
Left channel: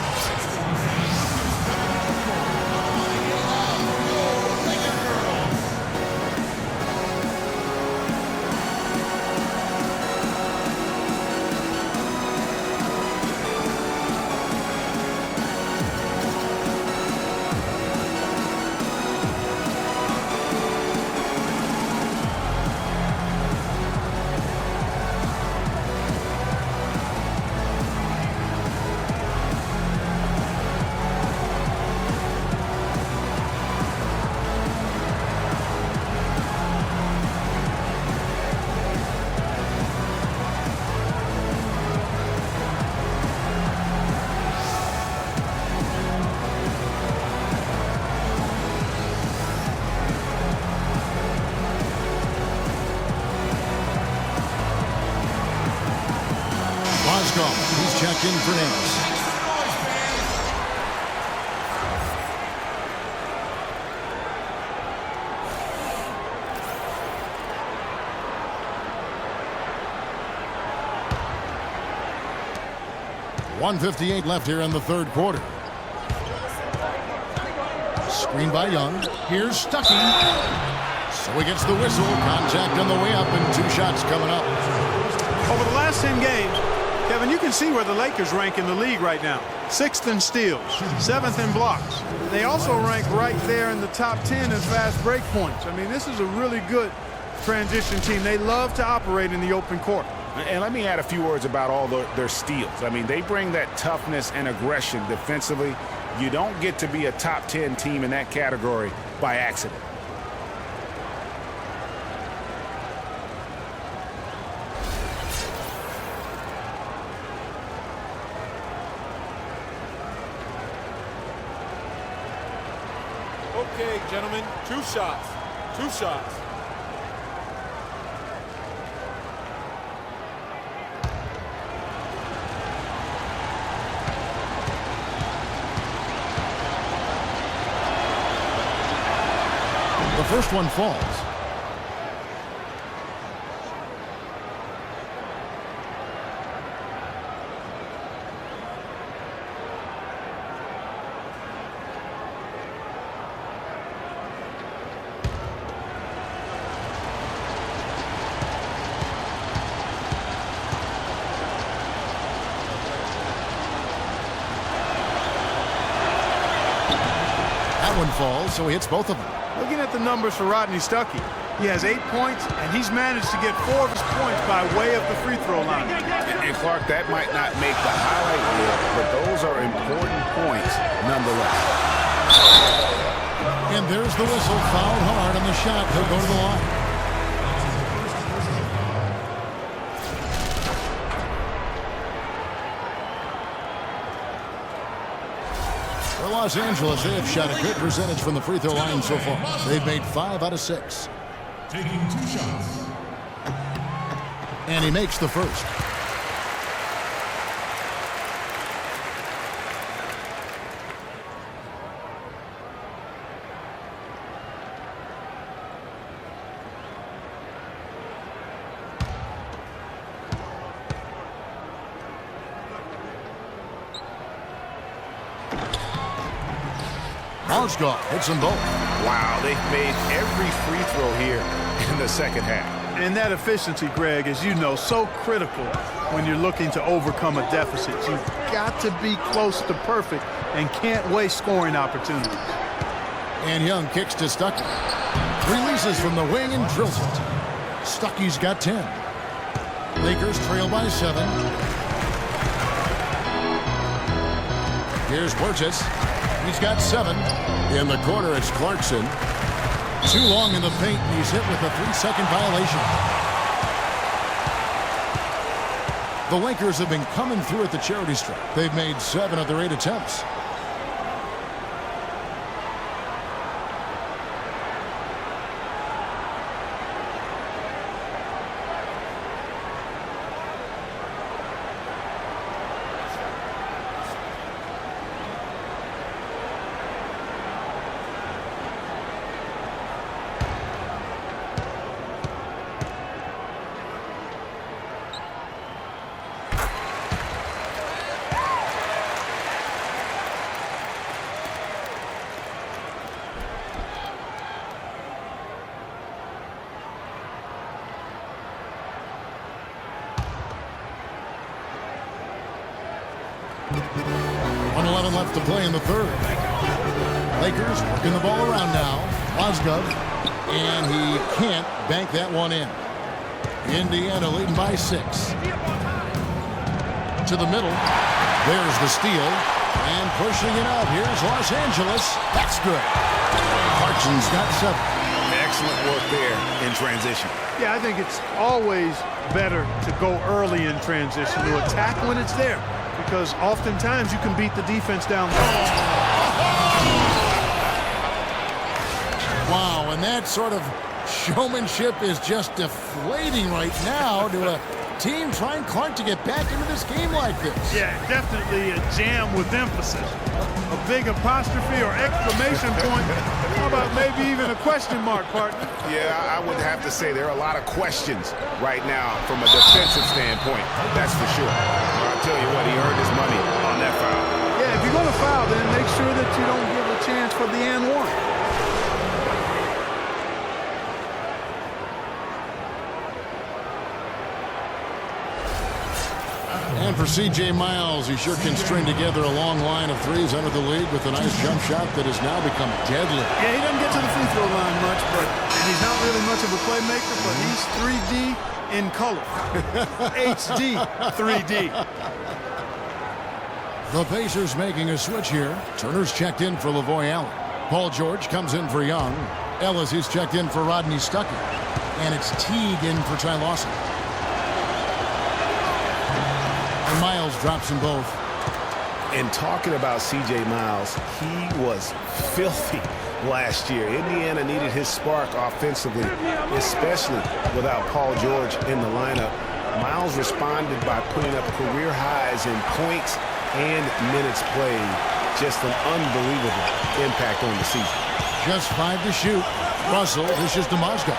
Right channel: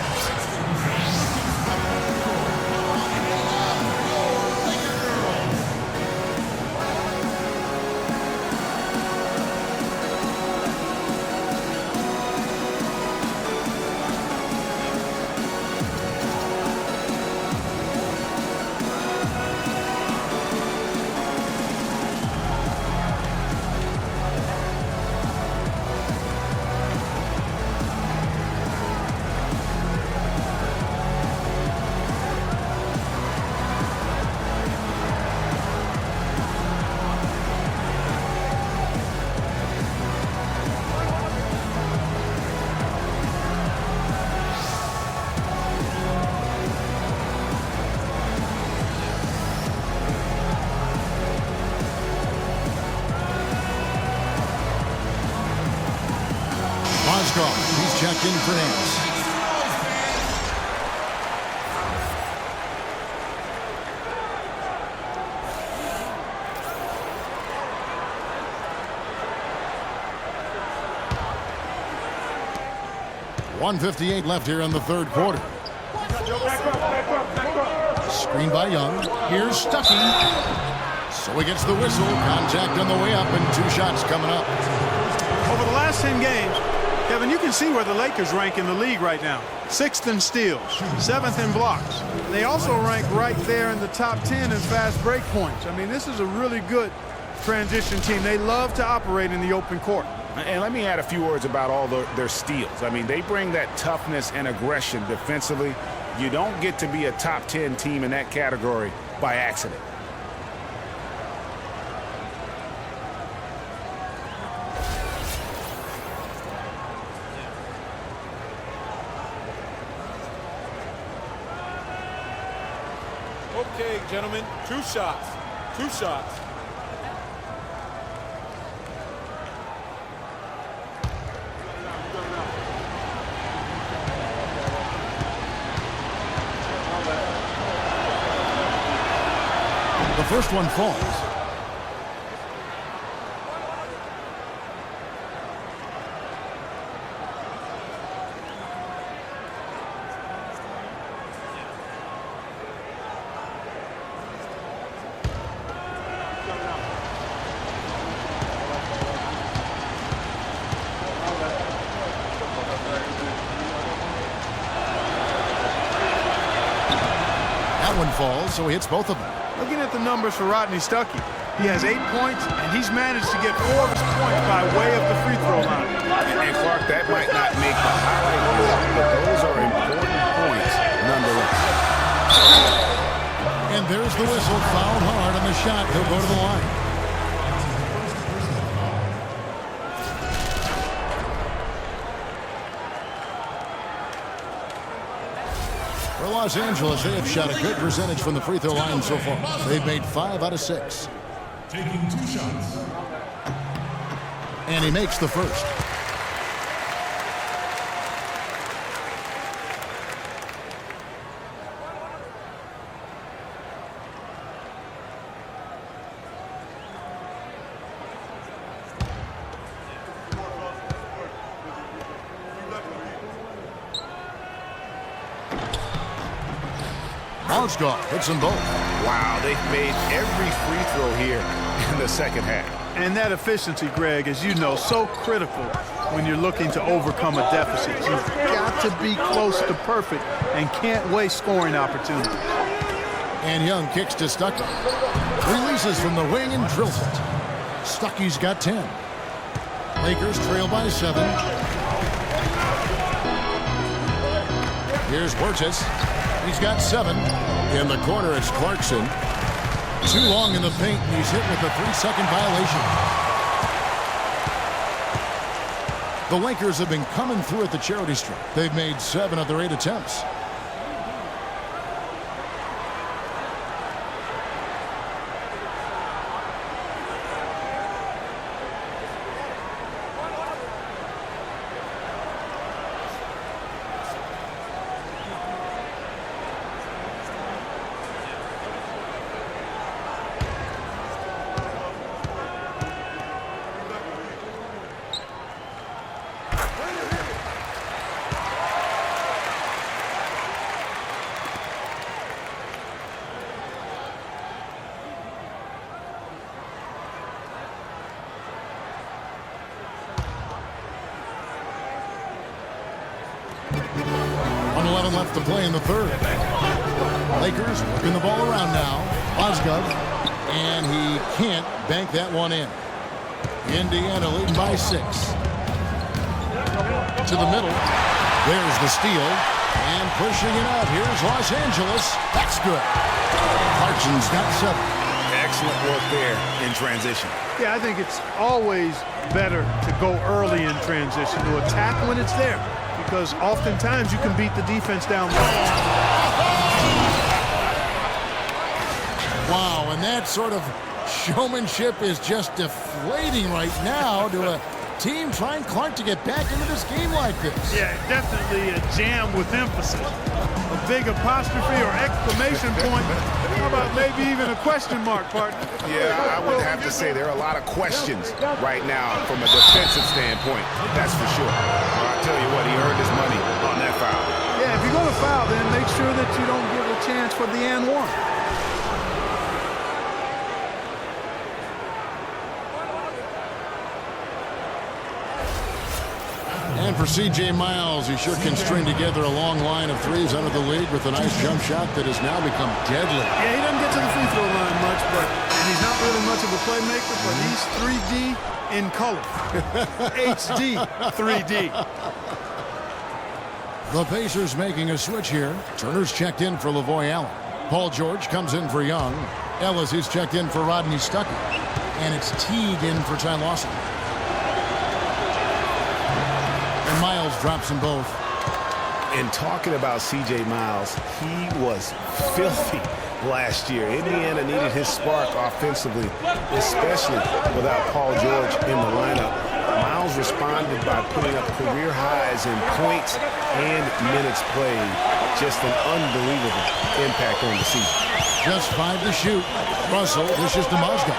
back in for Nance. .158 left here in the third quarter. Screen by Young. Here's Stuckey. So he gets the whistle. Contact on the way up and 2 shots coming up. Over the last 10 games, Kevin, you can see where the Lakers rank in the league right now. 6th in steals, 7th in blocks. And they also rank right there in the top 10 in fast break points. I mean, this is a really good transition team. They love to operate in the open court. And let me add a few words about all their steals. I mean, they bring that toughness and aggression defensively. You don't get to be a top 10 team in that category by accident. Okay, gentlemen, 2 shots. 2 shots. The first one falls. That one falls, so he hits both of them. Looking at the numbers for Rodney Stuckey, he has 8 points, and he's managed to get 4 of his points by way of the free throw line. And Clark, that might not make the highlight reel, but those are important points nonetheless. And there's the whistle. Fouled hard on the shot. He'll go to the line. For Los Angeles, they have shot a good percentage from the free throw line so far. They've made 5 out of 6. Taking 2 shots. And he makes the first. Mozgov hits them both. Wow, they've made every free throw here in the second half. And that efficiency, Greg, as you know, so critical when you're looking to overcome a deficit. You've got to be close to perfect and can't waste scoring opportunities. And Young kicks to Stuckey. Releases from the wing and drills it. Stuckey's got 10. Lakers trail by 7. Here's Wirtz. He's got 7. In the corner, it's Clarkson. Too long in the paint, and he's hit with a 3-second violation. The Lakers have been coming through at the charity stripe. They've made 7 of their 8 attempts. Left to play in the third. Lakers working the ball around now. Mozgov, and he can't bank that one in. Indiana leading by 6. To the middle. There's the steal. And pushing it out. Here's Los Angeles. That's good. Clarkson's got 7. Excellent work there in transition. Yeah, I think it's always better to go early in transition, to attack when it's there, because oftentimes you can beat the defense down low. Wow, and that sort of showmanship is just deflating right now to a team trying, Clark, to get back into this game like this? Yeah, definitely a jam with emphasis. A big apostrophe or exclamation point. How about maybe even a question mark, partner? Yeah, I would have to say there are a lot of questions right now from a defensive standpoint. That's for sure. Well, I tell you what, he earned his money on that foul. Yeah, if you're going to foul, then make sure that you don't give a chance for the and one. And for C.J. Miles, he sure can string together a long line of threes under the league with a nice jump shot that has now become deadly. Yeah, he doesn't get to the free throw line much, and he's not really much of a playmaker, but he's 3D in color. HD 3D. The Pacers making a switch here. Turner's checked in for Lavoy Allen. Paul George comes in for Young. Ellis, he's checked in for Rodney Stuckey. And it's Teague in for Ty Lawson. And Miles drops them both. And talking about C.J. Miles, he was filthy last year. Indiana needed his spark offensively, especially without Paul George in the lineup. Miles responded by putting up career highs in points and minutes played. Just an unbelievable impact on the season. Just 5 to shoot. Russell dishes to Mozgov.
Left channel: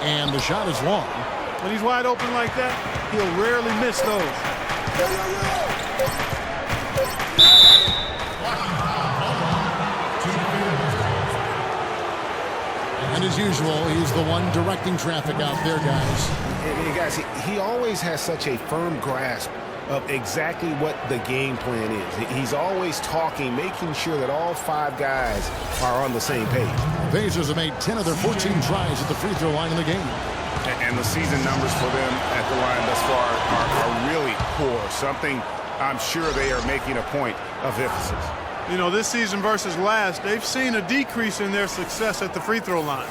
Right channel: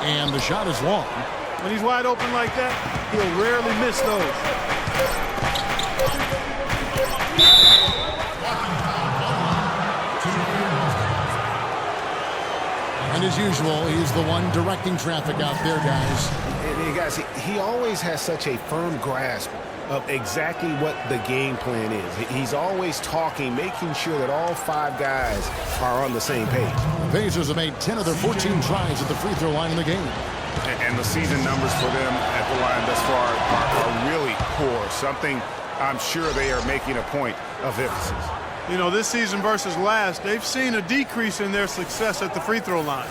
And the shot is long. When he's wide open like that, he'll rarely miss those. And as usual, he's the one directing traffic out there, guys. And guys, he always has such a firm grasp of exactly what the game plan is. He's always talking, making sure that all 5 guys are on the same page. The Pacers have made 10 of their 14 tries at the free throw line in the game. And the season numbers for them at the line thus far are really poor. Something I'm sure they are making a point of emphasis. You know, this season versus last, they've seen a decrease in their success at the free throw line.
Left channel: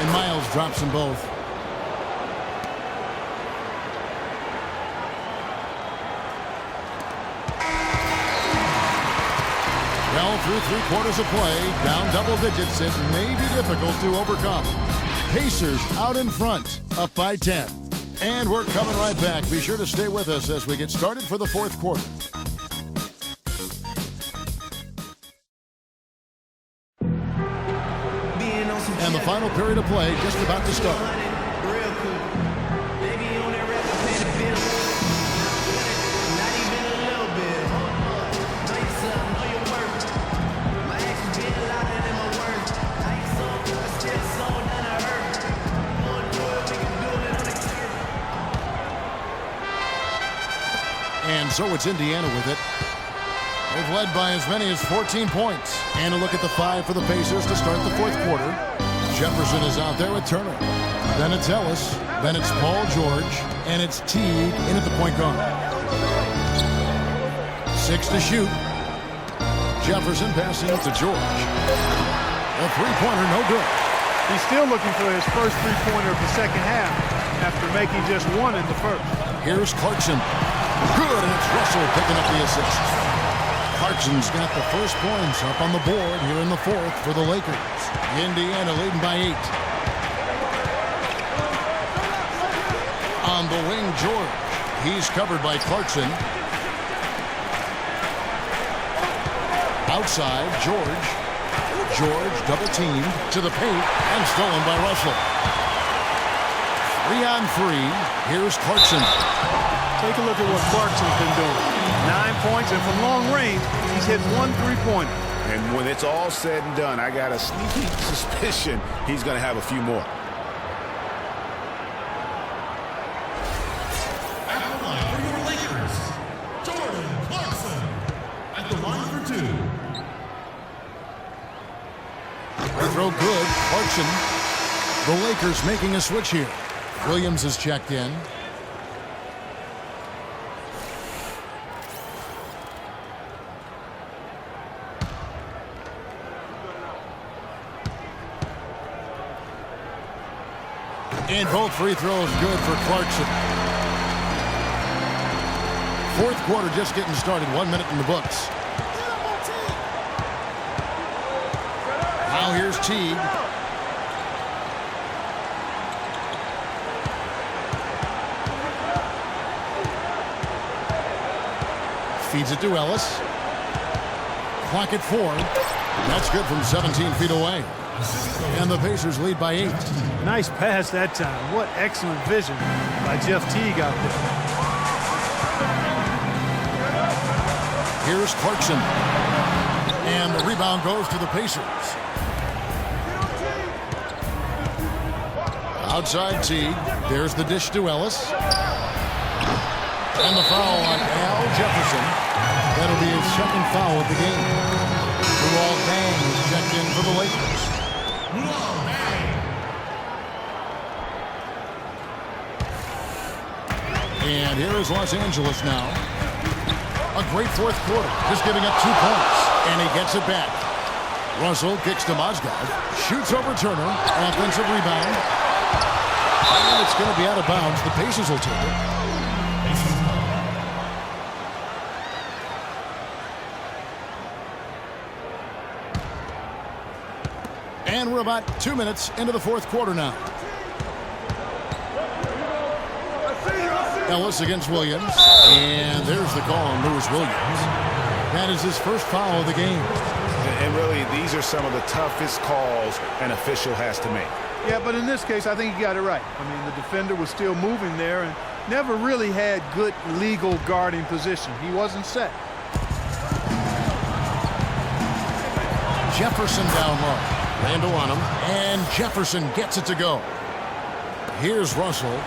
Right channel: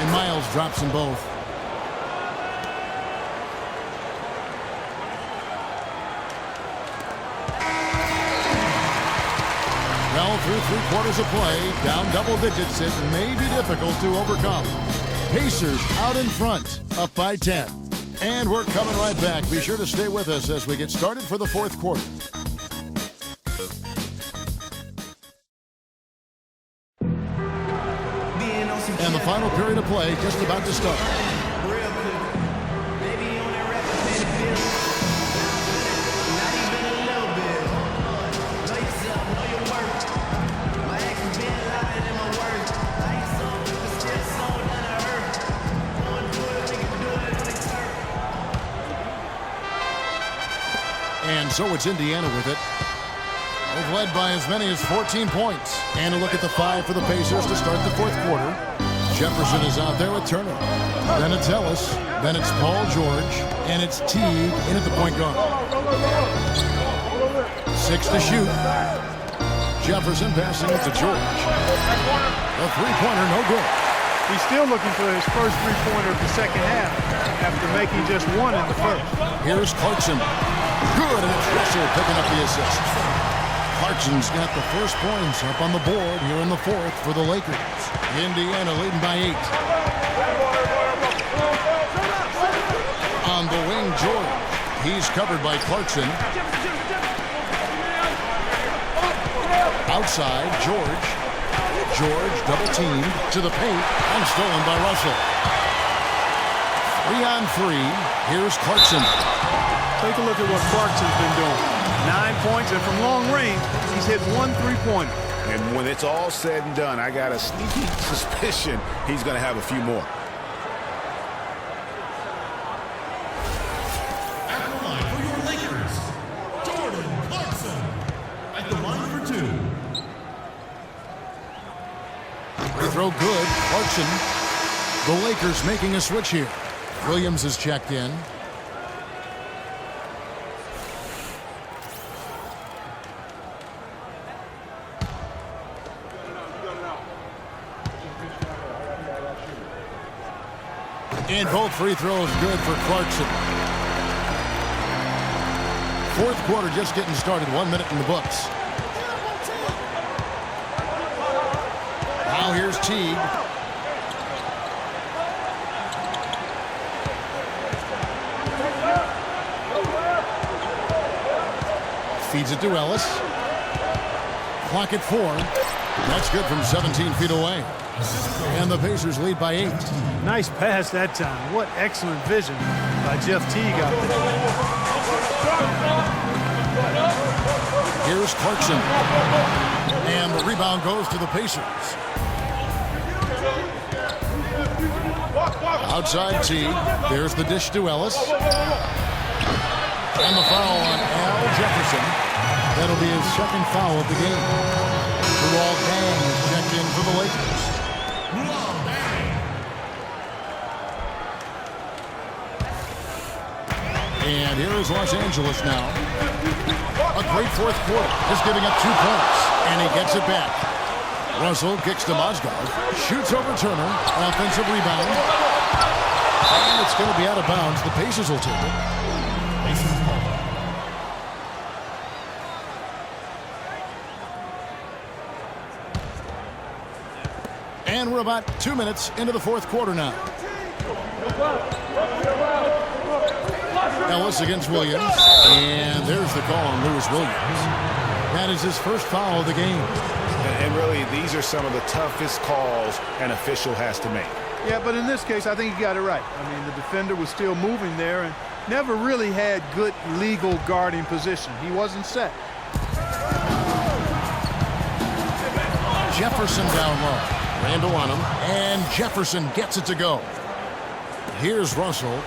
And Miles drops them both. Well, through 3 quarters of play, down double digits, it may be difficult to overcome. Pacers out in front, up by 10. And we're coming right back. Be sure to stay with us as we get started for the 4th quarter. And the final period of play just about to start. Real quick. Baby on that rap, I pay the bill. Not even a little bit. Hold on. Know yourself, know your worth. My actions being louder than my words. I ain't soft, but still sold down to earth. Gonna do it, we can do it on the turf. And so it's Indiana with it. They've led by as many as 14 points. And a look at the 5 for the Pacers to start the 4th quarter. Jefferson is out there with Turner. Then it's Ellis. Then it's Paul George. And it's Teague in at the point guard. 6 to shoot. Jefferson passing it to George. The three-pointer no good. He's still looking for his first three-pointer of the second half after making just 1 in the first. Here's Clarkson. Good, and it's Russell picking up the assist. Clarkson's got the first points up on the board here in the 4th for the Lakers. Indiana leading by 8. On the wing, George. He's covered by Clarkson. Outside, George. George double-teamed to the paint and stolen by Russell. 3 on 3. Here's Clarkson. Take a look at what Clarkson's been doing. 9 points, and from long range, he's hit 1 three-pointer. And when it's all said and done, I got a sneaky suspicion he's going to have a few more. At the line for your Lakers, Jordan Clarkson. At the line for 2. Free throw good. Clarkson. The Lakers making a switch here. Williams is checked in. And both free throws good for Clarkson. 4th quarter just getting started. 1 minute in the books. Now here's Teague. Feeds it to Ellis. Clock at 4. That's good from 17 feet away. And the Pacers lead by 8. Nice pass that time. What excellent vision by Jeff Teague out there. Here's Clarkson. And the rebound goes to the Pacers. Outside Teague. There's the dish to Ellis. And the foul on Al Jefferson. That'll be his second foul of the game. Luol Deng is checked in for the Lakers. Luol Deng. And here is Los Angeles now. A great fourth quarter, just giving up 2 points. And he gets it back. Russell kicks to Mozgov. Shoots over Turner. Offensive rebound. And it's going to be out of bounds. The Pacers will take it. And we're about 2 minutes into the fourth quarter now. Ellis against Williams. And there's the call on Lewis Williams. That is his first foul of the game. And really, these are some of the toughest calls an official has to make. Yeah, but in this case, I think he got it right. I mean, the defender was still moving there and never really had good legal guarding position. He wasn't set. Jefferson down low. Randall on him. And Jefferson gets it to go. Here's Russell.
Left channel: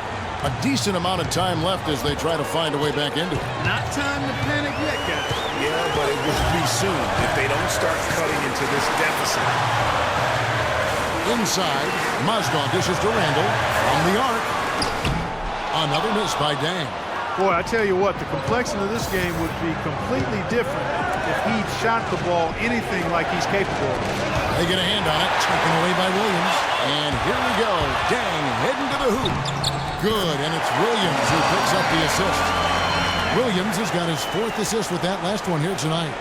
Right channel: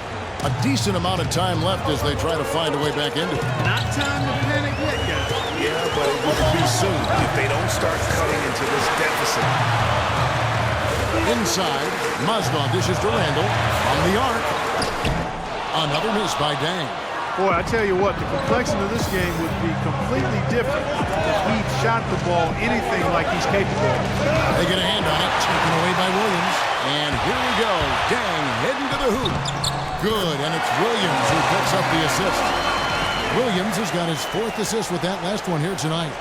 A decent amount of time left as they try to find a way back into it. Not time to panic yet, guys. Yeah, but it will be soon if they don't start cutting into this deficit. Inside, Mozgov dishes to Randall from the arc. Another miss by Deng. Boy, I tell you what, the complexion of this game would be completely different if he shot the ball anything like he's capable of. They get a hand on it, taken away by Williams. And here we go. Deng heading to the hoop. Good, and it's Williams who picks up the assist. Williams has got his 4th assist with that last one here tonight.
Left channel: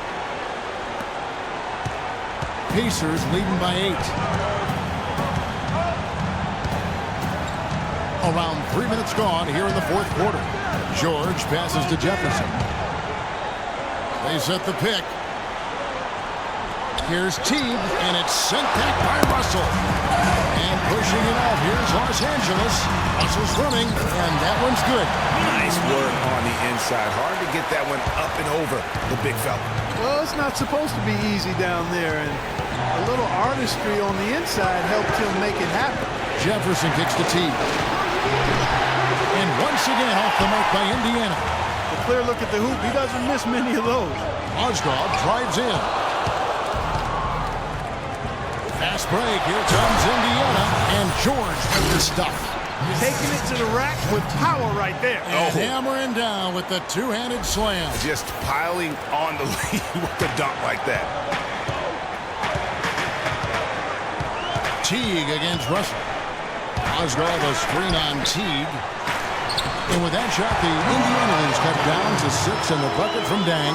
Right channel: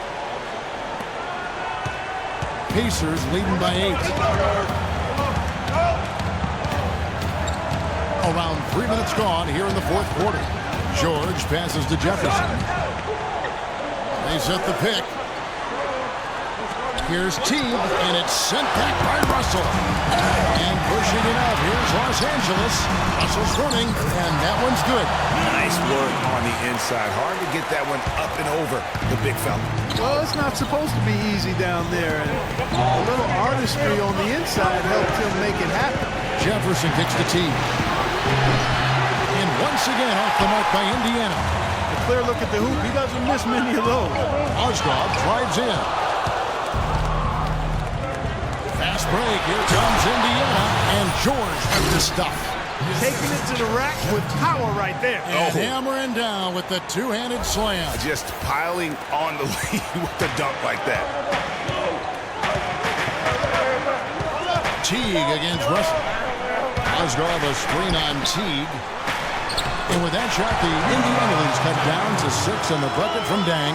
Pacers leading by 8. Around 3 minutes gone here in the fourth quarter. George passes to Jefferson. They set the pick. Here's Teague, and it's sent back by Russell. And pushing it out, here's Los Angeles. Russell's running, and that one's good. Nice work on the inside. Hard to get that one up and over the big fella. Well, it's not supposed to be easy down there, and a little artistry on the inside helped him make it happen. Jefferson kicks to Teague. And once again off the mark by Indiana. A clear look at the hoop. He doesn't miss many of those. Mozgov drives in. Fast break. Here comes Indiana. And George with the stuff. Taking it to the rack with power right there. And hammering down with the two-handed slam. Just piling on the lead with the dunk like that. Teague against Russell. Mozgov a screen on Teague. And with that shot, the Indiana lead is cut down to 6 and the bucket from Deng.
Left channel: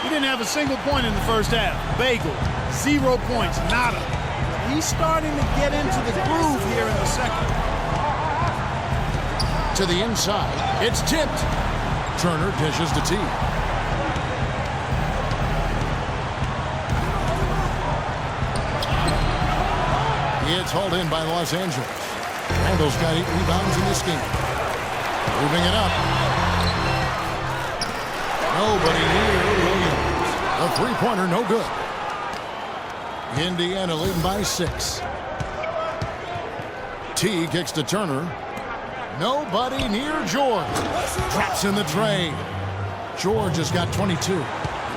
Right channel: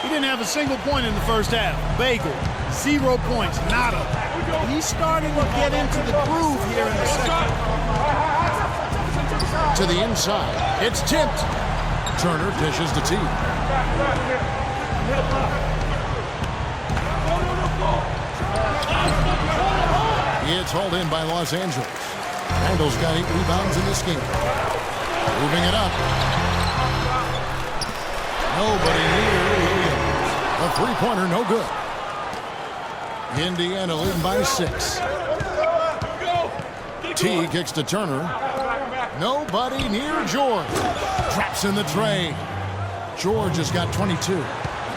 He didn't have a single point in the first half. Bagel, 0 points, nada. He's starting to get into the groove here in the second. To the inside. It's tipped. Turner dishes to Teague. It's hauled in by Los Angeles. Randall's got 8 rebounds in this game. Moving it up. Nobody near Williams. The three-pointer, no good. Indiana leading by 6. T kicks to Turner. Nobody near George. Traps in the tray. George has got 22.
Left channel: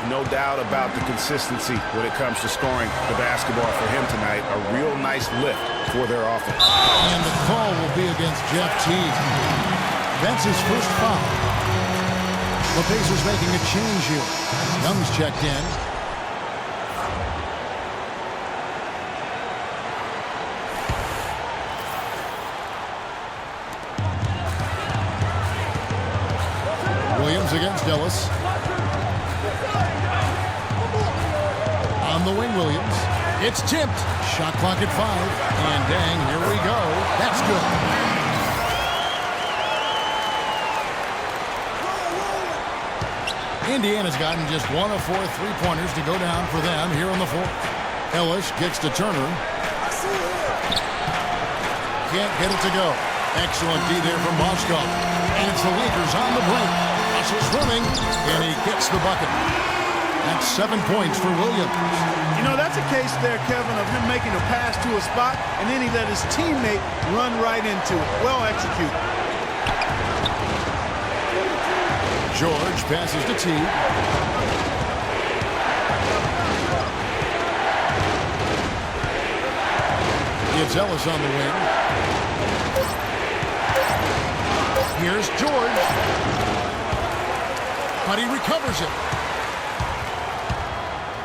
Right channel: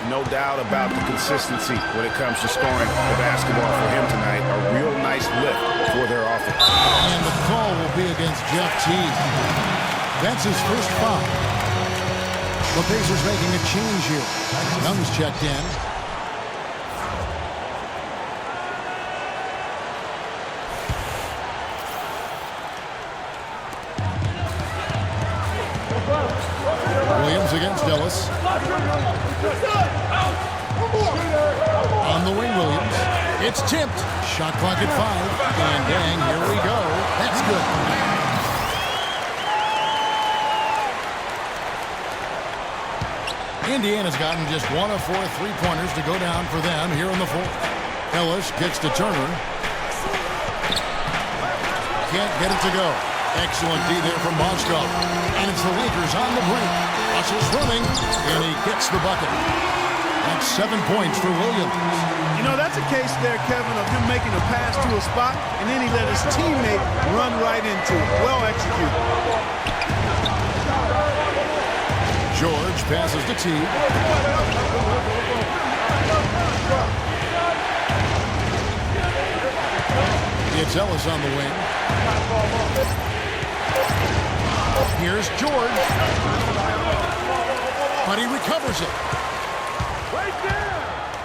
No doubt about the consistency when it comes to scoring the basketball for him tonight. A real nice lift for their offense. And the call will be against Jeff Teague. That's his first foul. The Pacers making a change here. Young's checked in. Williams against Ellis. On the wing, Williams. It's tipped. Shot clock at 5. And dang, here we go. That's good. Indiana's gotten just 1 of 4 3-pointers to go down for them here in the fourth. Ellis gets to Turner. Can't get it to go. Excellent D there from Moskov. And it's the Lakers on the break. Russell's running, and he gets the bucket. That's 7 points for Williams. You know, that's a case there, Kevin, of him making a pass to a spot, and then he let his teammate run right into it. Well executed. George passes to T. It's Ellis on the wing. Here's George. But he recovers it.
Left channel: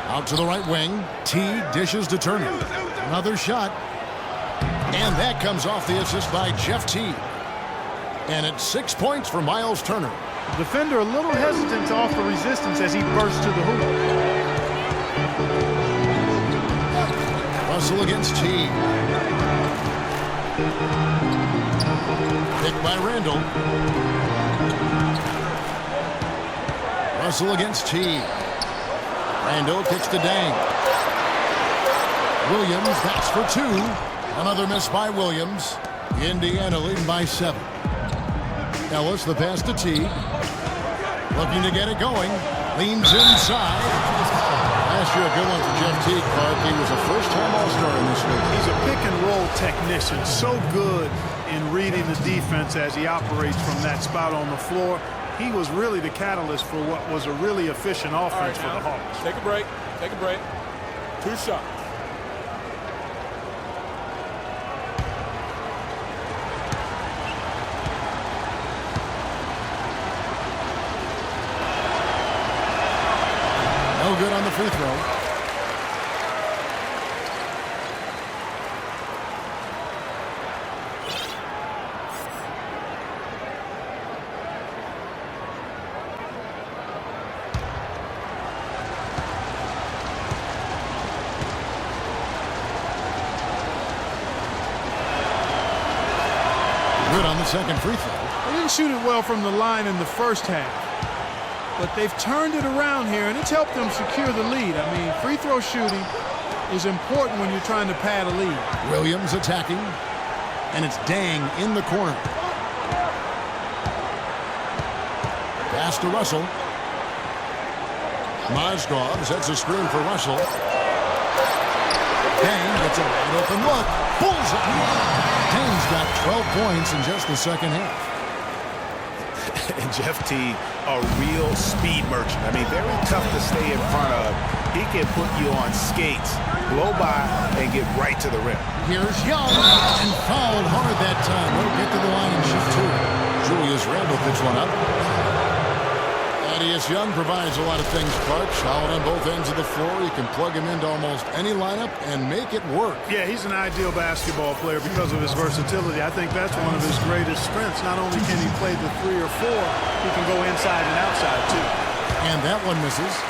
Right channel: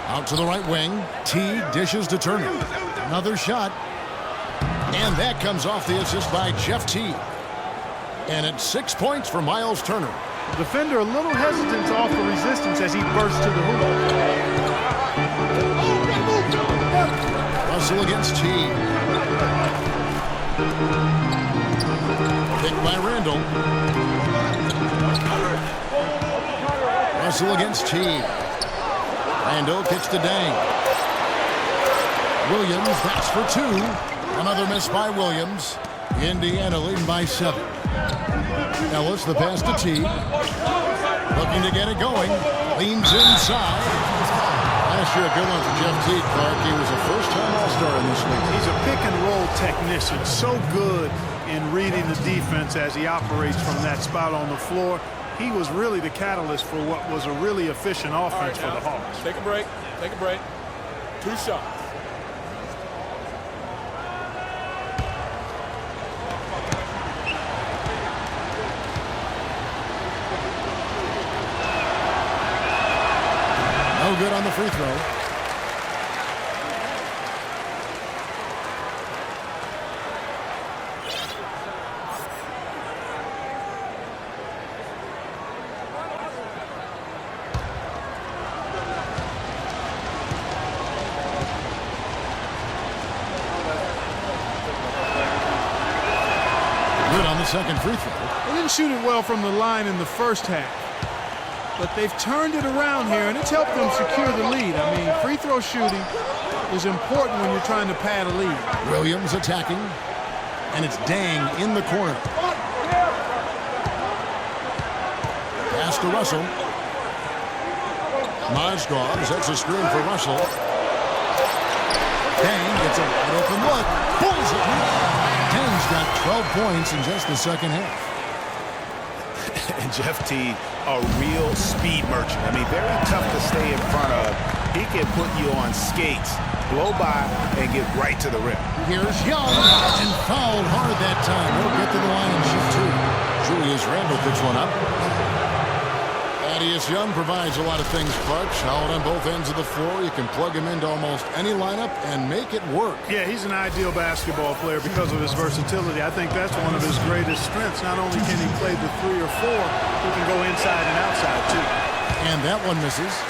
Out to the right wing. T dishes to Turner. Another shot. And that comes off the assist by Jeff T. And it's 6 points for Miles Turner. The defender a little hesitant to offer resistance as he bursts to the hoop. Russell against T. Picked by Randall. Russell against T. Randall kicks to Dang. Williams, that's for 2. Another miss by Williams. Indiana leading by 7. Ellis, the pass to T. Looking to get it going. Leans inside. Last year, a good one for Jeff T. Clark. He was a first-time All-Star in this league. He's a pick-and-roll technician. So good in reading the defense as he operates from that spot on the floor. He was really the catalyst for what was a really efficient offense for the Hawks. Take a break. Take a break. 2 shots. No good on the free throw. Good on the second free throw. They didn't shoot it well from the line in the first half, but they've turned it around here, and it's helped them secure the lead. I mean, free throw shooting is important when you're trying to pad a lead. Williams attacking, and it's Dang in the corner. Pass to Russell. Mozgov sets a screen for Russell. Dang gets a wide open look. Bullseye. Dang's got 12 points in just the second half. And Jeff T, a real speed merchant. I mean, very tough to stay in front of. He can put you on skates, blow by, and get right to the rim. Here's Young, and fouled hard that time. He'll get to the line and shoot 2. Julius Randle picks one up. Thaddeus Young provides a lot of things, Clark. Solid on both ends of the floor. You can plug him into almost any lineup and make it work. Yeah, he's an ideal basketball player because of his versatility. I think that's one of his greatest strengths. Not only can he play the 3 or 4, he can go inside and outside, too. And that one misses.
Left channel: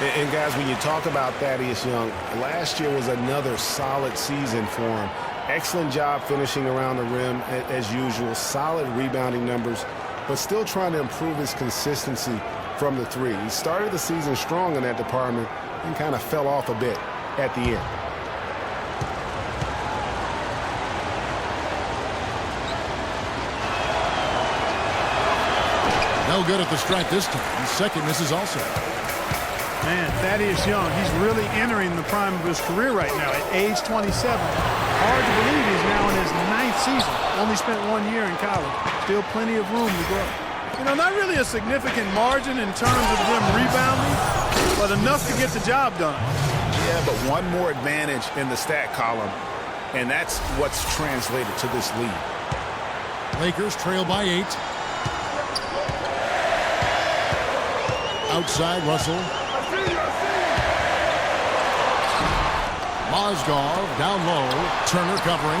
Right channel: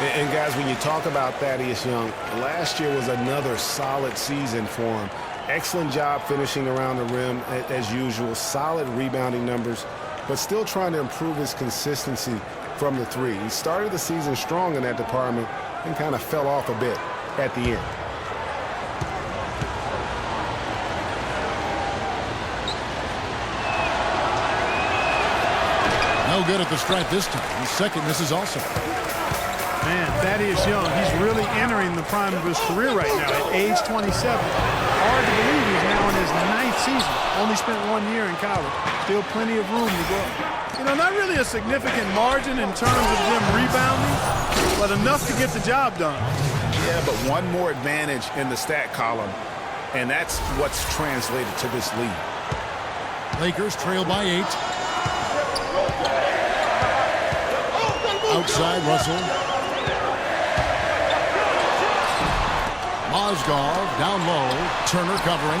And guys, when you talk about Thaddeus Young, last year was another solid season for him. Excellent job finishing around the rim as usual. Solid rebounding numbers, but still trying to improve his consistency from the 3. He started the season strong in that department and kind of fell off a bit at the end. No good at the stripe this time. The second misses also. Man, Thaddeus Young, he's really entering the prime of his career right now at age 27. Hard to believe he's now in his 9th season. Only spent 1 year in college. Still plenty of room to grow. You know, not really a significant margin in terms of them rebounding, but enough to get the job done. Yeah, but one more advantage in the stat column, and that's what's translated to this lead. Lakers trail by 8. Outside, Russell. Mozgov down low. Turner covering.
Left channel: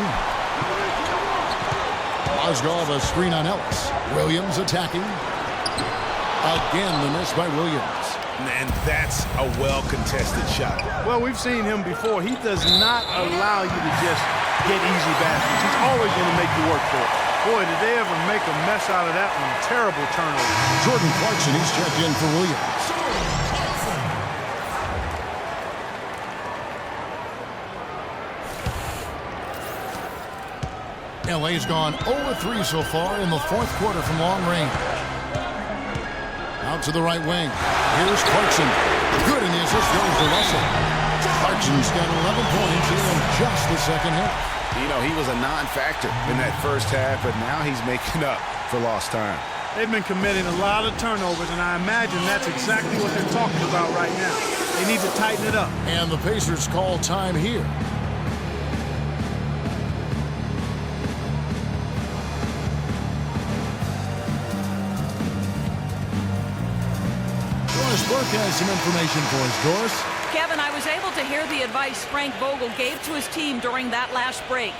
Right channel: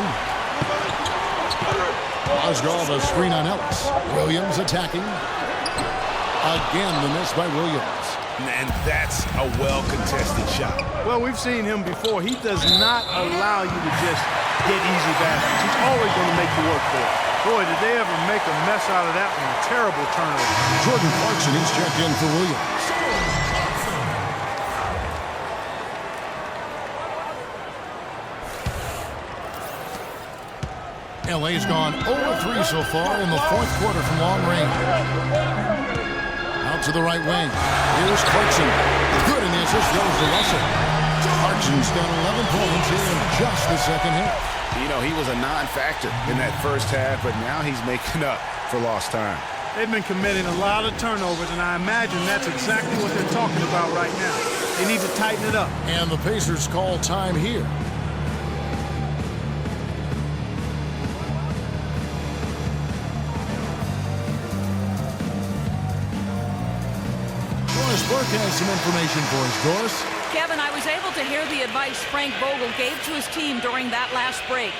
Mozgov a screen on Ellis. Williams attacking. Again, the miss by Williams. And that's a well-contested shot. Well, we've seen him before. He does not allow you to just get easy baskets. He's always going to make you work for it. Boy, did they ever make a mess out of that one. A terrible turnover. Jordan Clarkson, he's checked in for Williams. Jordan Clarkson. LA's gone 0-3 so far in the fourth quarter from long range. Out to the right wing. Here's Clarkson. Good, and the assist goes to Russell. Clarkson's got 11 points in just the second half. You know, he was a non-factor in that first half, but now he's making up for lost time. They've been committing a lot of turnovers, and I imagine that's exactly what they're talking about right now. They need to tighten it up. And the Pacers call time here. Doris Burke has some information for us. Doris? Kevin, I was able to hear the advice Frank Vogel gave to his team during that last break.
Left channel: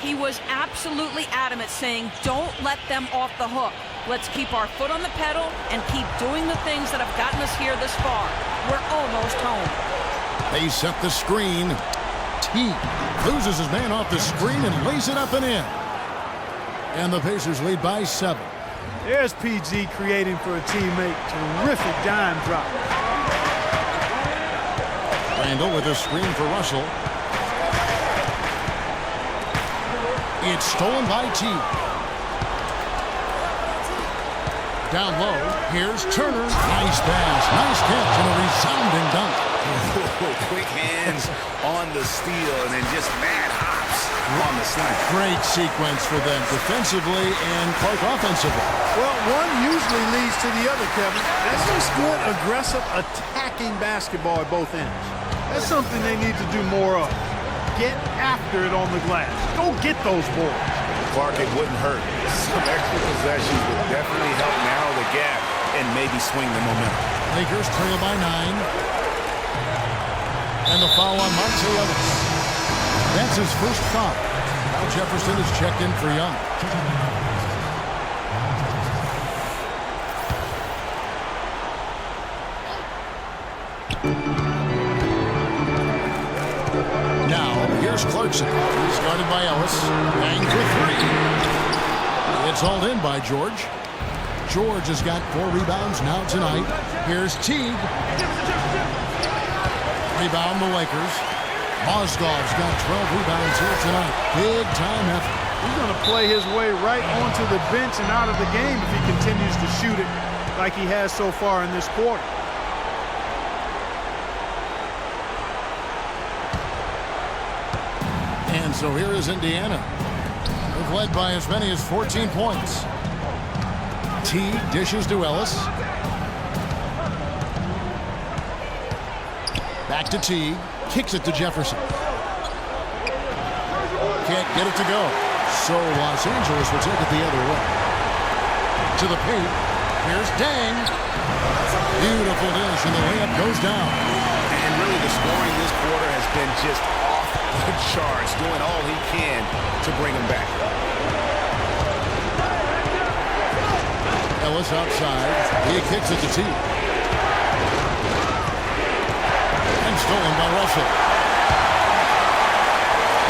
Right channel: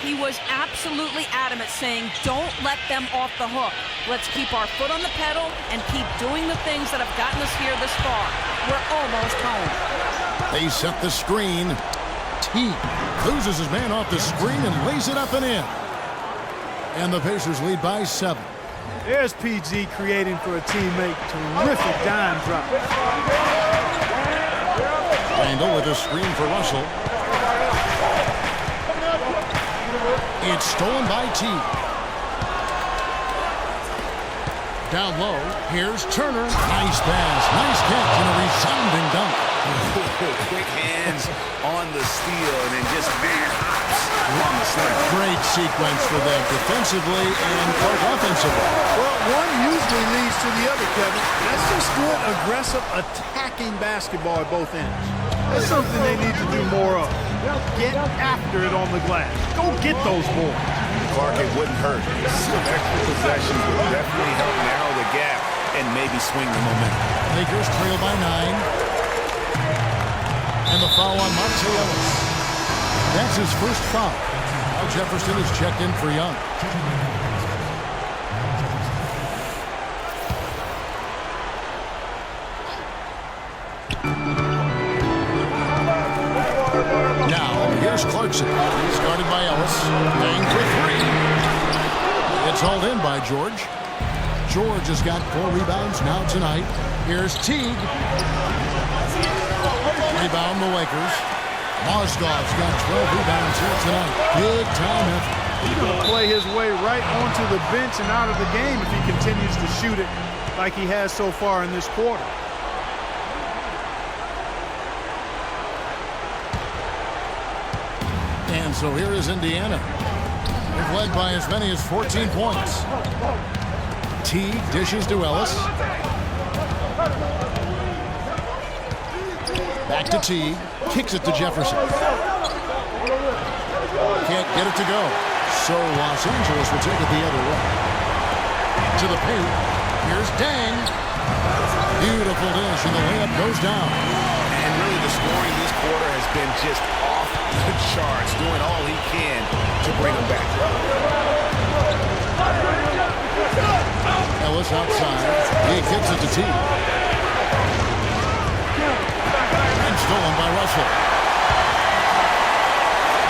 He was absolutely adamant, saying, don't let them off the hook. Let's keep our foot on the pedal and keep doing the things that have gotten us here this far. We're almost home. They set the screen. T loses his man off the screen and lays it up and in. And the Pacers lead by 7. There's PG creating for a teammate. Terrific dime drop. Randall with a screen for Russell. It's stolen by T. Down low, here's Turner. Nice pass, nice catch, and a resounding dunk. Quick hands on the steal and then just mad hops on the slam. Great sequence for them defensively and Clark offensively. Well, one usually leads to the other, Kevin. That's just good, aggressive, attacking basketball at both ends. That's something they need to do more of. Get after it on the glass. Go get those boards. Clark, it wouldn't hurt. Some extra possessions would definitely help narrow the gap and maybe swing the momentum. Lakers trail by 9. And the foul on Monte Ellis. That's his first foul. Now Jefferson is checked in for Young. Now, here's Clarkson. He's guarded by Ellis. Bang for 3. It's hauled in by George. George has got 4 rebounds now tonight. Here's Teague. Rebound the Lakers. Mozgov's got 12 rebounds here tonight. Big time effort. He's going to play his way right onto the bench and out of the game if he continues to shoot it like he has so far in this quarter. And so here is Indiana. They've led by as many as 14 points. Teague dishes to Ellis. Back to Teague. Kicks it to Jefferson. Can't get it to go. So Los Angeles will take it the other way. To the paint. Here's Dang. Beautiful dish, and the layup goes down. And really the scoring this quarter has been just off the charts, doing all he can to bring them back. Ellis outside. He kicks it to T. And stolen by Russell.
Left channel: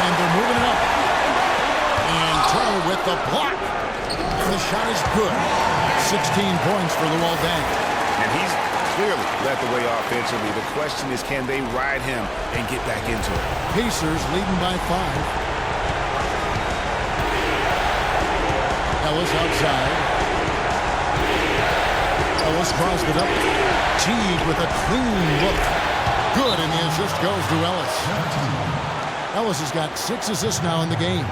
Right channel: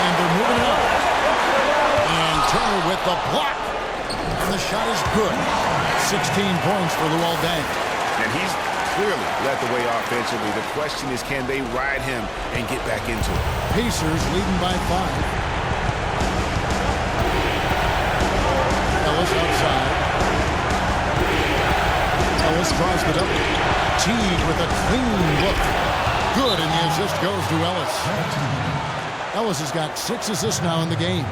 And they're moving it up. And Turner with the block. And the shot is good. 16 points for Luol Deng. And he's clearly led the way offensively. The question is, can they ride him and get back into it? Pacers leading by 5. Ellis outside. Ellis draws the double. Teague with a clean look. Good, and the assist goes to Ellis. Ellis has got 6 assists now in the game.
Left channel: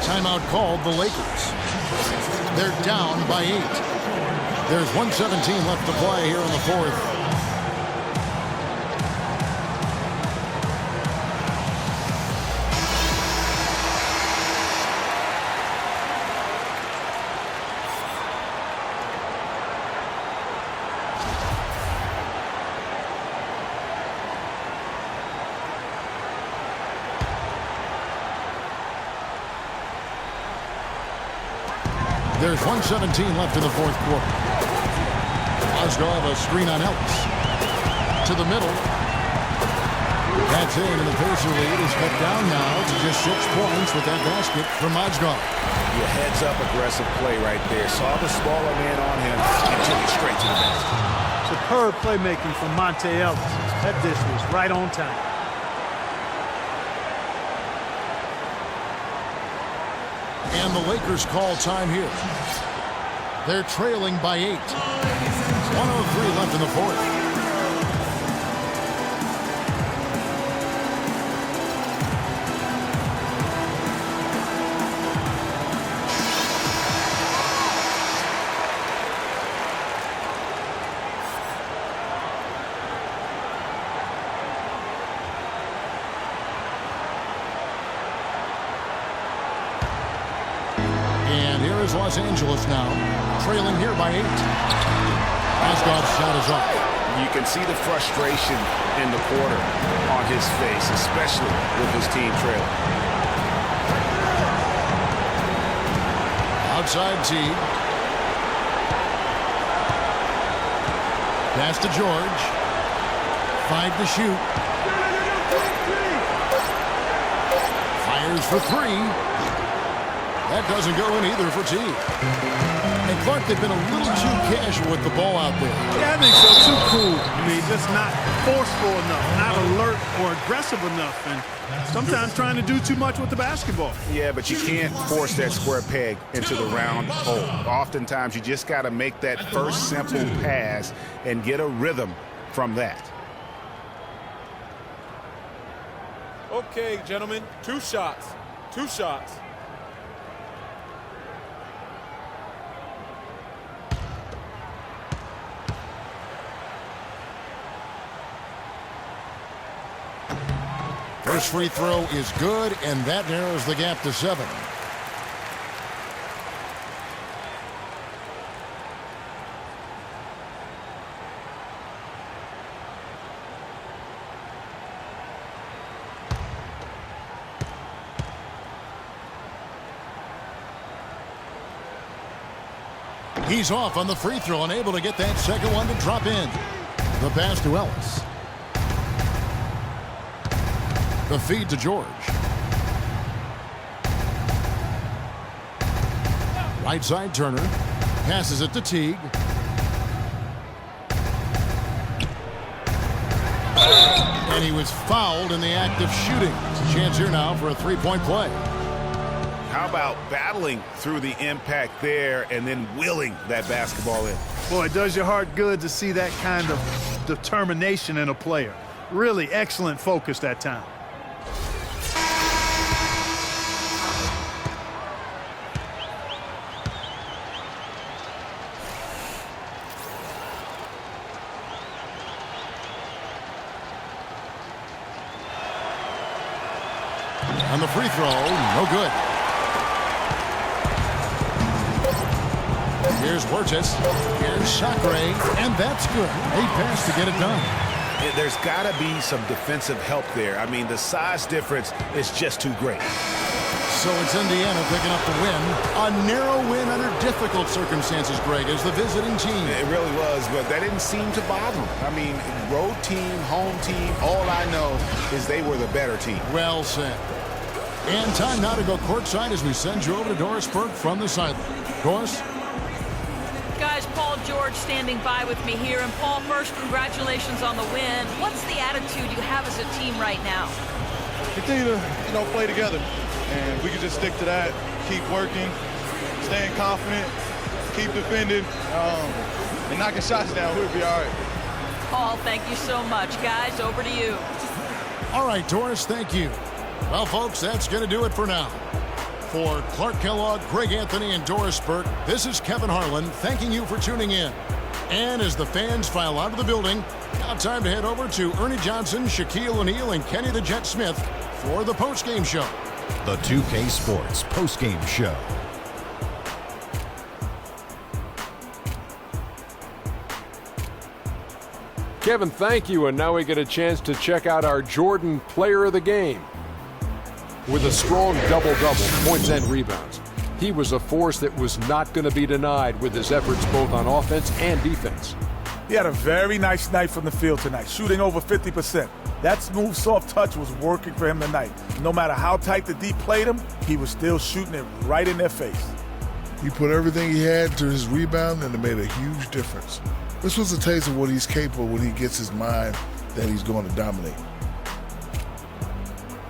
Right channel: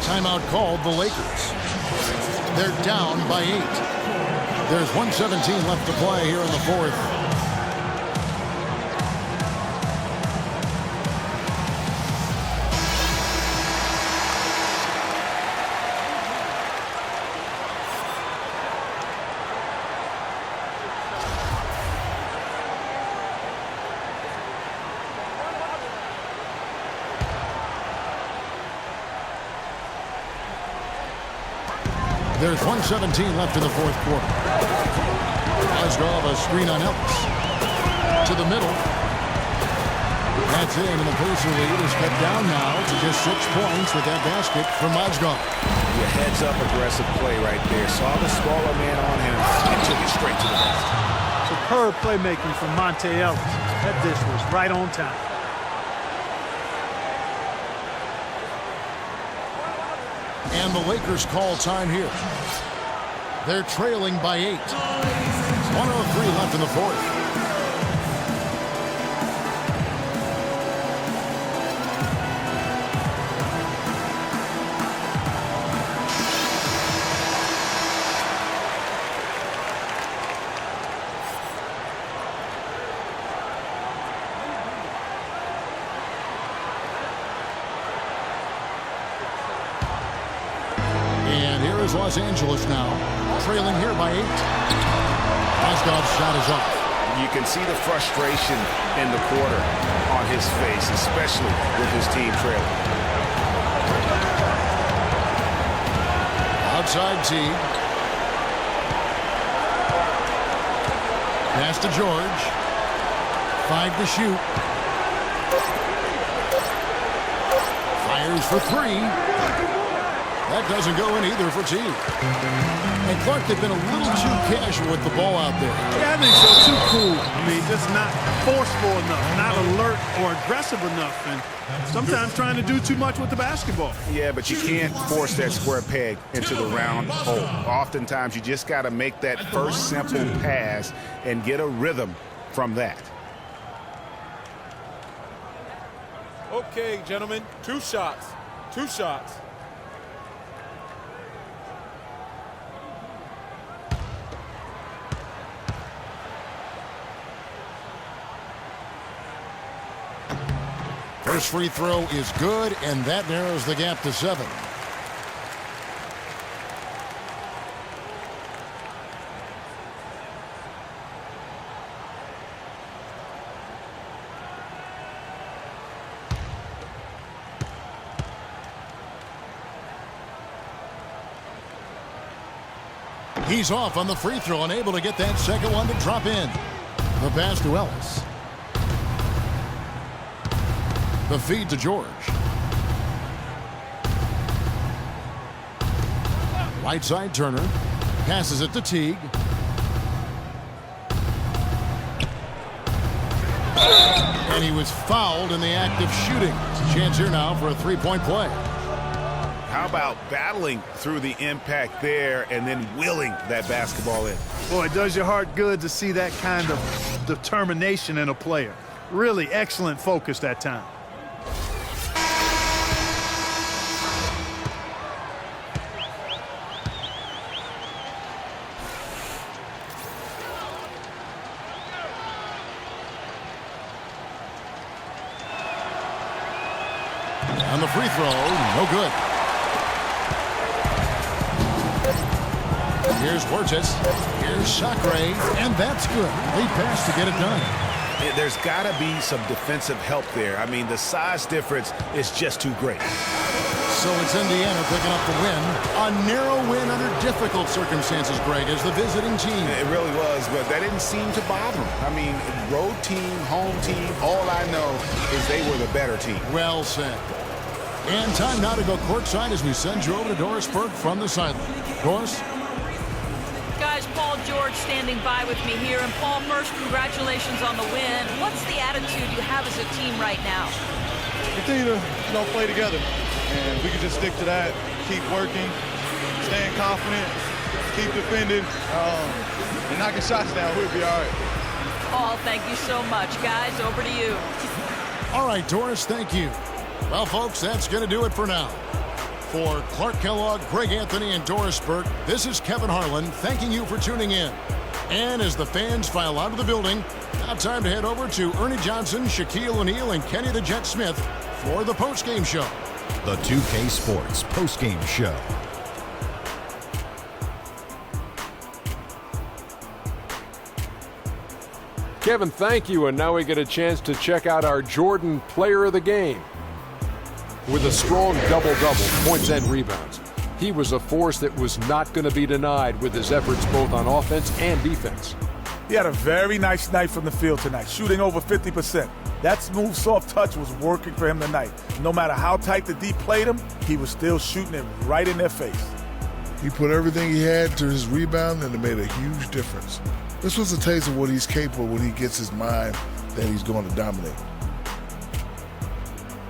Timeout called the Lakers. They're down by 8. There's 1:17 left to play here in the fourth. There's 1:17 left in the fourth quarter. Mozgov a screen on Ellis. To the middle. That's in, and the Pacer lead is cut down now to just 6 points with that basket from Mozgov. Your heads-up aggressive play right there. Saw the smaller man on him and took it straight to the basket. Superb playmaking from Monte Ellis. That dish was right on time. And the Lakers call time here. They're trailing by 8. 1:03 left in the fourth. And here is Los Angeles now, trailing here by 8. Mozgov's shot is off. You can see the frustration in the quarter on his face, especially with his team trailing. Outside Teague. Pass to George. 5 to shoot. Fires for 3. That doesn't go in either for Teague. And Clark, they've been a little too casual with the ball out there. Yeah, I think so. Too cool. I mean, just not forceful enough, not alert or aggressive enough, and sometimes trying to do too much with the basketball. Yeah, but you can't force that square peg into the round hole. Oftentimes, you just got to make that first simple pass and get a rhythm from that. Okay, gentlemen, 2 shots. 2 shots. First free throw is good, and that narrows the gap to 7. He's off on the free throw, unable to get that second one to drop in. The pass to Ellis. The feed to George. Right side Turner. Passes it to Teague. And he was fouled in the act of shooting. It's a chance here now for a three-point play. How about battling through the impact there and then willing that basketball in? Boy, it does your heart good to see that kind of determination in a player. Really excellent focus that time. On the free throw, no good. Here's Huertas. Here's Sacre, and that's good. They pass to get it done. There's got to be some defensive help there. I mean, the size difference is just too great. So it's Indiana picking up the win. A narrow win under difficult circumstances, Greg, as the visiting team. It really was, but that didn't seem to bother them. I mean, road team, home team, all I know is they were the better team. Well said. And time now to go courtside as we send you over to Doris Burke from the sideline. Doris? Guys, Paul George standing by with me here. And Paul, first, congratulations on the win. What's the attitude you have as a team right now? Continue to, play together. And we can just stick to that, keep working, staying confident, keep defending, and knocking shots down. We'll be all right. Paul, thank you so much. Guys, over to you. All right, Doris, thank you. Well, folks, that's going to do it for now. For Clark Kellogg, Greg Anthony, and Doris Burke, this is Kevin Harlan thanking you for tuning in. And as the fans file out of the building, now time to head over to Ernie Johnson, Shaquille O'Neal, and Kenny the Jet Smith for the postgame show. The 2K Sports postgame show. Kevin, thank you. And now we get a chance to check out our Jordan player of the game with a strong double-double, points and rebounds. He was a force that was not going to be denied with his efforts both on offense and defense. He had a very nice night from the field tonight, shooting over 50%. That smooth, soft touch was working for him tonight. No matter how tight the D played him, he was still shooting it right in their face. He put everything he had to his rebound, and it made a huge difference. This was a taste of what he's capable when he gets his mind that he's going to dominate.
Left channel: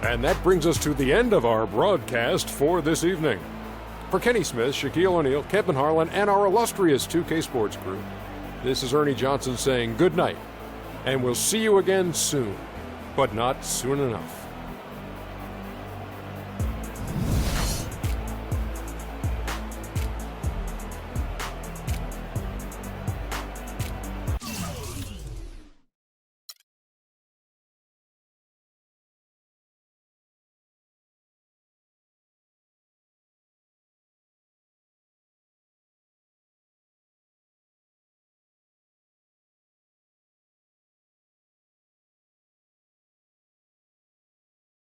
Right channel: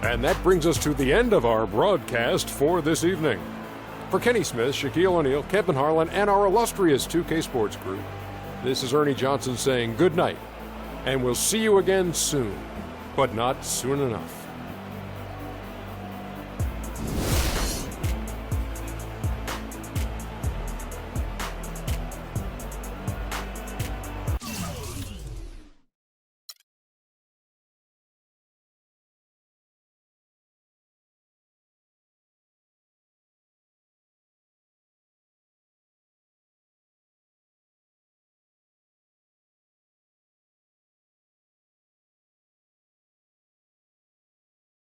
And that brings us to the end of our broadcast for this evening. For Kenny Smith, Shaquille O'Neal, Kevin Harlan, and our illustrious 2K Sports crew, this is Ernie Johnson saying good night, and we'll see you again soon, but not soon enough.